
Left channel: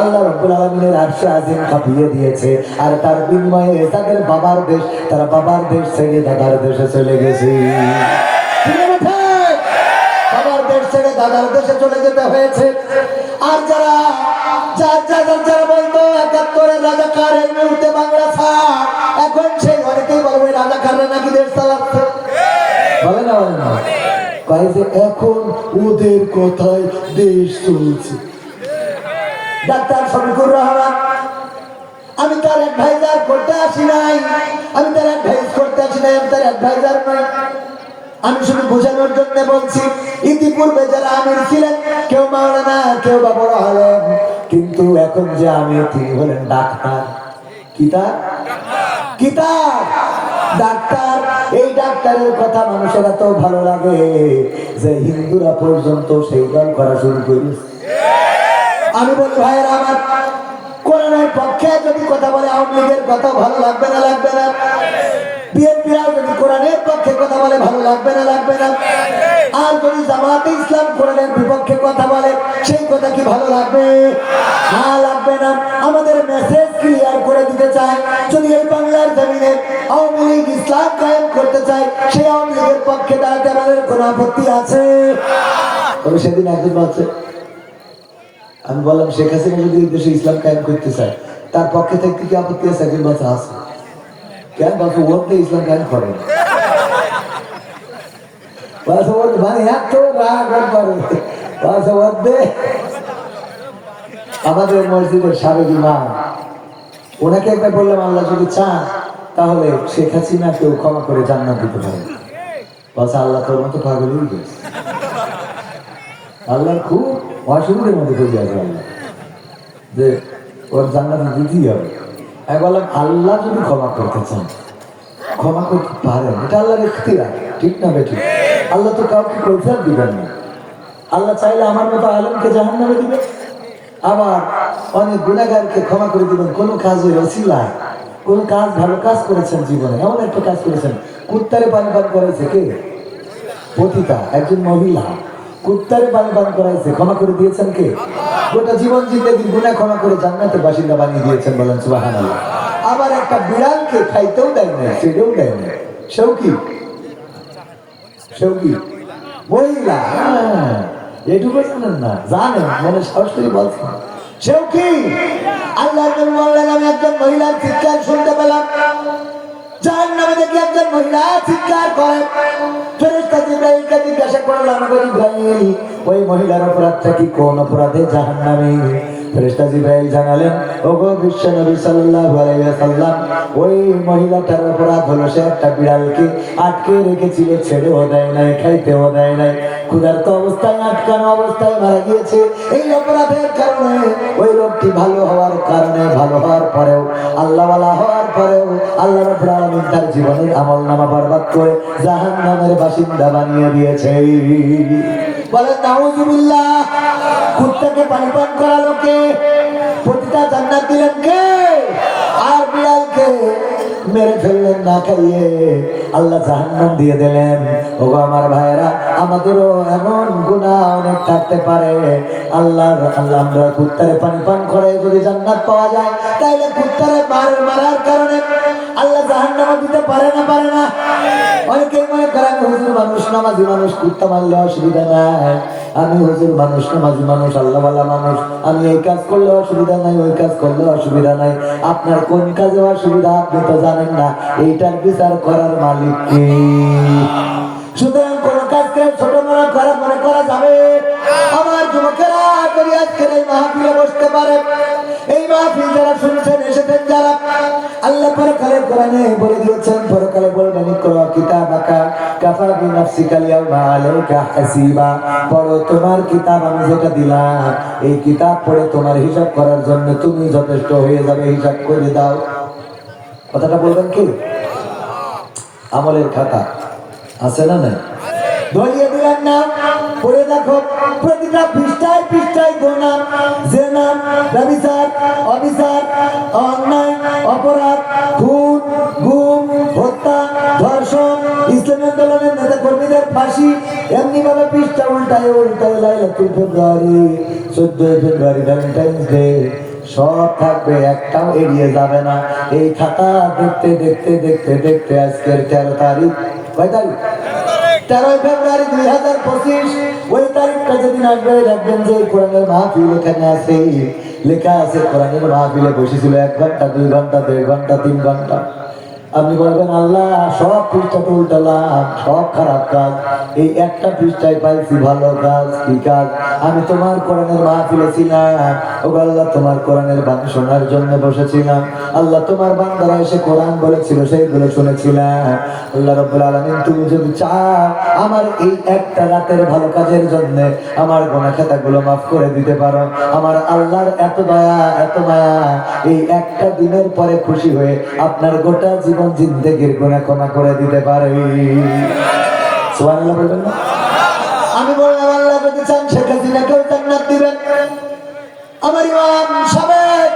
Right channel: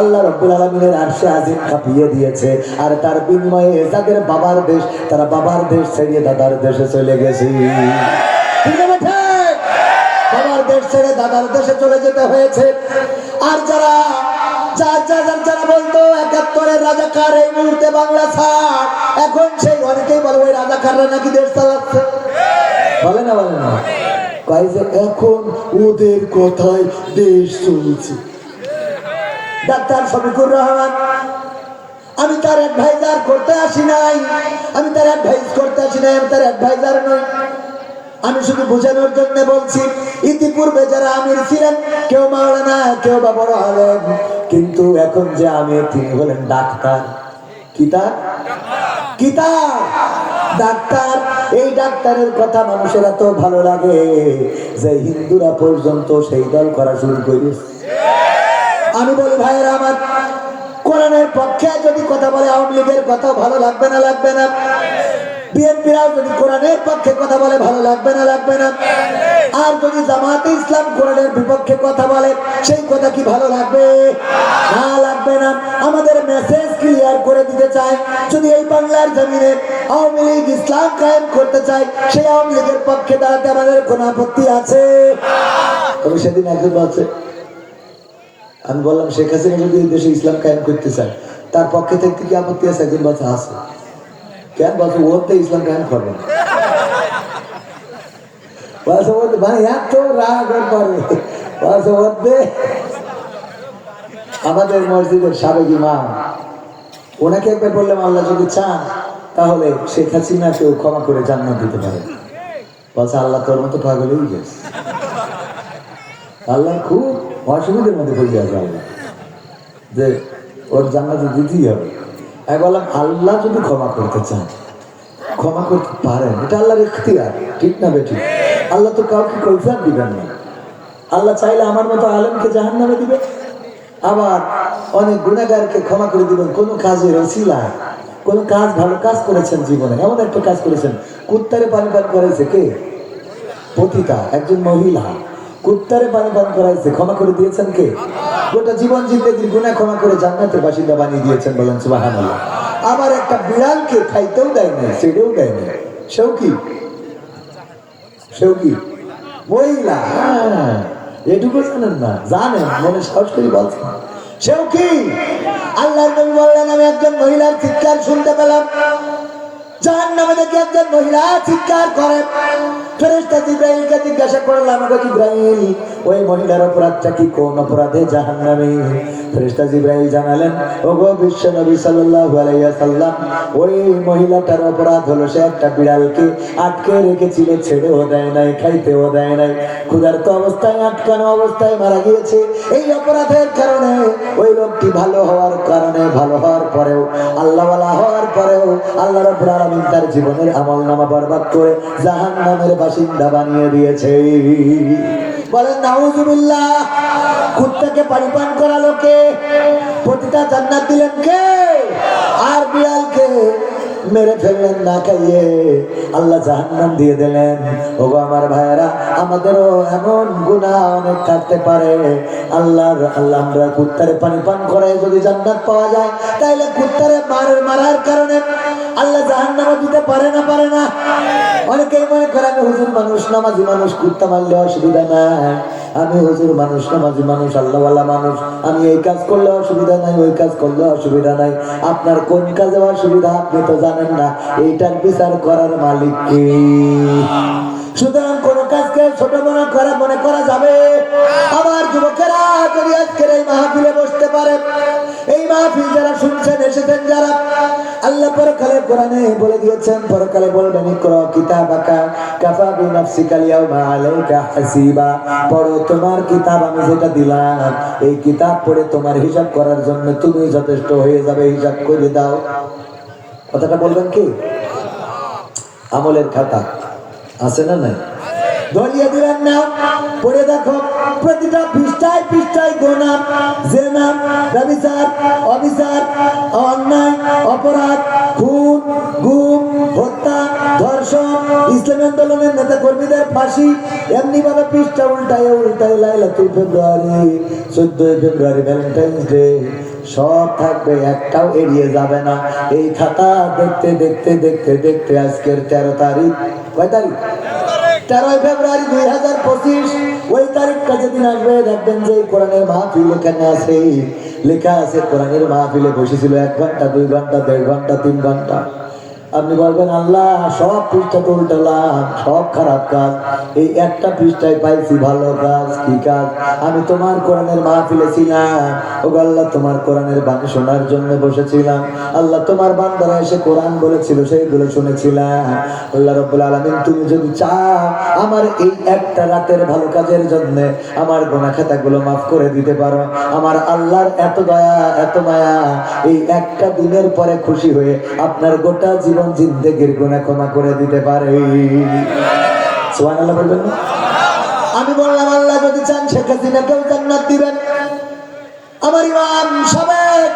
আল্লাহ রাব্বুল আলামিনের আরশে আজিম কাঁপিয়ে দিয়েছে। আর তার বিনিময়ে যাদের বাবার দেশ, তারা বাবার দেশ ছেড়ে দাদার দেশে চলে গেছে। বাবার দেশ ছেড়ে দাদার দেশে চলে যেতে হয়েছে। আর যারা বলতো 71-এর রাজাকার এই মুহূর্তে বাংলা ছাড়, এখন সেই অনেকেই বলবে রাজাকাররা নাকি দেশ চালাচ্ছে। বলে না, বলে না, এখন ওদের কথায় দেশ চলছে। ডাক্তার শফিকুর রহমান, আমি তার অ্যাডভাইজার করতে আসি নাই, আমি তার অ্যাডভাইস করতে আসি নাই, আমি তার অ্যাডভাইজার নই। আমি শুধু বোঝানোর জন্য বলছি, ইতিপূর্বে যারা আমির ছিলেন, কেউ মাওলানা, কেউ বা বড় আলেম, কিন্তু এখন যে আমির তিনি হলেন ডাক্তার। কিতাব ডাক্তার। এই ডাক্তারের কথা মানুষের এত ভালো লাগে যে হিন্দুরা পর্যন্ত সেই দল করা শুরু করেছে। আমি বলি ভাইয়েরা আমার, কোরআনের পক্ষে যদি কথা বলে আওয়ামী লীগের কথা ভালো লাগবে না? লাগবে না? বিএনপিরাও যদি কোরআনের পক্ষে কথা বলে ভালো লাগবে না? লাগবে না? আর যদি জামাতে ইসলাম কোরআনের বিপক্ষে কথা বলে সেই কথা কি ভালো লাগবে? না, লাগবে না। আমাদের মেসেজ ক্লিয়ার করে দিতে চাই, যদি এই বাংলার জমিনে আওয়ামী লীগ ইসলাম কায়েম করতে চায়, সেই আওয়ামী লীগের পক্ষে দাঁড়াতে আমাদের কোনো আপত্তি আছে? তবে সেদিন একজন বলছে, আমি বললাম শেখ হাসিনা যদি এই দেশে ইসলাম কায়েম করতে চায় তার পক্ষে থেকে কি আপত্তি আছে? একজন বলছে আছে। কেন বলছো ওতে ইসলাম কেন করে মানে এত রাগ করে আমাদের মসজিদের সাবেক ইমাম ওনাকে একবার বললাম আল্লাহ যদি চান তাহলে শেখ হাসিনাকেও ক্ষমা করে জান্নাত দিতে পারে। বলছে আল্লাহ তোর মতো পাগল হয়ে গেছে, আল্লাহর খুব অসুবিধার মধ্যে হয়ে যাবে আল্লাহ যে ওর জান্নাত দিতেই হবে। আমি বললাম আল্লাহ যদি ক্ষমা করতে চান ক্ষমা করতে পারেন, এটা আল্লাহর ইখতিয়ার, ঠিক না বেটি? আল্লাহ তো কাউকে কৈফিয়ত দিবেন না। আল্লাহ চাইলে আমার মতো আলেমকে জাহান্নামে দিবে, আবার অনেক গুনাহগারকে ক্ষমা করে দিবেন। কোন কাজের ওসিলা, কোন কাজ ভালো কাজ করেছেন জীবনে, এমন একটা কাজ করেছেন কুত্তারে পানি পান করাইছে কে? পতিতা একজন মহিলা কুত্তারে পানি পান করাইছে, ক্ষমা করে দিয়েছেন কে? গোটা জীবন জিন্দেগির গুনাহ ক্ষমা করে জান্নাতের বাসিন্দা বানিয়ে দিয়েছেন, বলেন সুবহানাল্লাহ। আবার একটা বিড়ালকে খাইতেও দেয় না, সেটাও দেয় না। সেও কি মহিলা? এটুকু জানেন না? জানেন, মনে সাহস করে বলছেন সেও কি? আল্লাহ বললেন আমি একজন মহিলার চিৎকার শুনতে পেলাম, জাহান্নামে দেখে একজন মহিলা চিৎকার করে। ফেরেশতা জিবরাইলকে জিজ্ঞাসা করলাম, আমাকে জিবরাইল ওই মহিলার অপরাধটা কি, কোন অপরাধে জাহান্নামে? ফেরেশতা জিবরাইল জানালেন, ওগো বিশ্ব নবী সাল্লাল্লাহু আলাইহি ওয়াসাল্লাম, ওই মহিলাটার অপরাধ হলো সে একটা বিড়ালকে আটকে রেখেছিল, ছেড়েও দেয় নাই, খাইতেও দেয় নাই, ক্ষুধার্ত অবস্থায় আটকানো অবস্থায় মারা গিয়েছে। এই অপরাধের কারণে ওই লোকটি ভালো হওয়ার কারণে, ভালো হওয়ার পরেও, আল্লাহওয়ালা হওয়ার পরেও আল্লাহ রাব্বুল আলামিন তার জীবনের আমলনামা বরবাদ করে জাহান্নামের বাসিন্দা বানিয়ে দিয়েছে। বলেন নাউযুবিল্লাহ। কুত্তাকে পানি পান করালো কে? পতিতা জান্নাত দিলেন কে? আর বিড়ালকে মেরে ফেললেন না খাইয়ে, আল্লাহ জাহান্নাম দিয়ে দিলেন। ওগো আমার ভাইয়েরা, আমাদেরও এমন গুনাহ অনেক থাকতে পারে। আল্লাহ আমরা কুত্তারে পানি পান করে যদি জান্নাত পাওয়া যায়, তাইলে কুত্তারে মারার কারণে আল্লাহ জাহান্নামও দিতে পারে না? অনেকেই মনে করেন হুজুর মানুষ, নামাজি মানুষ, কুত্তা মারলে অসুবিধা নাই। আমি হুজুর মানুষ, নামাজি মানুষ, আল্লাহওয়ালা মানুষ, আমি এই কাজ করলে অসুবিধা নাই, ওই কাজ করলে অসুবিধা নাই। আপনার কোন কাজে অসুবিধা আপনি তো জানেন না, এইটার বিচার করার মালিক কে? সুতরাং কোন কাজকে ছোট বড় করা মনে করা যাবে? আমার যুবকেরা যদি আজকের এই মাহফিলে বসতে পারে, এই মাহফিল যারা শুনছেন, এসেছেন যারা, আল্লাহ পরকালে কোরআনে বলে দিয়েছেন, পরকালে বলবেন ইকরা কিতাবাকা কাফা বিনাফসিকা আল-ইয়াওমা আলাইকা হাসিবা। পড়ো তোমার কিতাব, আমি যেটা দিলাম এই কিতাব পড়ে তোমার হিসাব করার জন্য তুমি যথেষ্ট হয়ে যাবে, হিসাব করে দাও। কথাটা বলবেন কি? আমলের খাতা আছে না নাই? দলিয়ে দিবেন না, পড়ে দেখো প্রতিটা পৃষ্ঠায় পৃষ্ঠায় গোনাম, জেনাম, ব্যভিচার, অবিচার, অন্যায়, অপরাধ, খুন, গুম, হত্যা, ধর্ষণ, ইসলামী আন্দোলনের নেতা কর্মীদের ফাঁসি, এমনি ভাবে পৃষ্ঠা উল্টায় উল্টায় লাইলাতুল ফেব্রুয়ারি, 14 ফেব্রুয়ারি ভ্যালেন্টাইন্স ডে সব থাকবে, একটাও এড়িয়ে যাবে না। এই খাতা দেখতে দেখতে দেখতে দেখতে আজকের 13 তারিখ, কয় তারিখ? 13 ফেব্রুয়ারি 2025। ওই তারিখটা যেদিন আসবে দেখবেন যে কোরআনের মাহফিল এখানে আছে, লেখা আছে কোরআনের মাহফিলে বসেছিল 1 ঘন্টা, 2 ঘন্টা, 1.5 ঘন্টা, 3 ঘন্টা। আপনি বলবেন আল্লাহ সব পৃষ্ঠা তো উল্টালাম, সব খারাপ কাজ, এই একটা পৃষ্ঠায় পাইছি ভালো কাজ। কি কাজ? আমি তোমার কোরআনের মাহফিলে ছিলাম, ও আল্লাহ তোমার কোরআনের বাণী শোনার জন্য বসেছিলাম। আল্লাহ তোমার বান্দারা এসে কোরআন বলেছিল, সেইগুলো শুনেছিলাম। আল্লাহ রাব্বুল আলামিন তুমি যদি চাও আমার এই একটা রাতের ভালো কাজের জন্য আমার গুনাহ খাতাগুলো মাফ করে দিতে পারো, আমার আল্লাহর এত দয়া, এত মায়া, এই একটা দিনের পরে খুশি হয়ে আপনার গোটা জীবন জিন্দেগির গুনাহ ক্ষমা করে দিতে পারে। সুবহানাল্লাহ বলবেন না? আমি বললাম আল্লাহ যদি চান শেখ হাসিনাকেও জান্নাত দিবেন। আমার ইমাম সাবেক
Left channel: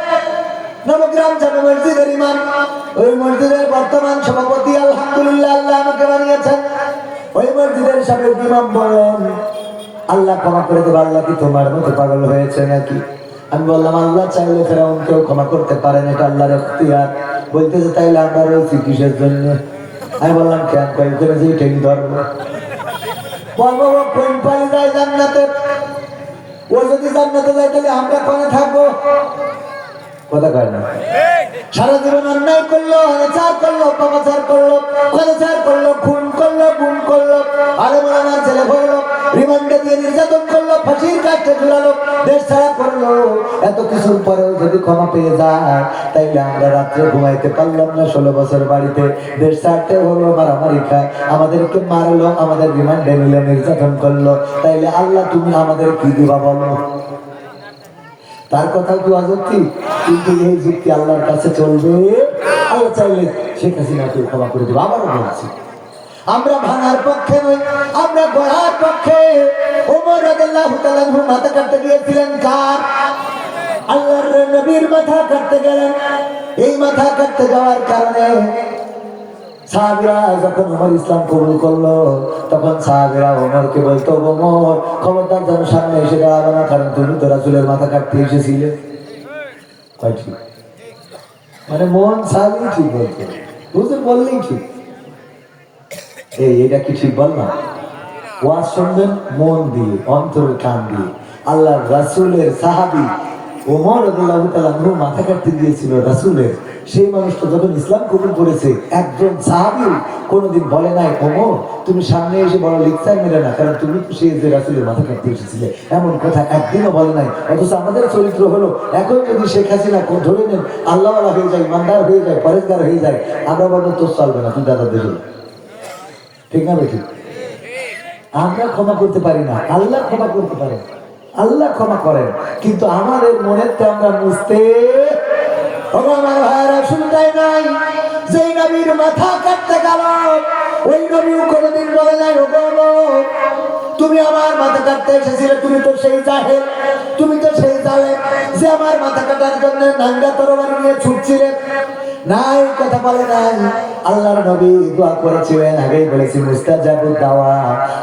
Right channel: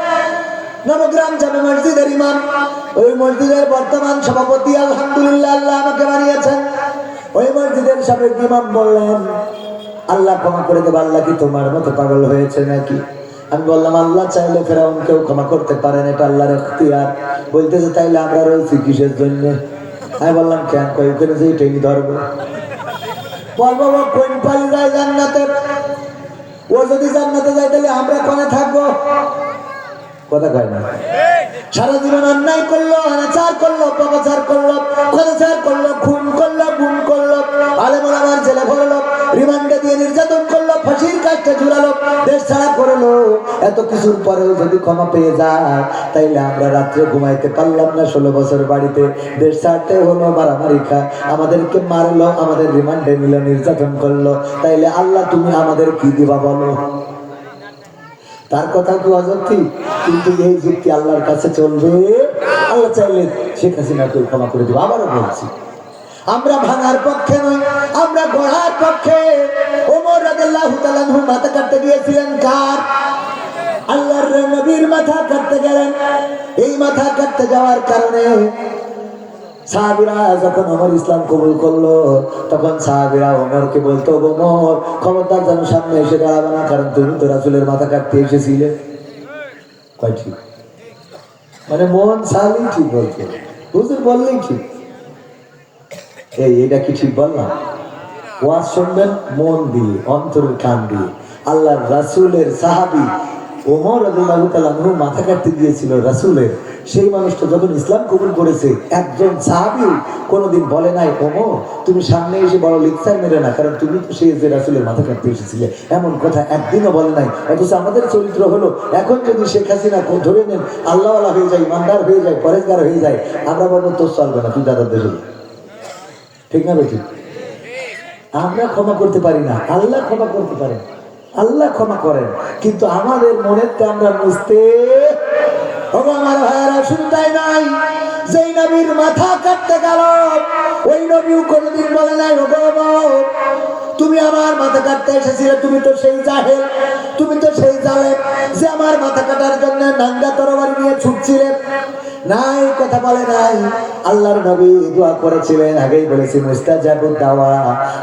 নবগ্রাম জামে মসজিদের ইমাম, ওই মসজিদের বর্তমান সভাপতি, আলহামদুলিল্লাহ আল্লাহ আমাকে বানিয়েছেন। ওই মসজিদের সাবেক ইমাম বললেন আল্লাহ ক্ষমা করে দেবে। আল্লাহ কি তোমার মতো পাগল হয়েছে নাকি? আমি বললাম আল্লাহ চাইলে ফেরাউনকেও ক্ষমা করতে পারেন, এটা আল্লাহর ইখতিয়ার। বলতেছে তাইলে আমরা রয়েছি কিসের জন্য? আমি বললাম কেন? ওখানে যে টেনে ধরবো, বলবো কোন পালি যায় জান্নাতে, ও যদি জান্নাতে যায় তাহলে আমরা কোনে থাকবো? কথা কয় না? সারা জীবন অন্যায় করলো, অনাচার করলো, পাপাচার করলো, খরচার করলো, খুন করলো, গুম করলো, আলেম ওলামার জেলে ভরলো, রিমান্ডে দিয়ে নির্যাতন করলো, ফাঁসির কাজটা ঝুলালো, দেশ ছাড়া করলো। এত কিছুর পরেও যদি ক্ষমা পেয়ে যায়, তাইলে আমরা রাত্রে ঘুমাইতে পারলাম না। 16 বছর বাড়িতে, দেশ ছাড়তে হলো, মারামারি খায়, আমাদেরকে মারলো, আমাদের রিমান্ডে নিলে, নির্যাতন করলো, তাইলে আল্লাহ তুমি আমাদের কি দিবা বলো? তার কথা তো অযুক্তি, কিন্তু এই যুক্তি আল্লাহর কাছে চলবে? আল্লাহ চাইলে শেখ হাসিনাকে ক্ষমা করে দেবো। আবারও বলছি, আমরা ভাঙার পক্ষে নই, আমরা গড়ার পক্ষে। ওমর রাদিয়াল্লাহু তাআলা আনহু মাথা কাটতে গিয়েছিলেন কার? আল্লাহর নবীর মাথা কাটতে গেলেন। এই মাথা কাটতে যাওয়ার কারণে সাহাবীরা যখন ওমর ইসলাম কবুল করলো, তখন সাহাবীরা ওমরকে বলতো, ওমর খবরদার যেন সামনে এসে দাঁড়াবে না, কারণ তুমি তো রাসূলের মাথা কাটতে এসেছিলে। মানে মন সাহাবী ঠিক বলতো, হুজুর বললেই ঠিক। এইটা কি ঠিক বললাম? ওয়াজ শুনবেন মন দিয়ে, অন্তরের কান দিয়ে। আল্লাহ রাসূলের সাহাবী ওমর রাদিয়াল্লাহু তাআলা আনহু মাথা কাটতে গিয়েছিল রাসূলের। সেই মানুষটা যখন ইসলাম কবুল করেছে, একজন সাহাবী কোনোদিন বলে নাই, ওমর তুমি সামনে এসে বড় লেকচার মেরে না, কারণ তুমি তো সেই যে রাসূলের মাথা কাটতে এসেছিলে, এমন কথা একদিনও বলে নাই। অথচ আমাদের চরিত্র হলো, এখন যদি শেখ হাসিনা ধরে নেন, আল্লাহওয়ালা হয়ে যায়, ইমানদার হয়ে যায়, পরেজগার হয়ে যায়, আমরা বলবো তোর চলবে না, তুই দাদা দেশ। ঠিক না ঠিক? আমরা ক্ষমা করতে পারি না, আল্লাহ ক্ষমা করতে পারেন, আল্লাহ ক্ষমা করেন, কিন্তু আমাদের মনেরটা আমরা বুঝতে। আমার ভাইয়েরা, শুধু তাই নাই, যেই নবীর মাথা কাটতে গেল, ওই নবীও কোনোদিন বলে নাই, তুমি আমার মাথা কাটতে এসেছিলে, তুমি তো সেই জাহেল, তুমি তো সেই জালেম যে আমার মাথা কাটার জন্য নাঙ্গা তরবারি নিয়ে ছুটছিলে। নাই, কথা বলে নাই। আল্লাহর নবী দোয়া করেছিলেন, আগেই বলেছি, মুস্তাজাবুদ দাওয়া।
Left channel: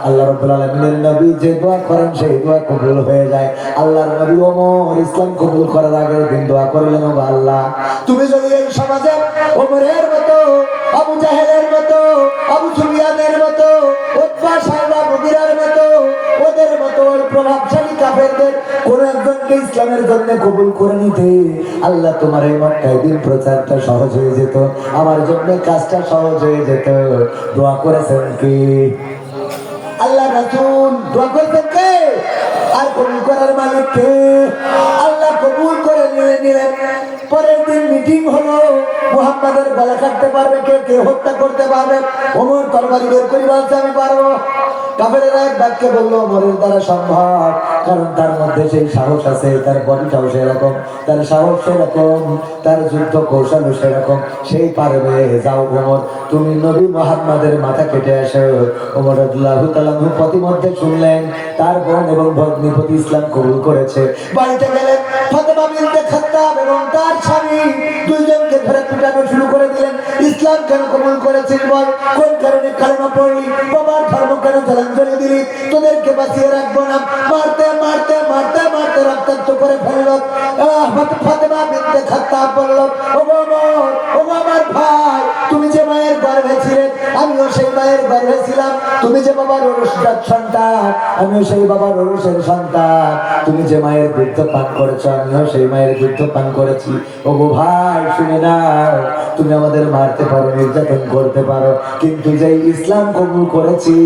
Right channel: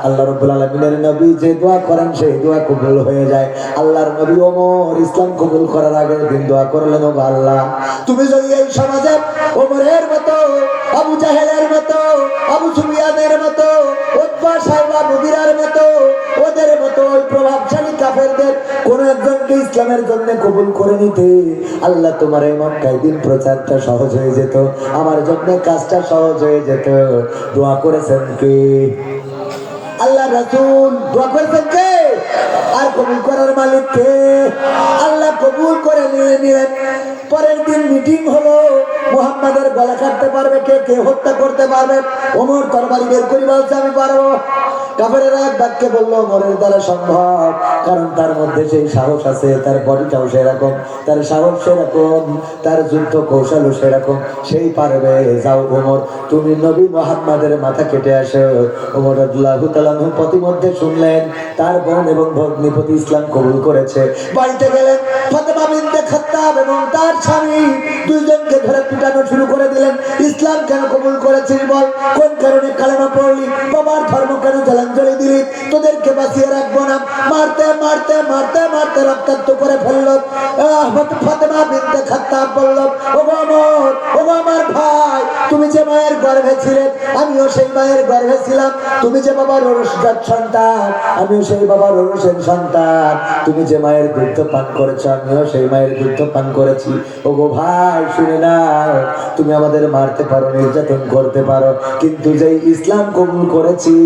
আল্লাহ রাব্বুল আলামিনের নবী যে দোয়া করেন, সেই দোয়া কবুল হয়ে যায়। আল্লাহর নবী ওমর ইসলাম কবুল করার আগের দিন দোয়া করলেন, ও আল্লাহ, তুমি যদি এই সমাজে ওমরের মতো, আবু জাহেলের মতো, আবু সুফিয়ানের মতো, উতবা সাইবা মুগিরার মতো, ওদের মতো ওই প্রভাবশালী কাফেরদের কোন একজনকে ইসলামের জন্য কবুল করে নিতে, আল্লাহ তোমার এই মক্কায় দিন প্রচারটা সহজ হয়ে যেত, আমার জন্য কাজটা সহজ হয়ে যেত। দোয়া করেছেন কি আল্লাহ রাসূল? দোয়া করেছেন কে? আর কবুল করার মালিক কে? আল্লাহ কবুল করে নিলেন। পরের দিন মিটিং হলো, মুহাম্মাদের গলা কাটতে পারবে কে, কে হত্যা করতে পারবে? ওমর তরবারি বের করে বলছে, আমি পারবো। কাফেরেরা এক বাক্যে বললো, ওমরের দ্বারা সম্ভব, কারণ তার মধ্যে সেই সাহস আছে, তার বডিটাও সেরকম, তার সাহস সেরকম, তার যুদ্ধ কৌশলও সেরকম, সেই পারবে। যাও ওমর, তুমি নবী মুহাম্মাদের মাথা কেটে আসো। ওমর রাদিয়াল্লাহু তাআলা আনহু প্রতিমধ্যে শুনলেন তার বোন এবং ভগ্নিপতি ইসলাম কবুল করেছে। বাড়িতে গেলেন, ফাতেমা বিনতে খাত্তাব এবং তার স্বামী দুইজনকে ধরে পিটানো শুরু করে দিলেন। ইসলাম কেন কবুল করেছিস বল, কোন কারণে কালেমা পড়লি, বাবার ধর্ম কেন জলাঞ্জলি দিলি, তোদেরকে বাঁচিয়ে রাখবো না। মারতে মারতে মারতে মারতে রক্তাক্ত করে ফেললো। ফাতেমা বিনতে খাত্তাব বলল, ও ওমর, ও আমার ভাই, তুমি যে মায়ের গর্ভে ছিলেন, আমিও সেই মায়ের গর্ভে ছিলাম। তুমি যে বাবার ঔরসজাত সন্তান, আমিও সেই বাবার ঔরসের সন্তান। তুমি যে মায়ের দুধ পান করেছো, আমিও সেই মায়ের দুধ পান করেছি। ও গো ভাই, শুনে নাও, তুমি আমাদের মারতে পারো, নির্যাতন করতে পারো, কিন্তু যেই ইসলাম কবুল করেছি,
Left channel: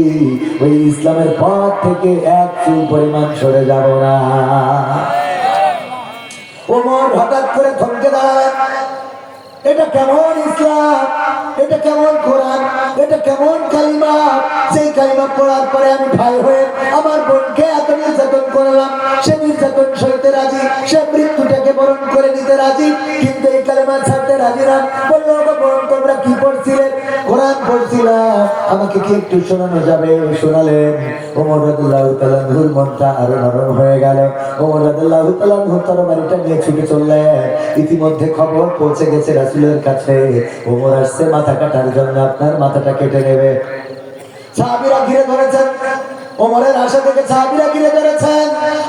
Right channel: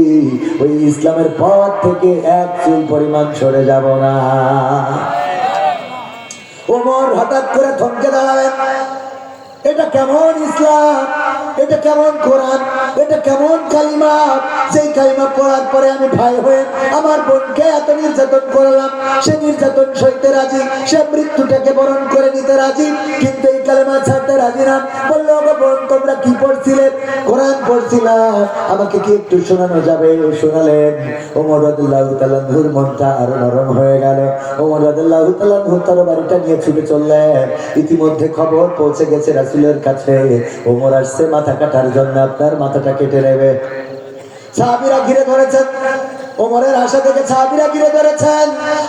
ওই ইসলামের পথ থেকে এক চুল পরিমাণ সরে যাব না। ওমর হঠাৎ করে থমকে দাঁড়ালেন। এটা কেমন ইসলাম, এটা কেমন কোরআন, এটা কেমন কালিমা, যেই কালিমা পড়ার পরে আমি ভাই হয়ে আমার বোনকে এত নির্যাতন করলাম, সে নির্যাতন সইতে রাজি, সে মৃত্যুটাকে বরণ করে নিতে রাজি, কিন্তু এই কালিমা ছাড়তে রাজি না। বললো, বোন তোমরা কি পড়ছিলে? কোরআন পড়ছিলাম, আমাকে কি একটু শোনানো যাবে? শোনালেন। ওমর রাদিয়াল্লাহু তাআলা আনহুর মনটা আরো নরম হয়ে গেল। ওমর রাদিয়াল্লাহু তাআলা আনহু তরবারিটা নিয়ে ছুটে চললেন। ইতিমধ্যে খবর পৌঁছে গেছে রাসূলের কাছে, ওমর আসছে মাথা কাটার জন্য, আপনার মাথাটা কেটে নেবে। সাহাবীরা ঘিরে ধরেছেন, ওমরের আশা থেকে সাহাবীরা ঘিরে ধরেছেন।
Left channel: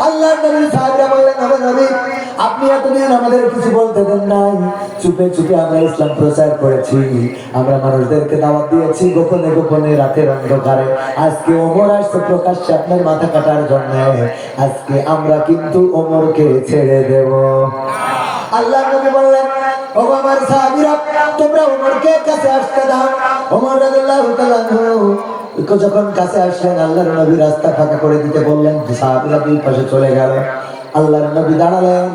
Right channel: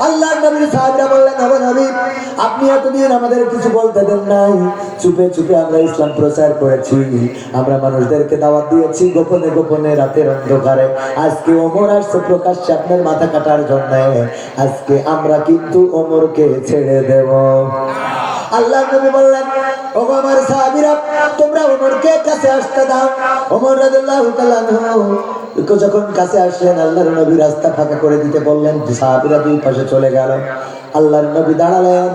আল্লাহর নবী সাহাবীরা বললেন, ও নবী, আপনি এতদিন আমাদের কিছু বলতে দেন নাই, চুপে চুপে আমরা ইসলাম প্রচার করেছি, আমরা মানুষদেরকে দাওয়াত দিয়েছি গোপনে গোপনে, রাতের অন্ধকারে। আজকে ওমর আসছে প্রকাশ্যে আপনার মাথা কাটার জন্য, আজকে আমরা কিন্তু ওমরকে ছেড়ে দেব। আল্লাহর নবী বললেন, ওগো আমার সাহাবীরা, তোমরা ওমরকে কাছে আসতে দাও। ওমর রাদিয়াল্লাহু তাআলা যখন কাছে আসলেন, আল্লাহর নবী রাস্তা ফাঁকা করে দিতে বললেন, সাহাবীরা দুই পাশে চলে গেল। আল্লাহর নবী দাঁড়ালেন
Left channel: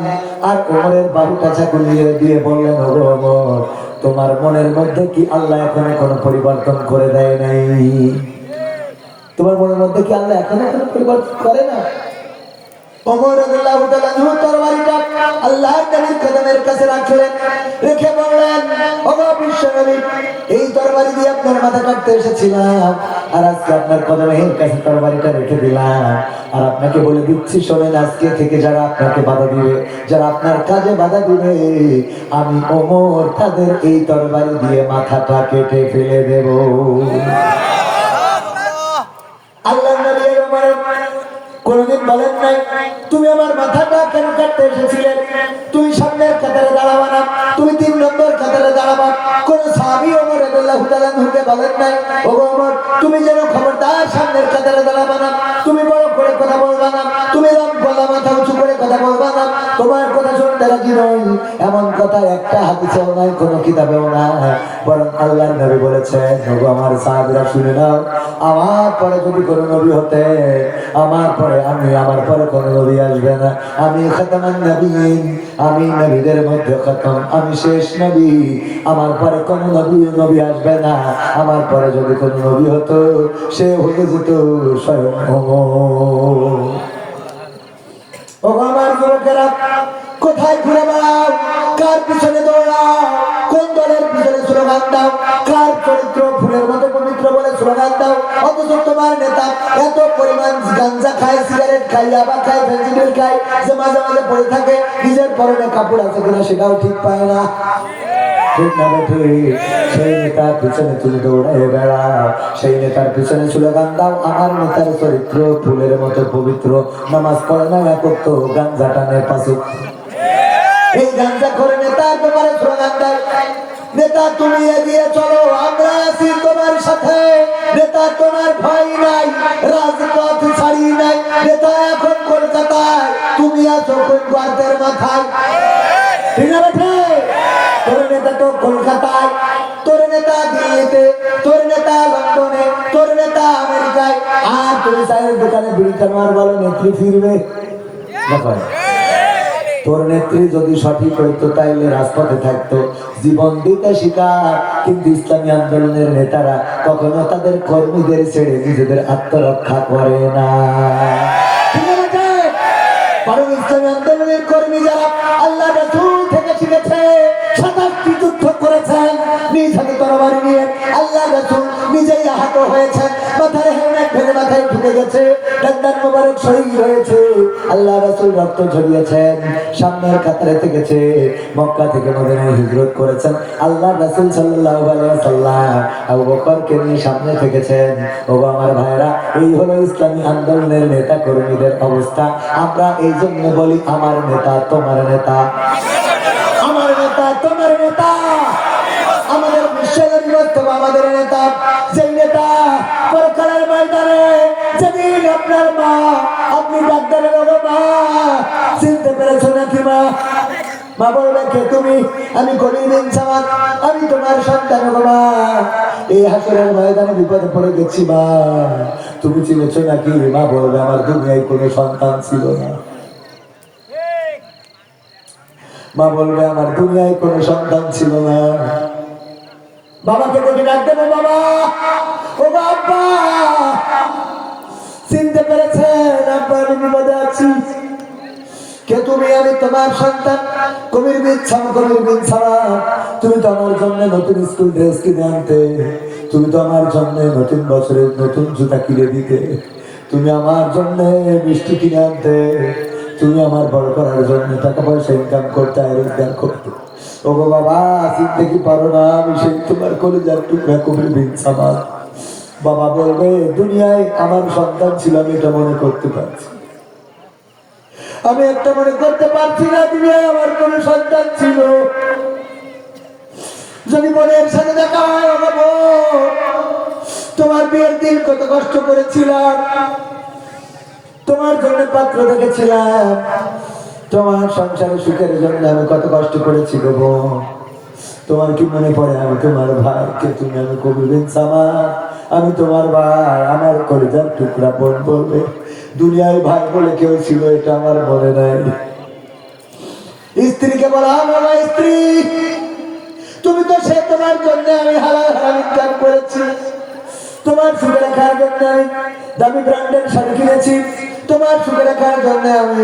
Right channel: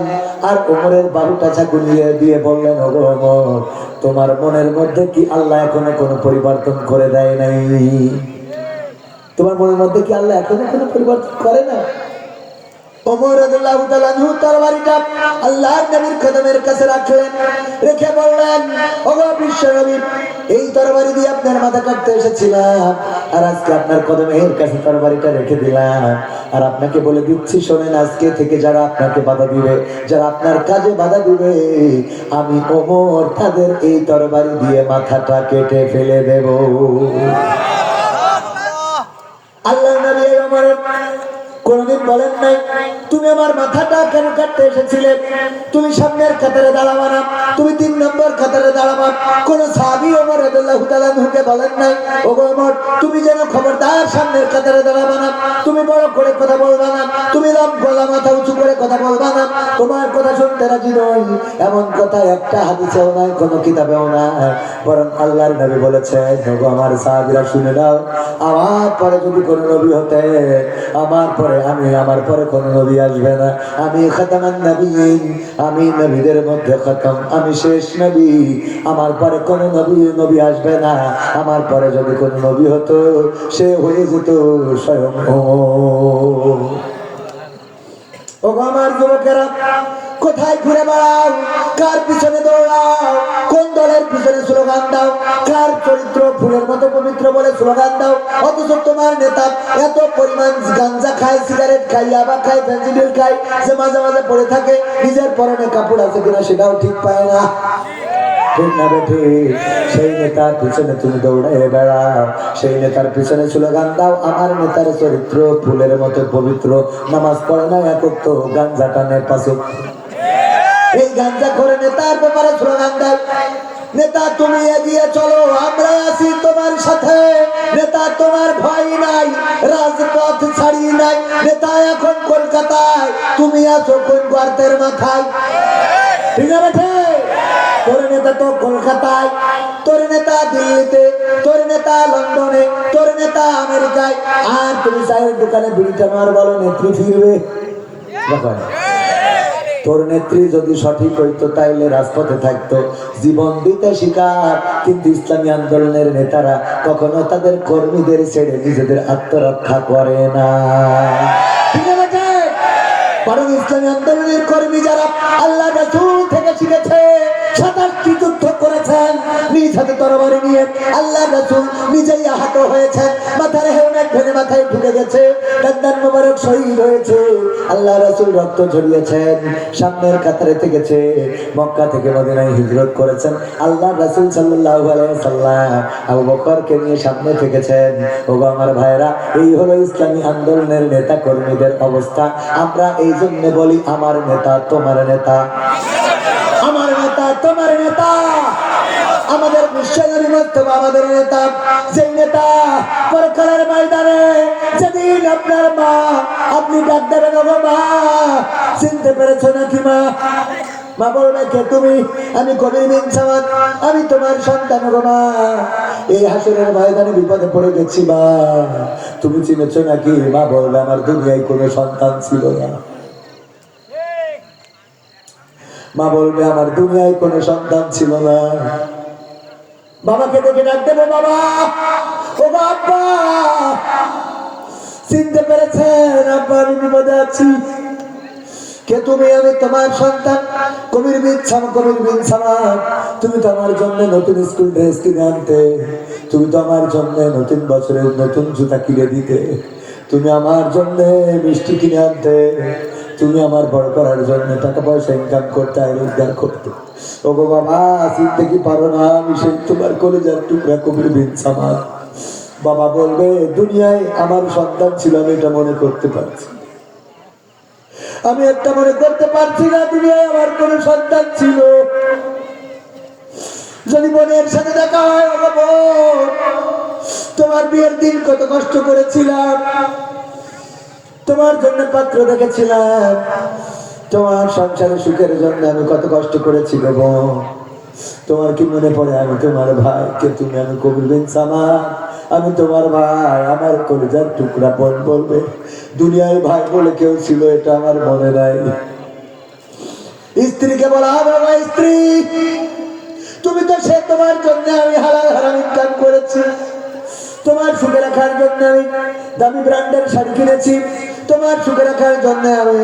আর ওমরের বাহুটা চাকুলিয়ে দিয়ে বললেন, ওগো ওমর, তোমার মনের মধ্যে কি আল্লাহ এখনো কোনো পরিবর্তন করে দেয় নাই? তোমার মনের মধ্যে কি আল্লাহ এখনো কোনো পরিবর্তন করে না? ওমর রাদিয়াল্লাহু তাআলা তরবারিটা আল্লাহর নবীর কদমের কাছে রাখলেন, রেখে বললেন, ওগো বিশ্বনবী, এই তরবারি দিয়ে আপনার মাথা কাটতে এসেছিলাম, আর আজকে আপনার কদমের কাছে তরবারিটা রেখে দিলাম। আর আপনাকে বলে দিচ্ছি, শোনেন, আজকে থেকে যারা আপনাকে বাধা দিবে, যারা আপনার কাজে বাধা দিবে, আমি ওমর তাদের এই তরবারি দিয়ে মাথাটা কেটে ফেলে দেব। আল্লাহর নবী ওমরের কোনদিন বলেন নাই, তুমি আমার মাথাটা কেন কাটতে এসেছিলে? তুমি সামনের কাতারে দাঁড়াবা না, তুমি 3 নম্বর কাতারে দাঁড়াবা। কোন সাহাবী ওমর রাদিয়াল্লাহু তাআলা আনহুকে বলেন নাই, ওগো ওমর, তুমি যেন খবরদার সামনের কাতারে দাঁড়াবা না, তুমি বড় করে কথা বলবা না, তুমি গলা মাথা উঁচু করে কথা বলবা না, তোমার কথা শুনতে রাজি নই। এমন কথা একটা হাদিসেও নাই, কোনো কিতাবেও নাই। বরং আল্লাহর নবী বলেছেন, ওগো আমার সাহাবীরা শুনে নাও, আমার পরে যদি কোনো নবী হতে, আমার পরে আমার পরে কোন নবী আসবে না। আমি খাতামুন নবিয়্যিন, আমি নবীদের মধ্যে খতম, আমি শেষ নবী। আমার পরে কোন নবী আসবে না। আমার পরে যদি কোন নবী হতো, সে হয়ে যেত স্বয়ং ওমর। ওগো আমার যুবকেরা, কোথায় ঘুরে বেড়াও? কার পিছনে দৌড়াও? কোন দলের পিছনে স্লোগান দাও? কার চরিত্র ফুলের মতো পবিত্র বলে স্লোগান দাও? অথচ তোমার নেতা এত পরিমাণ গাঞ্জা খায়, সিগারেট খায়, ইয়াবা খায়, ফেন্সিডিল খায়, যে মাঝে মাঝে পড়ে থাকে, নিজের পরনে কাপড় আছে কিনা সেটাও ঠিক পায় না। ঠিক না বেঠি? সেই নেতার পিছনে তুমি দৌড়ে বেড়াও, সেই নেতার পিছনে স্লোগান দাও, আমার নেতার চরিত্র ফুলের মতো পবিত্র, নামাজ পড়ে না, একক গাঞ্জা টানে পাশে। এই গাঞ্জা করে নেতার ব্যাপারে স্লোগান দেয়, নেতা তুমি এগিয়ে চলো, আমরা আছি তোমার সাথে, নেতা তোমার ভয় নাই, রাজপথ ছাড়ি নাই, নেতা এখন কলকাতায়, তুমি আছো কোন গর্তের মাথায়। ঠিক আছে? তোর নেতা তো কলকাতায়, তোর নেতা দিল্লিতে, তোর নেতা লন্ডনে, তোর নেতা আমেরিকায়, আর তুমি চায়ের দোকানে বিড়ি টানার বলো নেত্রী ফিরবে? তোর নেত্রী যদি সঠিক হইতো তাইলে রাজপথে থাকতো, জীবন দিতে শিকার। কিন্তু ইসলামী আন্দোলনের নেতারা কখনো তাদের কর্মীদের ছেড়ে নিজেদের আত্মরক্ষা করে না। বরং ইসলামী আন্দোলনের কর্মী যারা আল্লাহ রাসূল থেকে শিখেছে, 27টি যুদ্ধ করেছেন, নিজ হাতে তরবারি নিয়ে আল্লাহ রাসূল নিজেই আহত হয়েছেন, মাথার হেলমেট ভেঙে মাথায় ঢুকে গেছে, দাঁত মোবারক শহীদ হয়েছে, আল্লাহ রাসূল রক্ত ঝরিয়েছেন, সামনের কাতারে থেকেছে, মক্কা থেকে মদিনায় হিজরত করেছেন, আল্লাহ রাসূল সাল্লাল্লাহু আলাইহি ওয়াসাল্লাম আবু বকরকে নিয়ে সামনে থেকেছেন। ও আমার ভাইরা, এই হলো ইসলামী আন্দোলনের নেতা কর্মীদের অবস্থা। আমরা এই জন্য বলি, আমার নেতা তোমার নেতা, আমার নেতা তোমার নেতা, আমাদের মিশনের মধ্যে আমাদের নেতা, যে নেতা পরকালের ময়দানে যেদিন আপনার মা, আপনি ডাক দেবেন, মা চিনতে পেরেছো নাকি মা? মা বলবে, কে তুমি? আমি কবির বিন সামাদ, আমি তোমার সন্তান গো মা, এই হাসরের ময়দানে বিপদে পড়ে গেছি মা, তুমি চিনেছো নাকি? মা বলবে, আমার দুনিয়ায় কোনো সন্তান ছিল না। মা বলবে, আমার দুনিয়ায় কোনো সন্তান ছিল না। বাবাকে দেখে ডাক দেবো, বাবা, ও বাবা, চিনতে পেরেছেন? আব্বা, আমি বিপদে আছি, কে তুমি? আমি তোমার সন্তান কবির বিন সামাদ। তুমি তো আমার জন্য নতুন স্কুল ড্রেস কিনে আনতে, তুমি তো আমার জন্য নতুন বছরের নতুন জুতা কিনে দিতে, তুমি আমার জন্য মিষ্টি কিনে আনতে, তুমি আমার বড় করার জন্য টাকা পয়সা ইনকাম করতে, রোজগার করতে। ও বাবা, চিনতে কি পারো না? আমি সেই তোমার কলিজার টুকরা কবির বিন সামাদ। বাবা বলবে, দুনিয়ায় আমার সন্তান ছিল, আমি এটা মনে করতে পারছি, আমি একটা মনে করতে পারছি না দুনিয়ায় আমার কোন সন্তান ছিল। যদি বোনের সাথে দেখা হয়, তোমার বিয়ের দিন কত কষ্ট করেছিলাম, তোমার জন্য পাত্র দেখেছিলাম, তোমার সংসারে সুখের জন্য আমি কত কষ্ট করেছি গো বোন। তোমার কি মনে পড়ে আমি তোমার ভাই? কে তুমি? আমি কবির বিন সামাদ, আমি তোমার ভাই। আমার কলিজার টুকরা বোন বলবে দুনিয়ায় ভাই বলে কেউ ছিল, এটা আমার মনে নাই। স্ত্রীকে বলা হবে, আমার স্ত্রী তুমি তো সে, তোমার জন্য আমি হালাল হারাম ইনকাম করেছি, তোমার সুখে রাখার জন্য আমি দামি ব্র্যান্ডের শাড়ি কিনেছি, তোমার সুখে রাখার জন্য আমি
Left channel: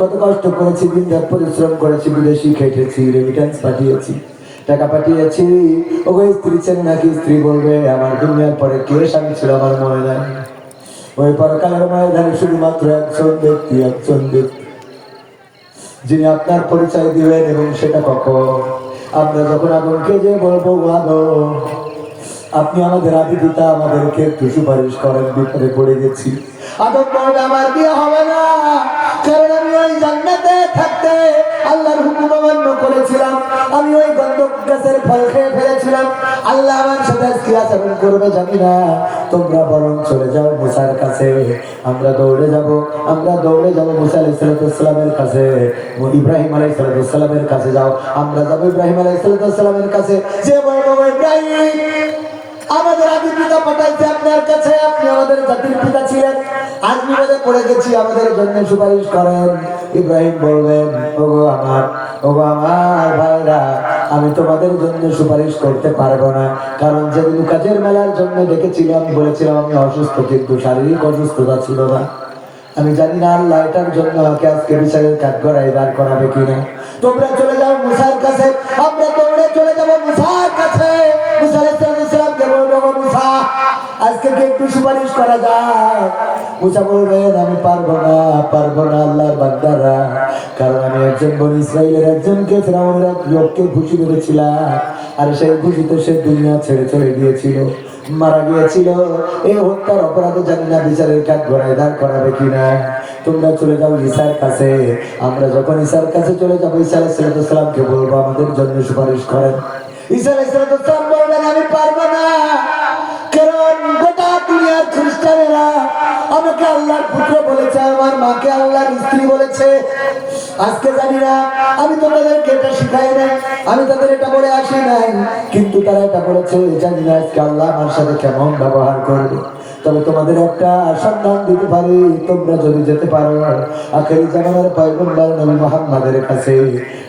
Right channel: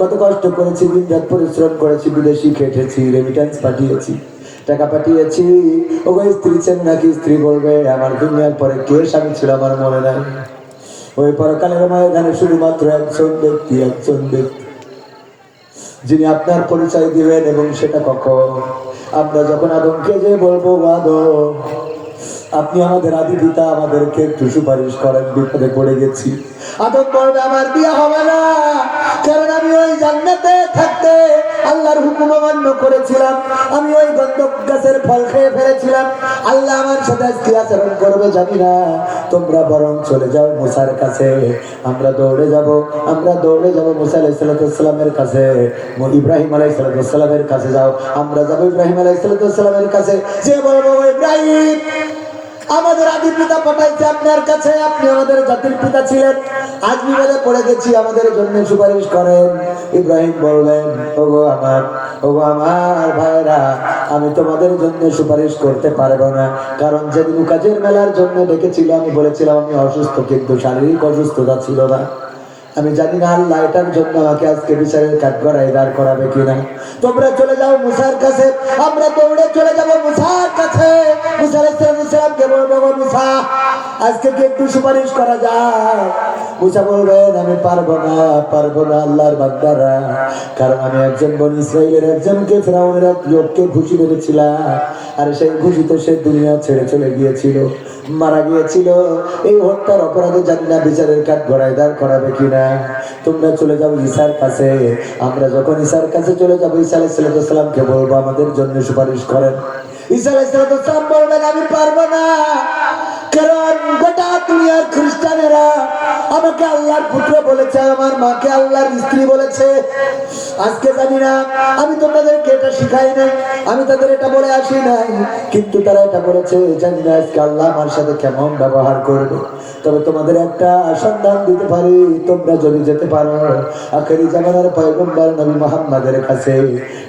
কত কষ্ট করেছি, দিন রাত পরিশ্রম করেছি, বিদেশি খেটেছি, রেমিটেন্স পাঠিয়েছি, টাকা পাঠিয়েছি। ওগো স্ত্রী চেন নাকি? স্ত্রী বলবে আমার দুনিয়ার পরে কে স্বামী ছিল আমার মনে নাই। ওই পরকালের ময়দানে শুধুমাত্র একজন ব্যক্তি যিনি আপনার পরিচয় দিবেন, এবং সেটা কখন? আমরা যখন আদমকে যে বলবো আদম আপনি আমাদের আদি পিতা, আমাদেরকে একটু সুপারিশ করেন, বিপদে পড়ে গেছি। আদম বলবে আমার বিয়ে হবে না, কারণ আমি ওই জান্নাতে থাকতে আল্লাহর হুকুম অমান্য করেছিলাম, আমি ওই গন্ধক গাছের ফল খেয়ে ফেলেছিলাম। আল্লাহ আমার সাথে কি আচরণ করবে জানি না। তোমরা বরং চলে যাও মুসার কাছে। আমরা দৌড়ে যাব মুসা আলাইহিস সালামের কাছে, ইব্রাহিম আলাইহিস সালামের কাছে যাও। আমরা যাব ইব্রাহিম আলাইহিস সালামের কাছে, যে বলবো ইব্রাহিম আমাদের আদি পিতা পাঠাইছে আপনার কাছে, আপনি আমাদের জাতির পিতা ছিলেন, আজ বিপদে পড়ে গেছি, আমাদের জন্য সুপারিশ করেন। ইব্রাহিম বলবেন ওগো আমার ভাইরা, আমি তোমাদের জন্য সুপারিশ করতে পারবো না, কারণ যেদিন কাজের মেলার জন্য ডেকেছিল আমি বলেছিলাম আমি অসুস্থ, কিন্তু শারীরিক অসুস্থতা ছিল না। আমি জানি না আল্লাহ এটার জন্য আমাকে আজকে বিচারের কাঠগড়ায় দাঁড় করাবে কিনা। তোমরা চলে যাও মুসার কাছে, আমরা দৌড়ে চলে যাবো মুসার কাছে। মুসা আলাইহিস সালামকে বলবো মুসা আজকে কি একটু সুপারিশ করা যায়? মুসা বলবেন আমি পারবো না আল্লাহর বান্দারা, কারণ আমি একজন বনী ইসরাইলের একজনকে ফিরআউনের এক লোককে ঘুষি মেরেছিলাম, আর সেই ঘুষিতে সে দুনিয়া ছেড়ে চলে গিয়েছিল, মারা গিয়েছিল। এই হত্যার অপরাধে জানি না বিচারের কাঠ গড়ায় দাঁড় করাবে কিনা। তোমরা চলে যাও ঈসার কাছে। আমরা যখন ঈসার কাছে চলে যাবো, ঈসা আলাইহিস সালামকে বলবো আমাদের জন্য সুপারিশ করেন। ঈসা আলাইহিস সালাম বলবেন আমি পারবো না, কারণ গোটা দুনিয়ার খ্রিস্টানেরা আমাকে আল্লাহর পুত্র বলেছে, আমার মাকে আল্লাহর স্ত্রী বলেছে। আজকে জানি না, আমি তো তাদেরকে এটা শিখাই নাই, আমি তাদের এটা বলে আসি নাই, কিন্তু তারা এটা বলেছে। জানি না আজকে আল্লাহ আমার সাথে কেমন ব্যবহার করবে। তবে তোমাদের একটা সন্ধান দিতে পারি, তোমরা যদি যেতে পারো আখেরি জামানার পয়গম্বর নবী মুহাম্মাদের কাছে,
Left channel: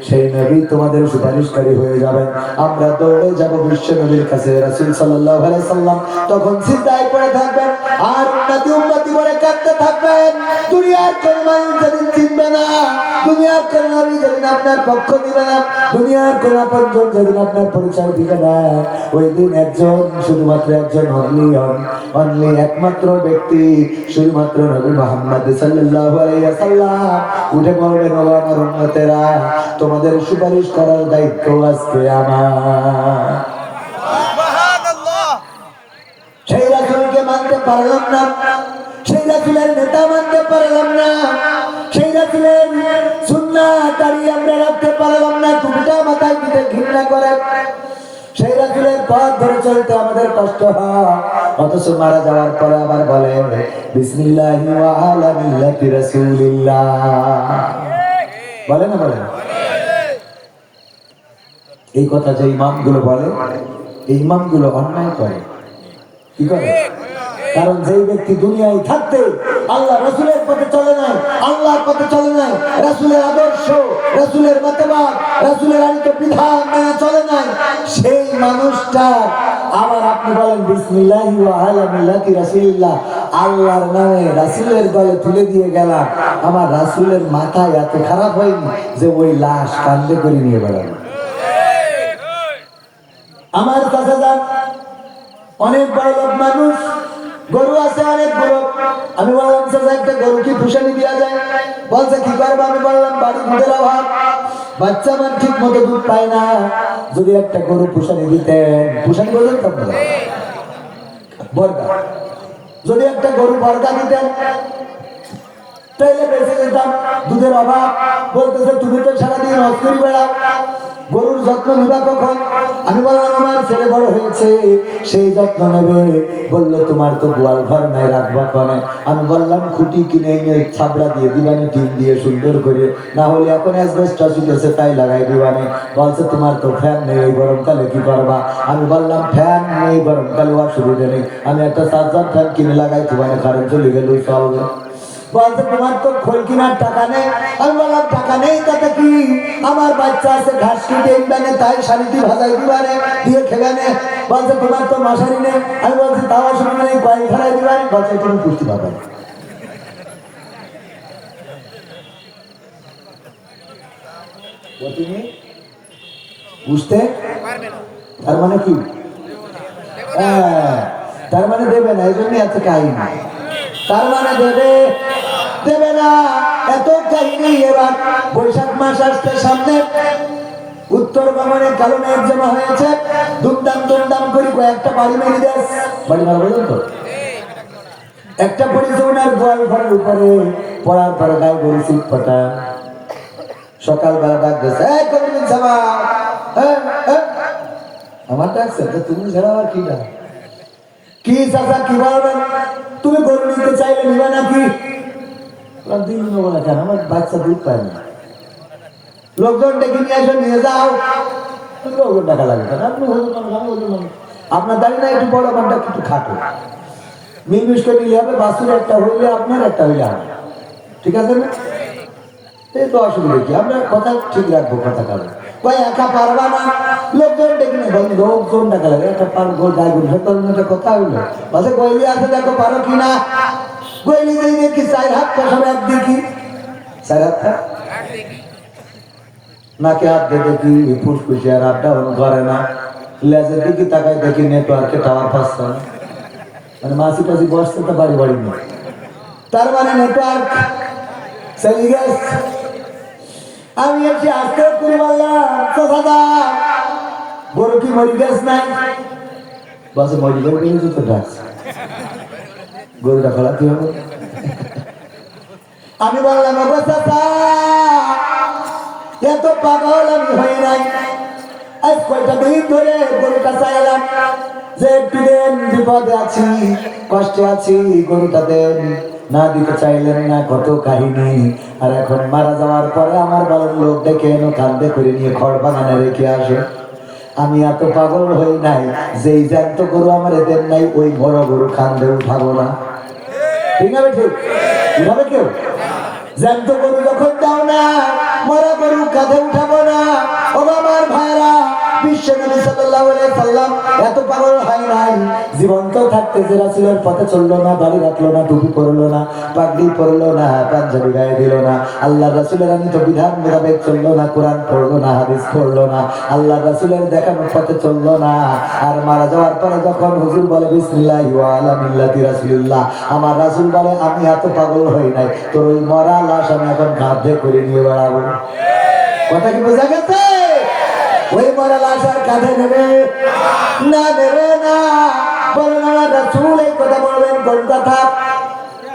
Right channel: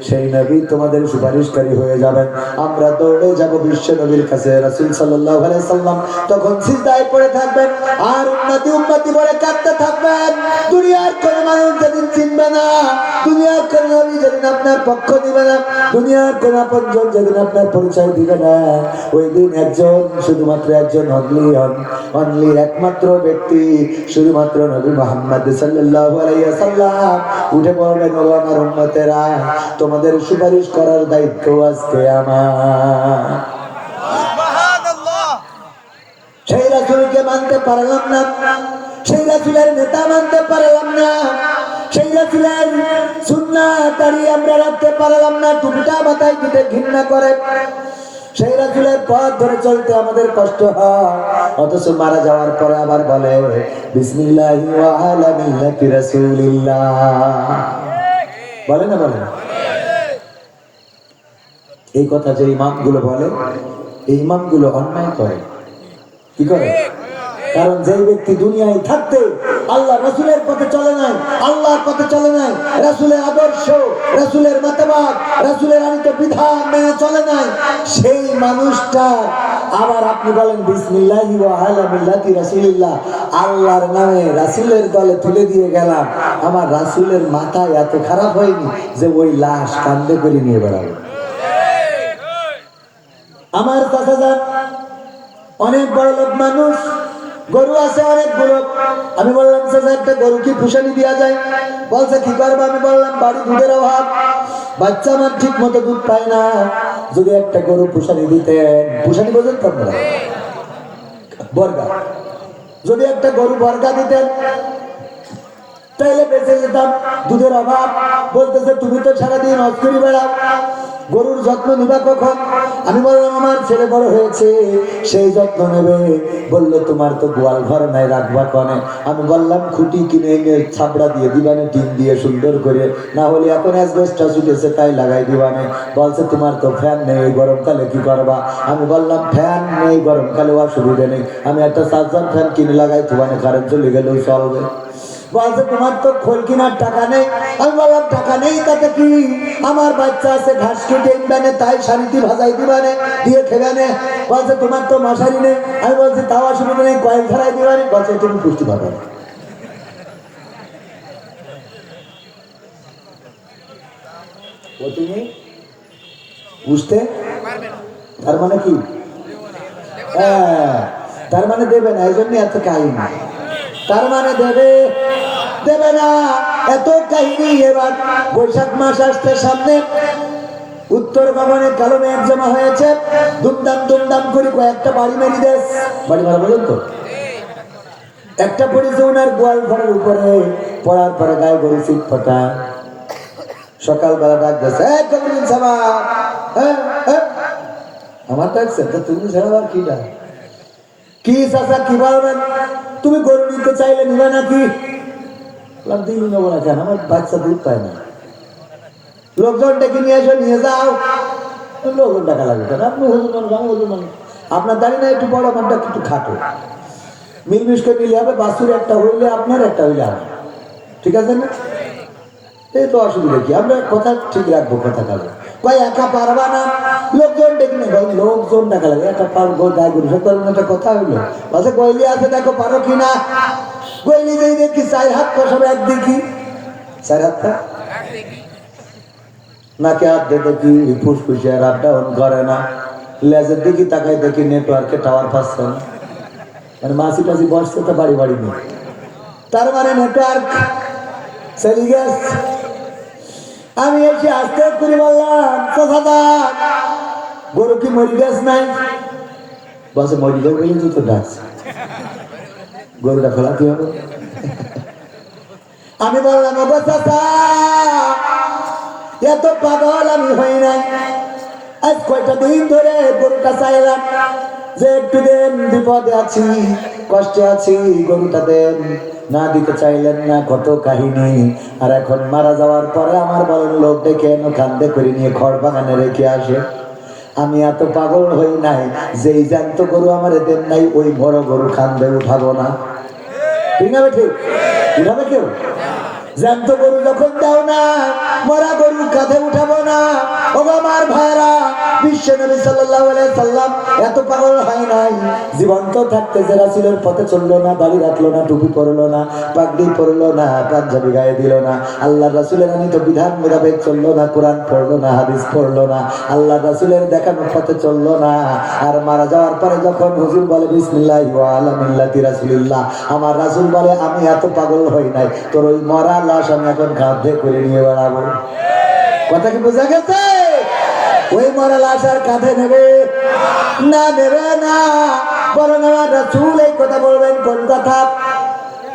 সেই নবী তোমাদের সুপারিশকারী হয়ে যাবেন। আমরা দৌড়ে যাব বিশ্ব নবীর কাছে। রাসূল সাল্লাল্লাহু আলাইহি সাল্লাম তখন সিজদায় পড়ে থাকবেন আর উম্মতি বলে কাঁদতে থাকবেন। দুনিয়ার কোন মানুষ যেদিন চিনবে না, দুনিয়ার কোন নবী যেদিন আপনার পক্ষ দিবে না, দুনিয়ার কোন আপনজন যেদিন আপনার পরিচয় দিবে না, ওই দিন একজন, শুধুমাত্র একজন, অনলি একমাত্র ব্যক্তি, শুধুমাত্র নবী মুহাম্মদ সাল্লাল্লাহু আলাইহি ওয়াসাল্লাম উঠে বলবেন ও আমার উম্মতেরা, তোমাদের সুপারিশ করার দায়িত্ব আজকে আমার। সেই রাসূলকে মানতে পারলাম না, সেই রাসূলের নেতা মানতে পারলাম না, সেই রাসূলের সুন্নাত দাঁড়িয়ে আমরা রাখতে পারলাম না, টুপিটা মাথায় দিতে ঘৃণা করে, সেই রাসূলের পথ ধরে চলতে আমাদের কষ্ট হয়, অথচ মারা যাওয়ার পরে আবার বলে বিসমিল্লাহি ওয়া আলা মিল্লাতি রাসূলিল্লাহ। বলে না? বলে এই কথা যে ইমামগুলো বলে, এই ইমামগুলো অন্যায় করে। কি করে? কারণ যেই ব্যক্তি দুনিয়ায় থাকতে আল্লাহ রাসূলের পথে চলে নাই, আল্লাহর পথে চলে নাই, রাসূলের আদর্শ, রাসূলের মতবাদ, রাসূলের আনিত বিধান মেনে চলে নাই, সেই মানুষটা আবার আপনি বলেন বিসমিল্লাহি ওয়া আলা মিল্লাতি রাসূলিল্লাহ, আল্লাহর নামে রাসূলের দলে তুলে দিয়ে গেলাম, আমার রাসূলের মাথায় এত খারাপ হয়নি যে ওই লাশ কাঁধে করে নিয়ে বেড়াবো? আমার কথা যান, অনেক বড় লোক মানুষ, গরু আছে অনেকগুলো। আমি বললাম চাচা একটা গরু কি পুষানি দেওয়া যায়? বলছে কি করবো? আমি বললাম বাড়ি দুধের অভাব, বাচ্চা আমার ঠিক মতো দুধ পায় না, যদি একটা গরু পুষানি দিতেন, পুষানি বললেন তো আপনারা, বর্গা, যদি একটা গরু বর্গা দিতেন তাইলে বেঁচে যেতাম। দুধের অভাব, বলতেছে তুমি তো সারাদিন হজ করে বেড়াও, গরুর যত্ন নিবা কখন? আমি বললাম আমার ছেলে বড় হয়েছে, সেই যত্ন নেবে। বললো তোমার তো গোয়াল ঘর নাই, রাখবা কনে? আমি বললাম খুঁটি কিনে এনে ছাবড়া দিয়ে দিবানে, টিন দিয়ে সুন্দর করে, না হলে এখন অ্যাসবেস্টস শিখেছে তাই লাগাই দিবানে। বলছে তোমার তো ফ্যান নেই, এই গরমকালে কি করবা? আমি বললাম ফ্যান নেই, গরমকালে অসুবিধা নেই, আমি একটা চার্জার ফ্যান কিনে লাগাই দিবানে, কারেন্ট চলে গেলেই চলবে। বলছে তোমার তো খোল কেনার টাকা নেই। আমি বললাম টাকা নেই তাতে কি, আমার বাচ্চা আছে, ঘাস কেটে ইনবানে, তাই শাড়িটি ভাজাই দিবানে, দিয়ে খেবে নে। বলছে তোমার তো মশারি নেই। আমি বলছি তাও অসুবিধা নেই, কয়েক ধরাই দিবানে। বলছে তুমি পুষ্টি পাবে না। ও তুমি বুঝতে, তার মানে কি? হ্যাঁ, তার মানে দেবে না, এই জন্য এত কাহিনী। তার মানে দেবে দেবে না, এত কাহিনী। এবার বৈশাখ মাস আসতে সামনে, উত্তর ভবনে কালো মেঘ জমা হয়েছে, দুমদাম দুমদাম করে কয়েকটা বাড়ি মেরি দেশ, বাড়ি মারা বলুন তো, একটা পড়েছে ওনার গোয়াল ঘরের উপরে, পড়ার পরে গায়ে গড়ি সিট ফোটা। সকালবেলা ডাক দিয়েছে, আমার ডাকছে, তুমি ছাড়া আর কি ডাক? কি চাচা কি বলবেন? তুমি গরু নিতে চাইলে নিবে নাকি? দিন নেবো না কেন, আমার বাচ্চা দুধ পায় না। লোকজন ডেকে নিয়ে আসো, নিয়ে যাও। লোকজন টাকা লাগবে, আপনি আপনার দাঁড়িয়ে না একটু বড়, ঘন্টা কিন্তু খাটো, মিলমিষ্ট নিলে হবে। বাসুর একটা হইলে আপনার, একটা হইলে আমার, ঠিক আছে না? এই তো অসুবিধা কি, আমরা কথা ঠিক রাখবো। কথা কালো কয় একা পারবা না, লোকজন ডেকে নেই, লোকজন টাকা লাগে, একটা পারবো গায়ে গড়ি একটা কথা হইলো। বাসে গইলি আছে, দেখো পারো কিনা। গইলি যে দেখি 4 হাত কষাবে, একদিকে 4 হাতটা নাকে হাত দিয়ে দেখি ফুসফুসে আর আপ ডাউন করে না। লেজের দিকে তাকায় দেখি নেটওয়ার্কে টাওয়ার পাচ্ছে না, মাসি টাসি বসতে তো বাড়ি বাড়ি নেই। তার মানে নেটওয়ার্ক চলে গেছে। আমি এসে আস্তে করে বললাম, দাদা গরু কি মরি গেছ নাই? বসে মরি যাবো বলে তো ডাকছে, গরুটা ফেলা কি হবে? আমি বললাম এত পাগল আমি হই নাই, আজ কয়টা দিন ধরে গরুটা চাইলাম যে একটু দেন, বিপদে আছি, কষ্টে আছি, গরুটা দেন, না দিতে চাইলেন না। কত কাহিনী। আর এখন মারা যাওয়ার পরে আমার বড় লোক ডেকে এনে কান্দে করে নিয়ে খড় বাগানে রেখে আসে। আমি এত পাগল হই নাই যেই জ্যান্ত গরু আমার দেন নাই, ওই বড় গরু কান্দে উঠাবো না। ঠিক আছে, ঠিক উঠাবে কেউ? জ্যান্ত গরু যখন দাও না, মরা গরু কাঁধে উঠাবো না। ও আমার ভাইরা, বিশ্ব নবী সাল্লাল্লাহু আলাইহি সাল্লাম এত পাগল হয় নাই। জীবন্ত থাকতে যে রাসূলের পথে চললো না, দাড়ি রাখলো না, টুপি পরলো না, পাগড়ি পরলো না, পাঞ্জাবি গায়ে দিল না, আল্লাহ রাসূলের আনিত বিধান মোতাবেক চললো না, কোরআন পড়লো না, হাদিস পড়লো না, আল্লাহ রাসূলের দেখানো পথে চললো না। আর মারা যাওয়ার পরে যখন হুজুর বলে বিসমিল্লাহি ওয়া আলা মিল্লাতি রাসূলিল্লাহ, আমার রাসূল বলে আমি এত পাগল হই নাই, তোর ওই মরা লাশ আমি এখন কাঁধে করে নিয়ে বেড়াবো। কথা কি বোঝা গেছে? ওই মরা লাশ আর কাঁধে নেবে না, নেবে না। বলেন আমার রাসূল এই কথা বলবেন কোন কথা?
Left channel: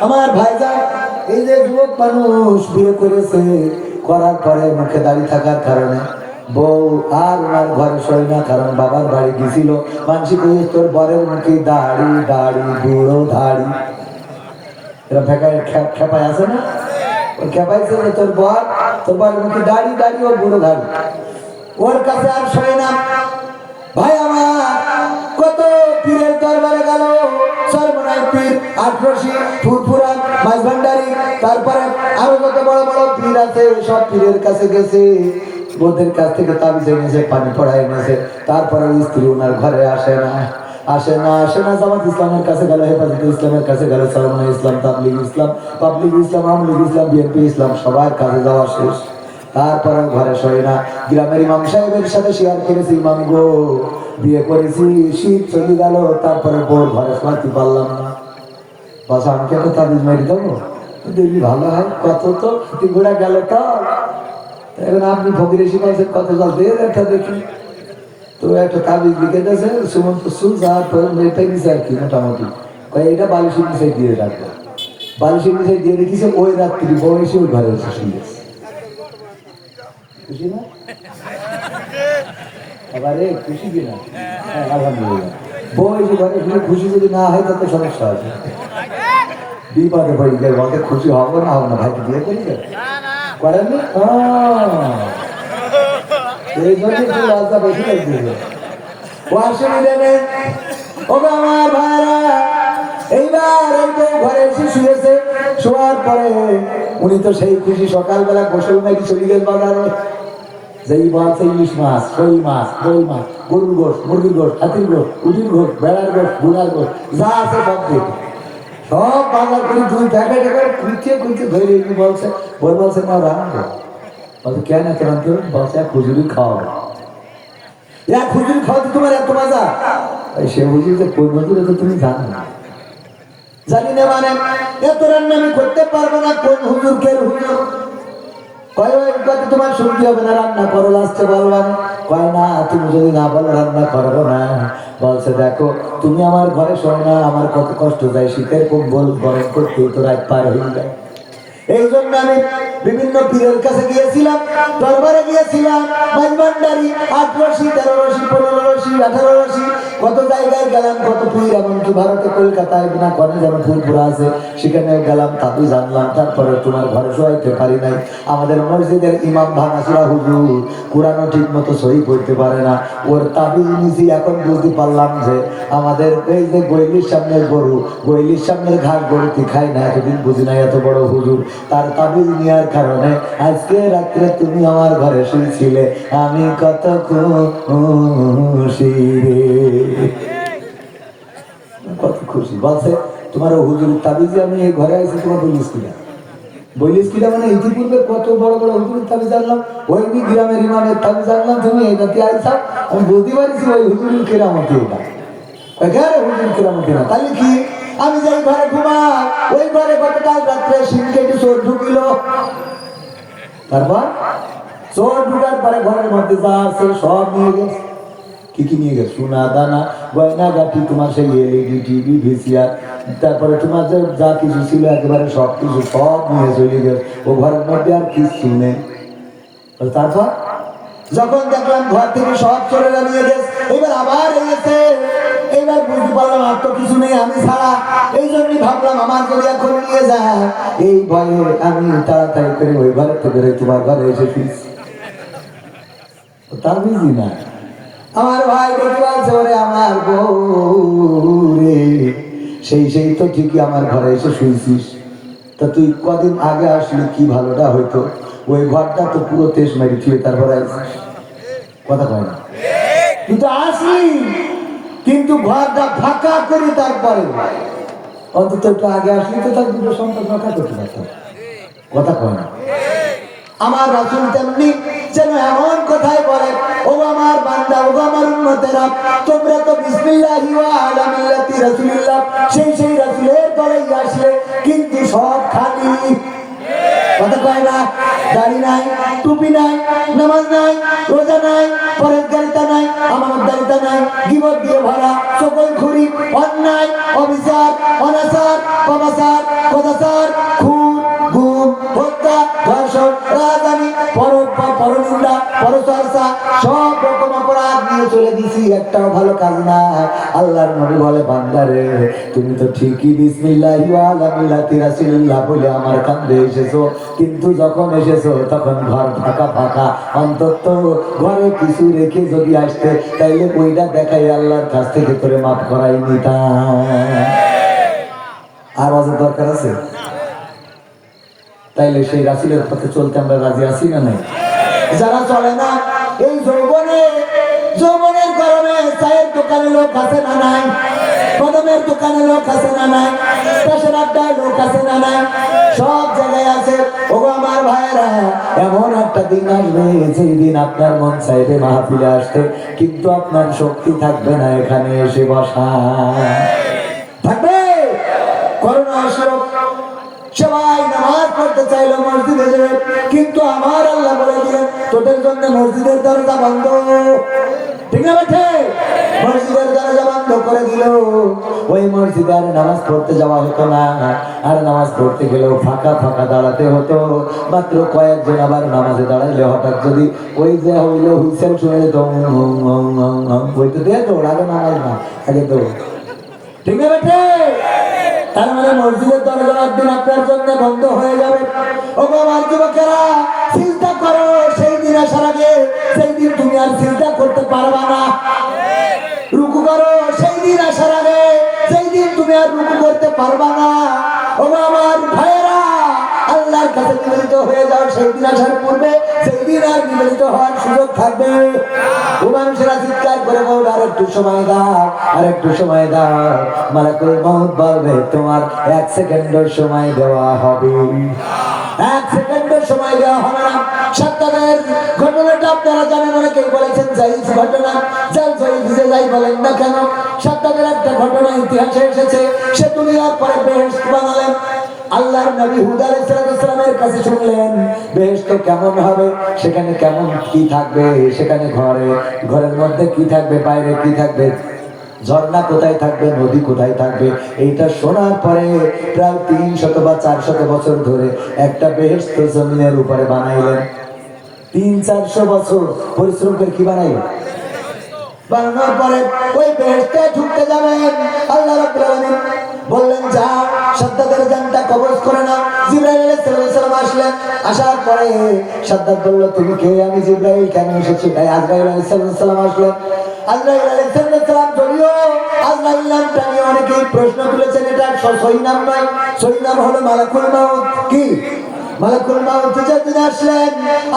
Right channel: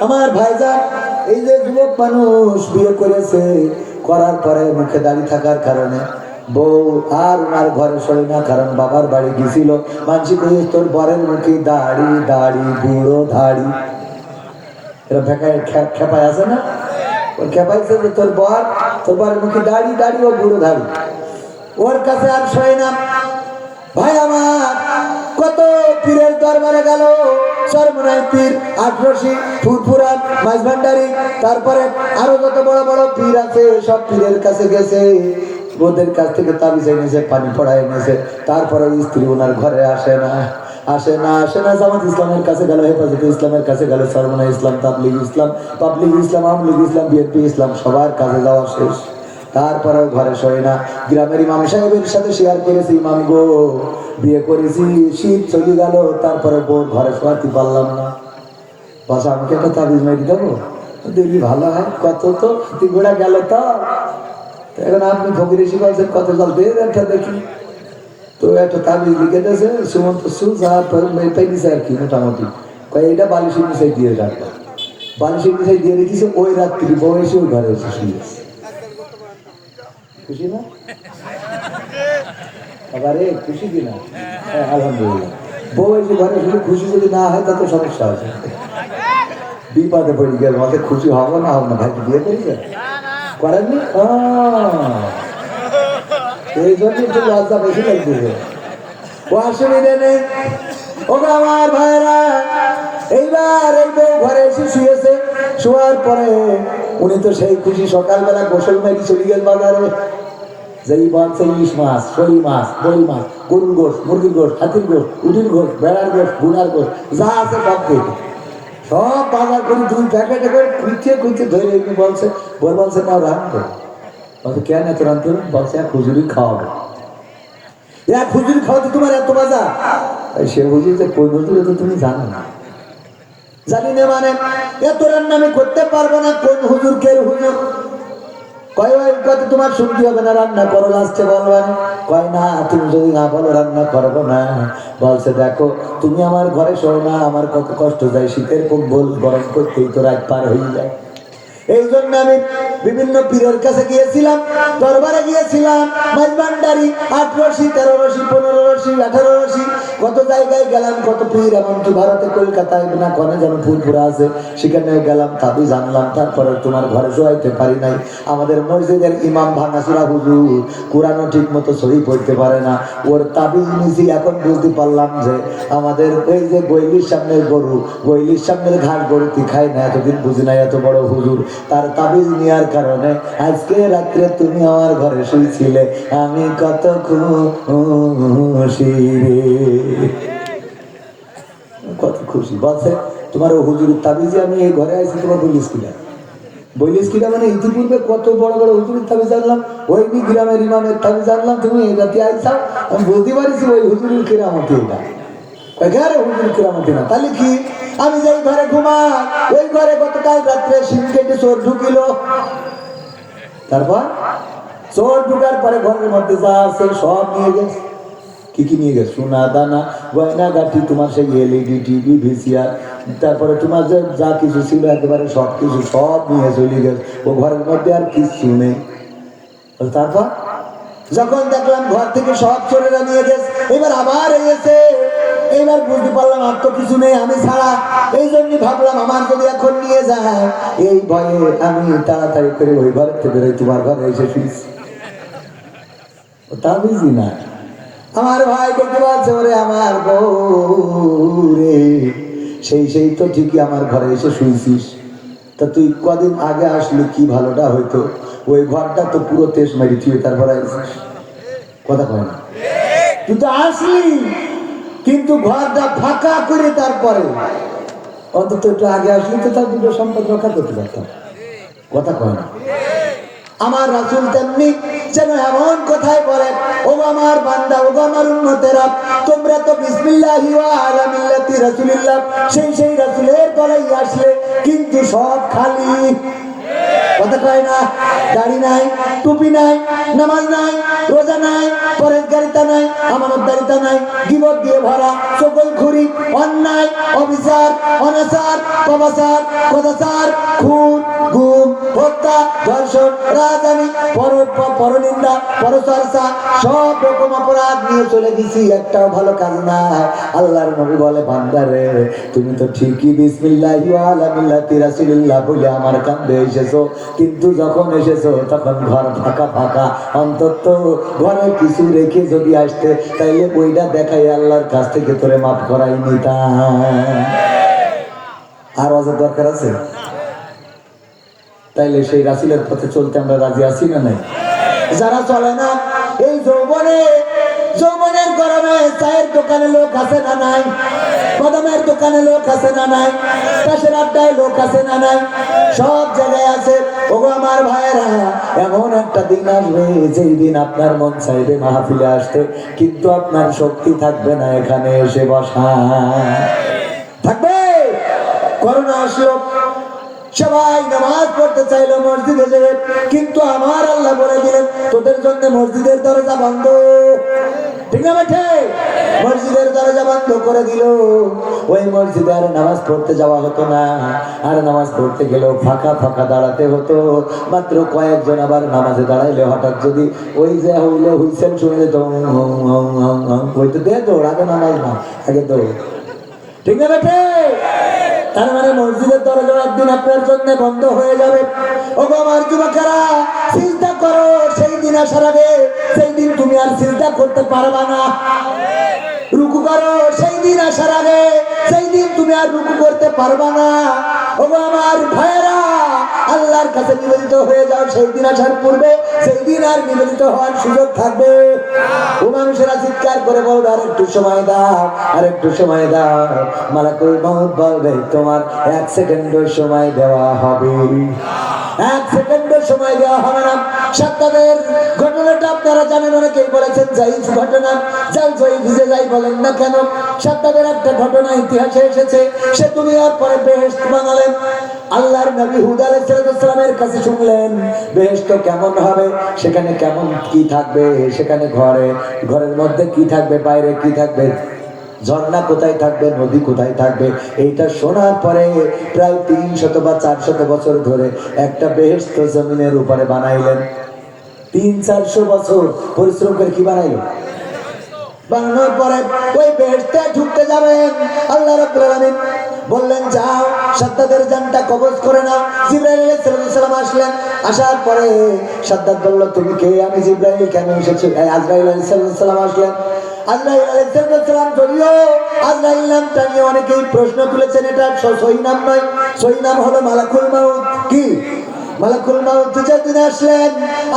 আমার ভাইজান, এই যে যুবক মানুষ বিয়ে করেছে, করার পরে মুখে দাড়ি থাকার কারণে বউ আর ওনার ঘরে শোয় না, কারণ বাবার বাড়ি গেছিল। মানসি কইছে তোর বরের মুখে দাড়ি, দাড়ি বুড়ো দাড়ি, এরা খেপায় আছে না, ওই খেপাইছে যে তোর বরের মুখে দাড়ি, দাড়ি ও বুড়ো দাড়ি, ওর কাছে আর শোয় না। ভাই আমার, কত পীরের দরবারে গেল, সরমনাই পীর, আটরশি, ফুরফুরা, মাইজভান্ডারি, তারপরে আরো যত বড় বড় পীর আছে, সব পীরের কাছে গেছে, ওদের কাছ থেকে তাবিজ এনেছে, পানি পড়ায় এনেছে। তারপরে ওই স্ত্রী ওনার ঘরে আসে না। জামাত ইসলামের কাছে গেল, হেফাজতে ইসলামের কাছে গেল, সরমনাই ইসলাম, তাবলীগ ইসলাম, আওয়ামী লীগ ইসলাম, বিএনপি ইসলাম, সবার কাছে যাওয়া শেষ। তারপরে ঘরে শোয় না। গ্রামের ইমাম সাহেবের সাথে শেয়ার করেছি, ইমাম গো বিয়ে করেছি, শীত চলে গেল, তারপরে বউ ঘরে শোয়াতে পারলাম না, বাস আমাকে একটা তাবিজ মেরে দেবো, দেখি ভালো হয়। কত তো হাতি ঘোড়া গেল, তো এখন আপনি ফকির এসে বলছেন কত জল দিয়ে একটা দেখি, তো একটা তাবিজ লিখে গেছে, সুমন্ত সুজা তো মেয়েটাই নিছে আর কি, মোটামুটি এইটা বালিশের নিচে দিয়ে রাখবে, বালিশের নিচে দিয়ে রেখেছে। ওই রাত্রি বউ এসে ওই ঘরে এসে শুয়ে গেছে। খুশি না? আবারে খুশি কিনা? আলহামদুলিল্লাহ। বউ এসে ঘরে শুধু খুশি যদি না হয় তাতে সমস্যা আছে, বিপদে পড়ে গেল। আমাদের খুশি হবো না হবে না? ভাইকে বিয়ে করেছে করেননি? এই জন্য একটু লজ্জা বেশি লাগতেছে। ও অসুবিধে নেই। ওগো আমার ভাইরা, এইবার এই বউ ঘরে এসে শুয়েছে। শোয়ার পরে উনি তো সেই খুশি, সকালবেলা গোসল মেঘি চলে গেল বাজারে। যেই বলছে ইলিশ মাছ, শোল মাছ, দই মাছ, গরুর গোশ, মুরগির গোশ, হাতির গোশ, উটির গোশ, বেড়ার গোশ, বুড়ার গোশ, যা আছে সব দেখি সব বাজার করে 2 প্যাকেট করে খুঁজছে খুঁজছে ধরে এমনি বলছে। বল বলছে না রাখবো। বলছে কেন এত রাখতে হবে? বলছে খুজুরি খাওয়াবো। খুজুরি খাওয়াতে তোমার এত মজা? তাই সে বুঝি যে কোন হুজুরে তো তুমি জানো না। জানি না মানে এত রান্না আমি করতে পারবো না। কোন হুজুর কে হুজুর? কয় ওই কথা তোমার শুনতে হবে না, রান্না করো লাস্টে বলবেন। কয় না, তুমি যদি না বলো রান্না করবো না। বলছে দেখো তুমি আমার ঘরে শোও না, আমার কত কষ্ট যায়, শীতের কম্বল গরম করতেই তো রাত পার হয়ে যায়। এই জন্য আমি বিভিন্ন পীরের কাছে গিয়েছিলাম, দরবারে গিয়েছিলাম, মাঝবান্ডারি 8 রশি 13 রশি 15 রশি 18 রশি কত জায়গায় গেলাম, কত পীর। এমনকি ভারতে কলকাতায় না কনে যেমন ফুলপুরা আছে সেখানেও গেলাম, তাবি জানলাম। তারপরে তোমার ঘরে শোয়াইতে পারি নাই। আমাদের মসজিদের ইমাম ভাঙাচুরা হুজুর, কোরআনও ঠিক মতো সহি পড়তে পারে না, ওর তাবিজ নিছি। এখন বুঝতে পারলাম যে আমাদের ওই যে গৈলির সামনের গরু, গৈলির সামনের ঘাট গরুটি খায় না, এতদিন বুঝি নাই এত বড় হুজুর। তার তাবিজ নেওয়ার কারণে আজকে রাত্রে তুমি আমার ঘরে শুয়েছিলে, আমি কত খুশি রে, কত খুশি। বলছে তোমার হুজুরের তাবিজে আমি এই ঘরে আছি, তোমার বলিস কিনা? বলিস কিনা মানে ইতিপূর্বে কত বড় বড় হুজুরের তাবিজ জানলাম, ওই গ্রামের ইমামের তাবিজ জানলাম, তুমি এটাতে আইসা। আমি বলতে পারিছি ওই হুজুরের কেরামতি, এটা এখানে হুজুর কেরামতি না। তাহলে কি? আমি যাই ঘরে ঘুমাই, ওই ঘরে গতকাল রাত্রে সিন কেটে চোর ঢুকিল। তারপর চোর ঢুকার পরে ঘরের মধ্যে যা আছে সব নিয়ে গেছে। কি কি নিয়ে গেছে? সোনা দানা গয়না গাঠি, তোমার সেই এলইডি টিভি ভিসিআর, তারপরে তোমার যে যা কিছু ছিল একেবারে সব কিছু সব নিয়ে চলে গেছে। ও ঘরের মধ্যে আর কিছু নেই। তারপর যখন দেখলাম ঘর থেকে সব চোরেরা নিয়ে গেছে, এবার আবার এসে এইবার বুঝতে পারলাম আর তো কিছু নেই আমি ছাড়া। এই জন্যই ভাবলাম আমার যদি এখন নিয়ে যায়, এই ভয়ে আমি তাড়াতাড়ি করে ওই ঘর থেকে তোমার ঘরে এসে ফিরছি। তা বুঝি না আমার ভাই দেখতে পাচ্ছে, ওরে আমার বউ রে, সেই তো ঠিকই আমার ঘরে এসে শুয়েছিস। তা তুই কদিন আগে আসলে কি ভালোটা হইতো, ওই ঘরটা তো পুরো তেজ মেরি থিয়ে তারপরে আসিস। কথা কয় না? তুই তো আসলি কিন্তু ঘরটা ফাঁকা করে তারপরে অন্তত একটু আগে আসলি তো তার দুটো সম্পদ রক্ষা করতে পারতাম। কথা কয় না? আমার রাসূল তেমনি যেন এমন কথাই বলেন, ও আমার বান্দা, ও আমার উম্মতেরা, তোমরা তো বিসমিল্লাহি ওয়া আলা মিল্লাতি রাসূলিল্লাহ, সেই রাসূলের দলাই আসলে কিন্তু সব খালি। কথা কয় না? দাড়ি নাই, টুপি নাই, নামাজ নাই, রোজা নাই, পরহেজগারিতা নাই, আমানতদারিতা নাই, গীবত দিয়ে ভরা, চগলখুরি, অন্যায়, অবিচার, অনাচার, পাপাচার, কদাচার, খুন, গুম, হত্যা, ধর্ষণ, রাজধানী, পরনিন্দা, পরচর্চা, সব রকম অপরাধ নিয়ে চলে গেছি, একটাও ভালো কাজ নাই। আল্লাহর নবী বলে, বান্দারে তুমি তো ঠিকই বিসমিল্লাহি ওয়া আলা মিল্লাতি রাসূলিল্লাহ বলে আমার কাছে এসেছো, কিন্তু যখন এসেছো তখন ঘর ফাঁকা ফাঁকা। অন্তত ঘরে কিছু রেখে যদি আসতে, তাইলে বইটা দেখাই আল্লাহর কাছ থেকে তোরে মাফ করাই নিতাম। আর ওয়াজের দরকার আছে? তাইলে সেই রাসূলের পথে চলতে আমরা রাজি আছি না নাই? যারা চলে না, এই যৌবনের গরমে চায়ের দোকানে লোক আছে না নাই, কদমের দোকানে লোক আছে না নাই, পেশার আড্ডায় লোক আছে না নাই, সব জায়গায় আছে। ও আমার ভাইয়েরা, এমন একটা দিন আসবে যেই দিন আপনার মন চাইবে মাহফিলে আসতে, কিন্তু আপনার শক্তি থাকবে না এখানে এসে বসা। থাকবে? করোনা আসলো, সবাই নামাজ পড়তে করতে চাইলো মসজিদে যাবে, কিন্তু আমার আল্লাহ বলে দিলেন তোদের জন্য মসজিদের দরজা বন্ধ। ঠিক না বেঠে? মসজিদের দরজা বন্ধ করে দিল। ওই মসজিদে আর নামাজ পড়তে যাওয়া হতো না, আর নামাজ পড়তে গেলেও ফাঁকা ফাঁকা দাঁড়াতে হতো। মাত্র কয়েকজন আবার নামাজে দাঁড়াইলে হঠাৎ যদি ওই যে হইলে হুইসেল শুনে যেত, ওই তো দিয়ে তো আগে নামাজ না, আগে তো। ঠিক না বেঠে? তার মানে মসজিদের দরজা একদিন আপনার জন্য বন্ধ হয়ে যাবে। ও আমার যুবকেরা, চিন্তা করো সেই দিন আসার আগে, সেই দিন তুমি আর চিন্তা করতে পারবা না। রুকু করো সেই দিন আসার আগে, সেই দিন তুমি আর রুকু করতে পারবা না। ও আমার ভাইয়েরা, আল্লাহর কাছে নিবেদিত হয়ে যাও সেই দিন আসার পূর্বে, সেই দিন আর নিবেদিত হওয়ার সুযোগ থাকবে। ও মানুষেরা চিৎকার করে বলবে আর একটু সময় দাও, আর একটু সময় দাও। মালাকুল মউত বলবে তোমার 1 সেকেন্ডের সময় দেওয়া হবে, 1 সেকেন্ডের সময় দেওয়া হবে না। সাদ্দাদের ঘটনাটা আপনারা জানেন, অনেকেই বলেছেন জাইফ ঘটনা। জাইফ যে যাই বলেন না কেন, সাদ্দাদের একটা ঘটনা ইতিহাসে এসেছে। সে দুনিয়ার পরে বেহেশত বানালেন। আল্লাহর নবী হুদ আলাইহিস সালামের কাছে শুনলেন বেহেশত কেমন হবে, সেখানে কেমন কি থাকবে, সেখানে ঘরের মধ্যে কি থাকবে, বাইরে কি থাকবে, ঝর্ণা কোথায় থাকবে, নদী কোথায় থাকবে। এইটা শোনার পরে প্রায় 300 বা 400 বছর ধরে একটা বেহেশত জমিনের উপরে বানাইলেন। 300-400 বছর পরিশ্রম করে কি বানাইলেন? বানানোর পরে ওই বেহেশতে ঢুকতে যাবেন, আল্লাহ রাব্বুল আলামিন বললেন যাও সাদ্দাদের জানটা কবজ করে নাও। জিবরাইল আলাইহিস সালাম আসলেন। আসার পরে সাদ্দাদ বলল তুমি কে? আমি জিবরাইল। কেন এসেছো? আজরাইল আলাইহিস সালাম আসলেন। আজরাইল আলাইহিস সালাম যদিও আজরাইল নামটা নিয়ে অনেকেই প্রশ্ন তুলেছেন, এটা সহি নাম নয়, সহি নাম হলো মালাকুল মউত। কি মালাকুল মউত? যেদিন আসলেন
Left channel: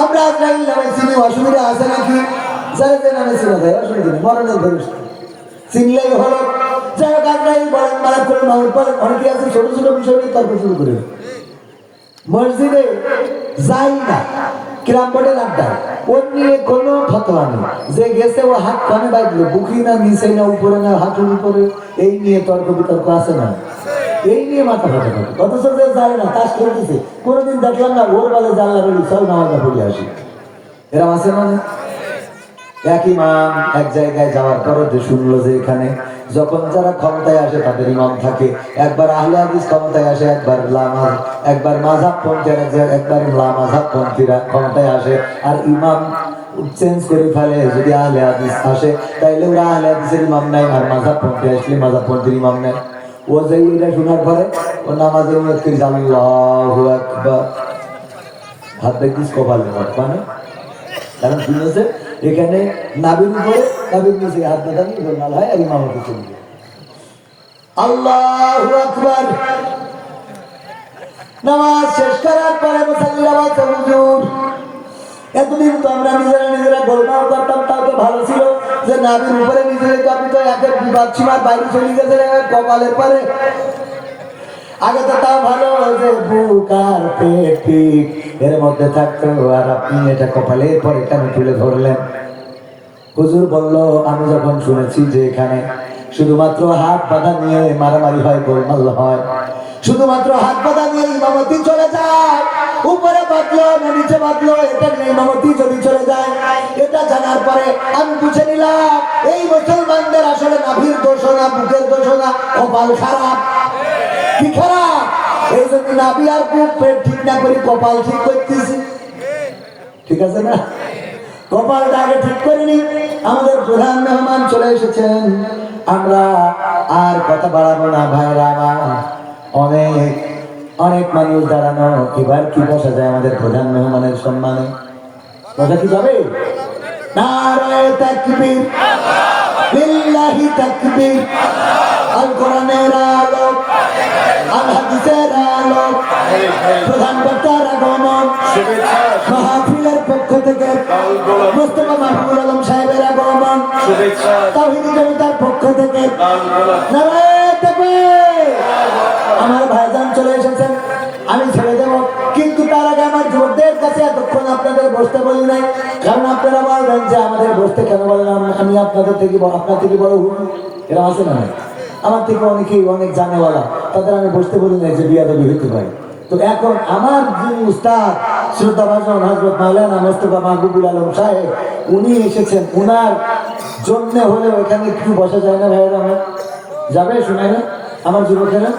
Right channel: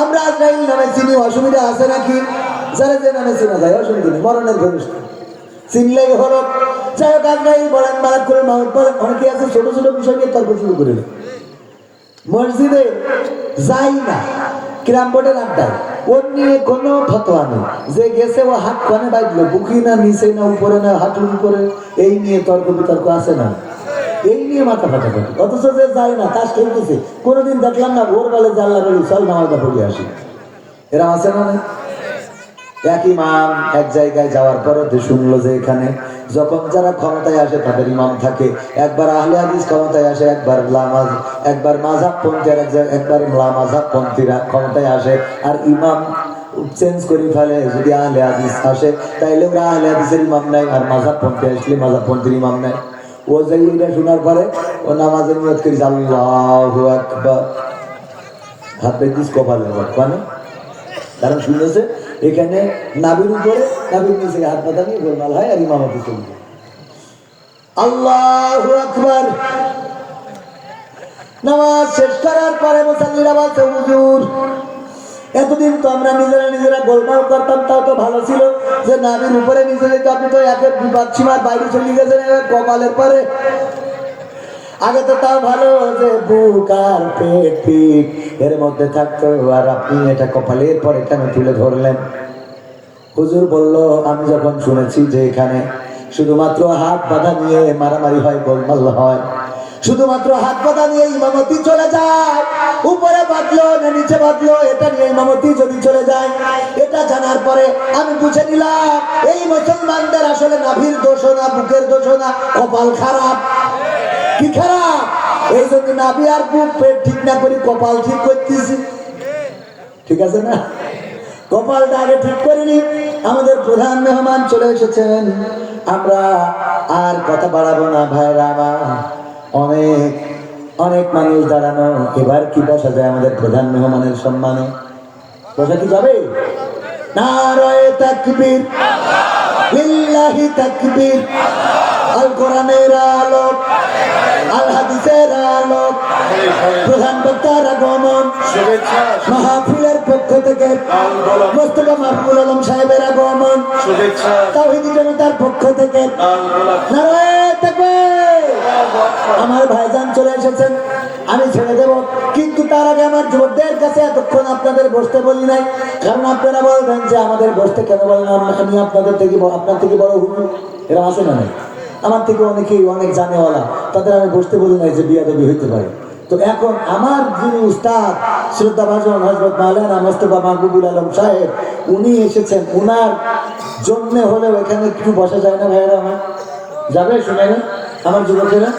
আমরা আজরাইল নামে চিনি, অসুবিধা আছে নাকি? যারা যে নামে চিনা যায় অসুবিধা নেই, মরণের ফেরেশতা চিনলেই হলো। যাই হোক, আজরাইল বলেন মালাকুল মউত বলেন, অনেকে আছে ছোট ছোট বিষয় নিয়ে তর্ক শুরু করে। মসজিদে যাই না, কিরাম বোর্ডে লাভদার, ওর নিয়ে কোনো ফতোয়া নেই। যে গেছে ও হাত পানি বাইলে, বুকি না নিচে না উপরে না হাঁটুর উপরে, এই নিয়ে তর্ক বিতর্ক আছে না, এই নিয়ে মাথা ফাটা থাকে। অথচ যে যায় না তাস খেলতেছে, কোনোদিন দেখলাম না ওর বলে যে আল্লাহ বলি চল নামাজটা পড়ে আসি, এরা আছে না? এক ইমাম এক জায়গায় যাওয়ার পরও শুনলো যে এখানে যখন যারা ক্ষমতায় আসে তাদের ইমাম থাকে, একবার আহলে হাদিস ক্ষমতায় আসে, একবার মাযহাবপন্থী, একবার মাযহাবপন্থীরা ক্ষমতায় আসে, আর ইমাম চেঞ্জ করে ফেলে। যদি আহলে হাদিস আসে তাইলে ওরা আহলে হাদিসের ইমাম নেয়, আর মাযহাবপন্থী আসলে মাযহাবপন্থীর ইমাম নেয়। ও যে এটা শোনার পরে ও নামাজের নিয়ত করে আল্লাহু আকবার, হাত বেদিস কপালে মানে, কারণ শুনেছে এখানে নাবির উপরে, নাবির নিচে হাত পাতা নিয়ে গোলমাল হয় আর ইমামতি চলবে। আল্লাহু আকবার। নামাজ শেষ করার পরে মুসাল্লিরা বলছে হুজুর এতদিন তো আমরা নিজেরা গোলমাল করতাম, তাও তো ভালো ছিল যে নাবির উপরে নিচে যেত, আপনি তো একের বিবাদ সীমার বাইরে চলে গেছেন কপালের পরে। আগে তো তাও ভালো যে বুক আর পেট পিঠ এর মধ্যে থাকতো, আর আপনি এটা কপালের পরে কেন তুলে ধরলেন? হুজুর বলল আমি যখন শুনেছি যে এখানে শুধুমাত্র হাত বাঁধা নিয়ে মারামারি হয়, গোলমাল হয়, শুধুমাত্র হাত বাঁধা নিয়ে ইমামতি চলে যায়, উপরে বাঁধলো না নিচে বাঁধলো এটা নিয়ে ইমামতি যদি চলে যায়, এটা জানার পরে আমি বুঝে নিলাম এই মুসলমানদের আসলে নাভির দোষ না, বুকের দোষ না, কপাল খারাপ। কি খারাপ? এই জন্য নাভি আর বুক পেট ঠিক না করে কপাল ঠিক করতেছি। ঠিক আছে না? কপালটা আগে ঠিক করিনি। আমাদের প্রধান মেহমান চলে এসেছেন, আমরা আর কথা বাড়াবো না ভাইরা আমার, অনেক অনেক মানুষ দাঁড়ানো, এবার কি বসা যায় আমাদের প্রধান মেহমানের সম্মানে? বসা কি যাবে? নারায়ে তাকবীর, লিল্লাহি তাকবীর। আল কোরআনের আলো, আল হাদিসের আলো, প্রধান বক্তার আগমন, মাহফিলের পক্ষ থেকে মোস্তফা মাহমুদ আলম সাহেবের আগমন, তাওহীদি জনতার পক্ষ থেকে নারায়ে তাকবীর। আমার ভাইজান চলে এসেছেন, আমি ছেড়ে দেব, কিন্তু তার আগে আমার যুবকদের কাছে এতক্ষণ আপনাদের বসতে বলি নাই, কারণ আপনারা বলবেন যে আমাদের বসতে কেন বললাম, আমি আপনার থেকে বড় হুন, এরকম আছে না? আমার থেকে অনেকেই অনেক জানেওয়ালা, তাদের আমি বসতে বলি নাই যে বিয়াদবি হইতে পারে। তো তো এখন আমার যিনি উস্তাদ শ্রদ্ধাভাজন হযরত মাওলানা মোস্তফা মাহবুবুল আলম সাহেব, উনি এসেছেন, উনার জন্য হলে ওখানে একটু বসা যায় না ভাইয়েরা? আমার যাবে, শুনে না আমার যুবকেরা?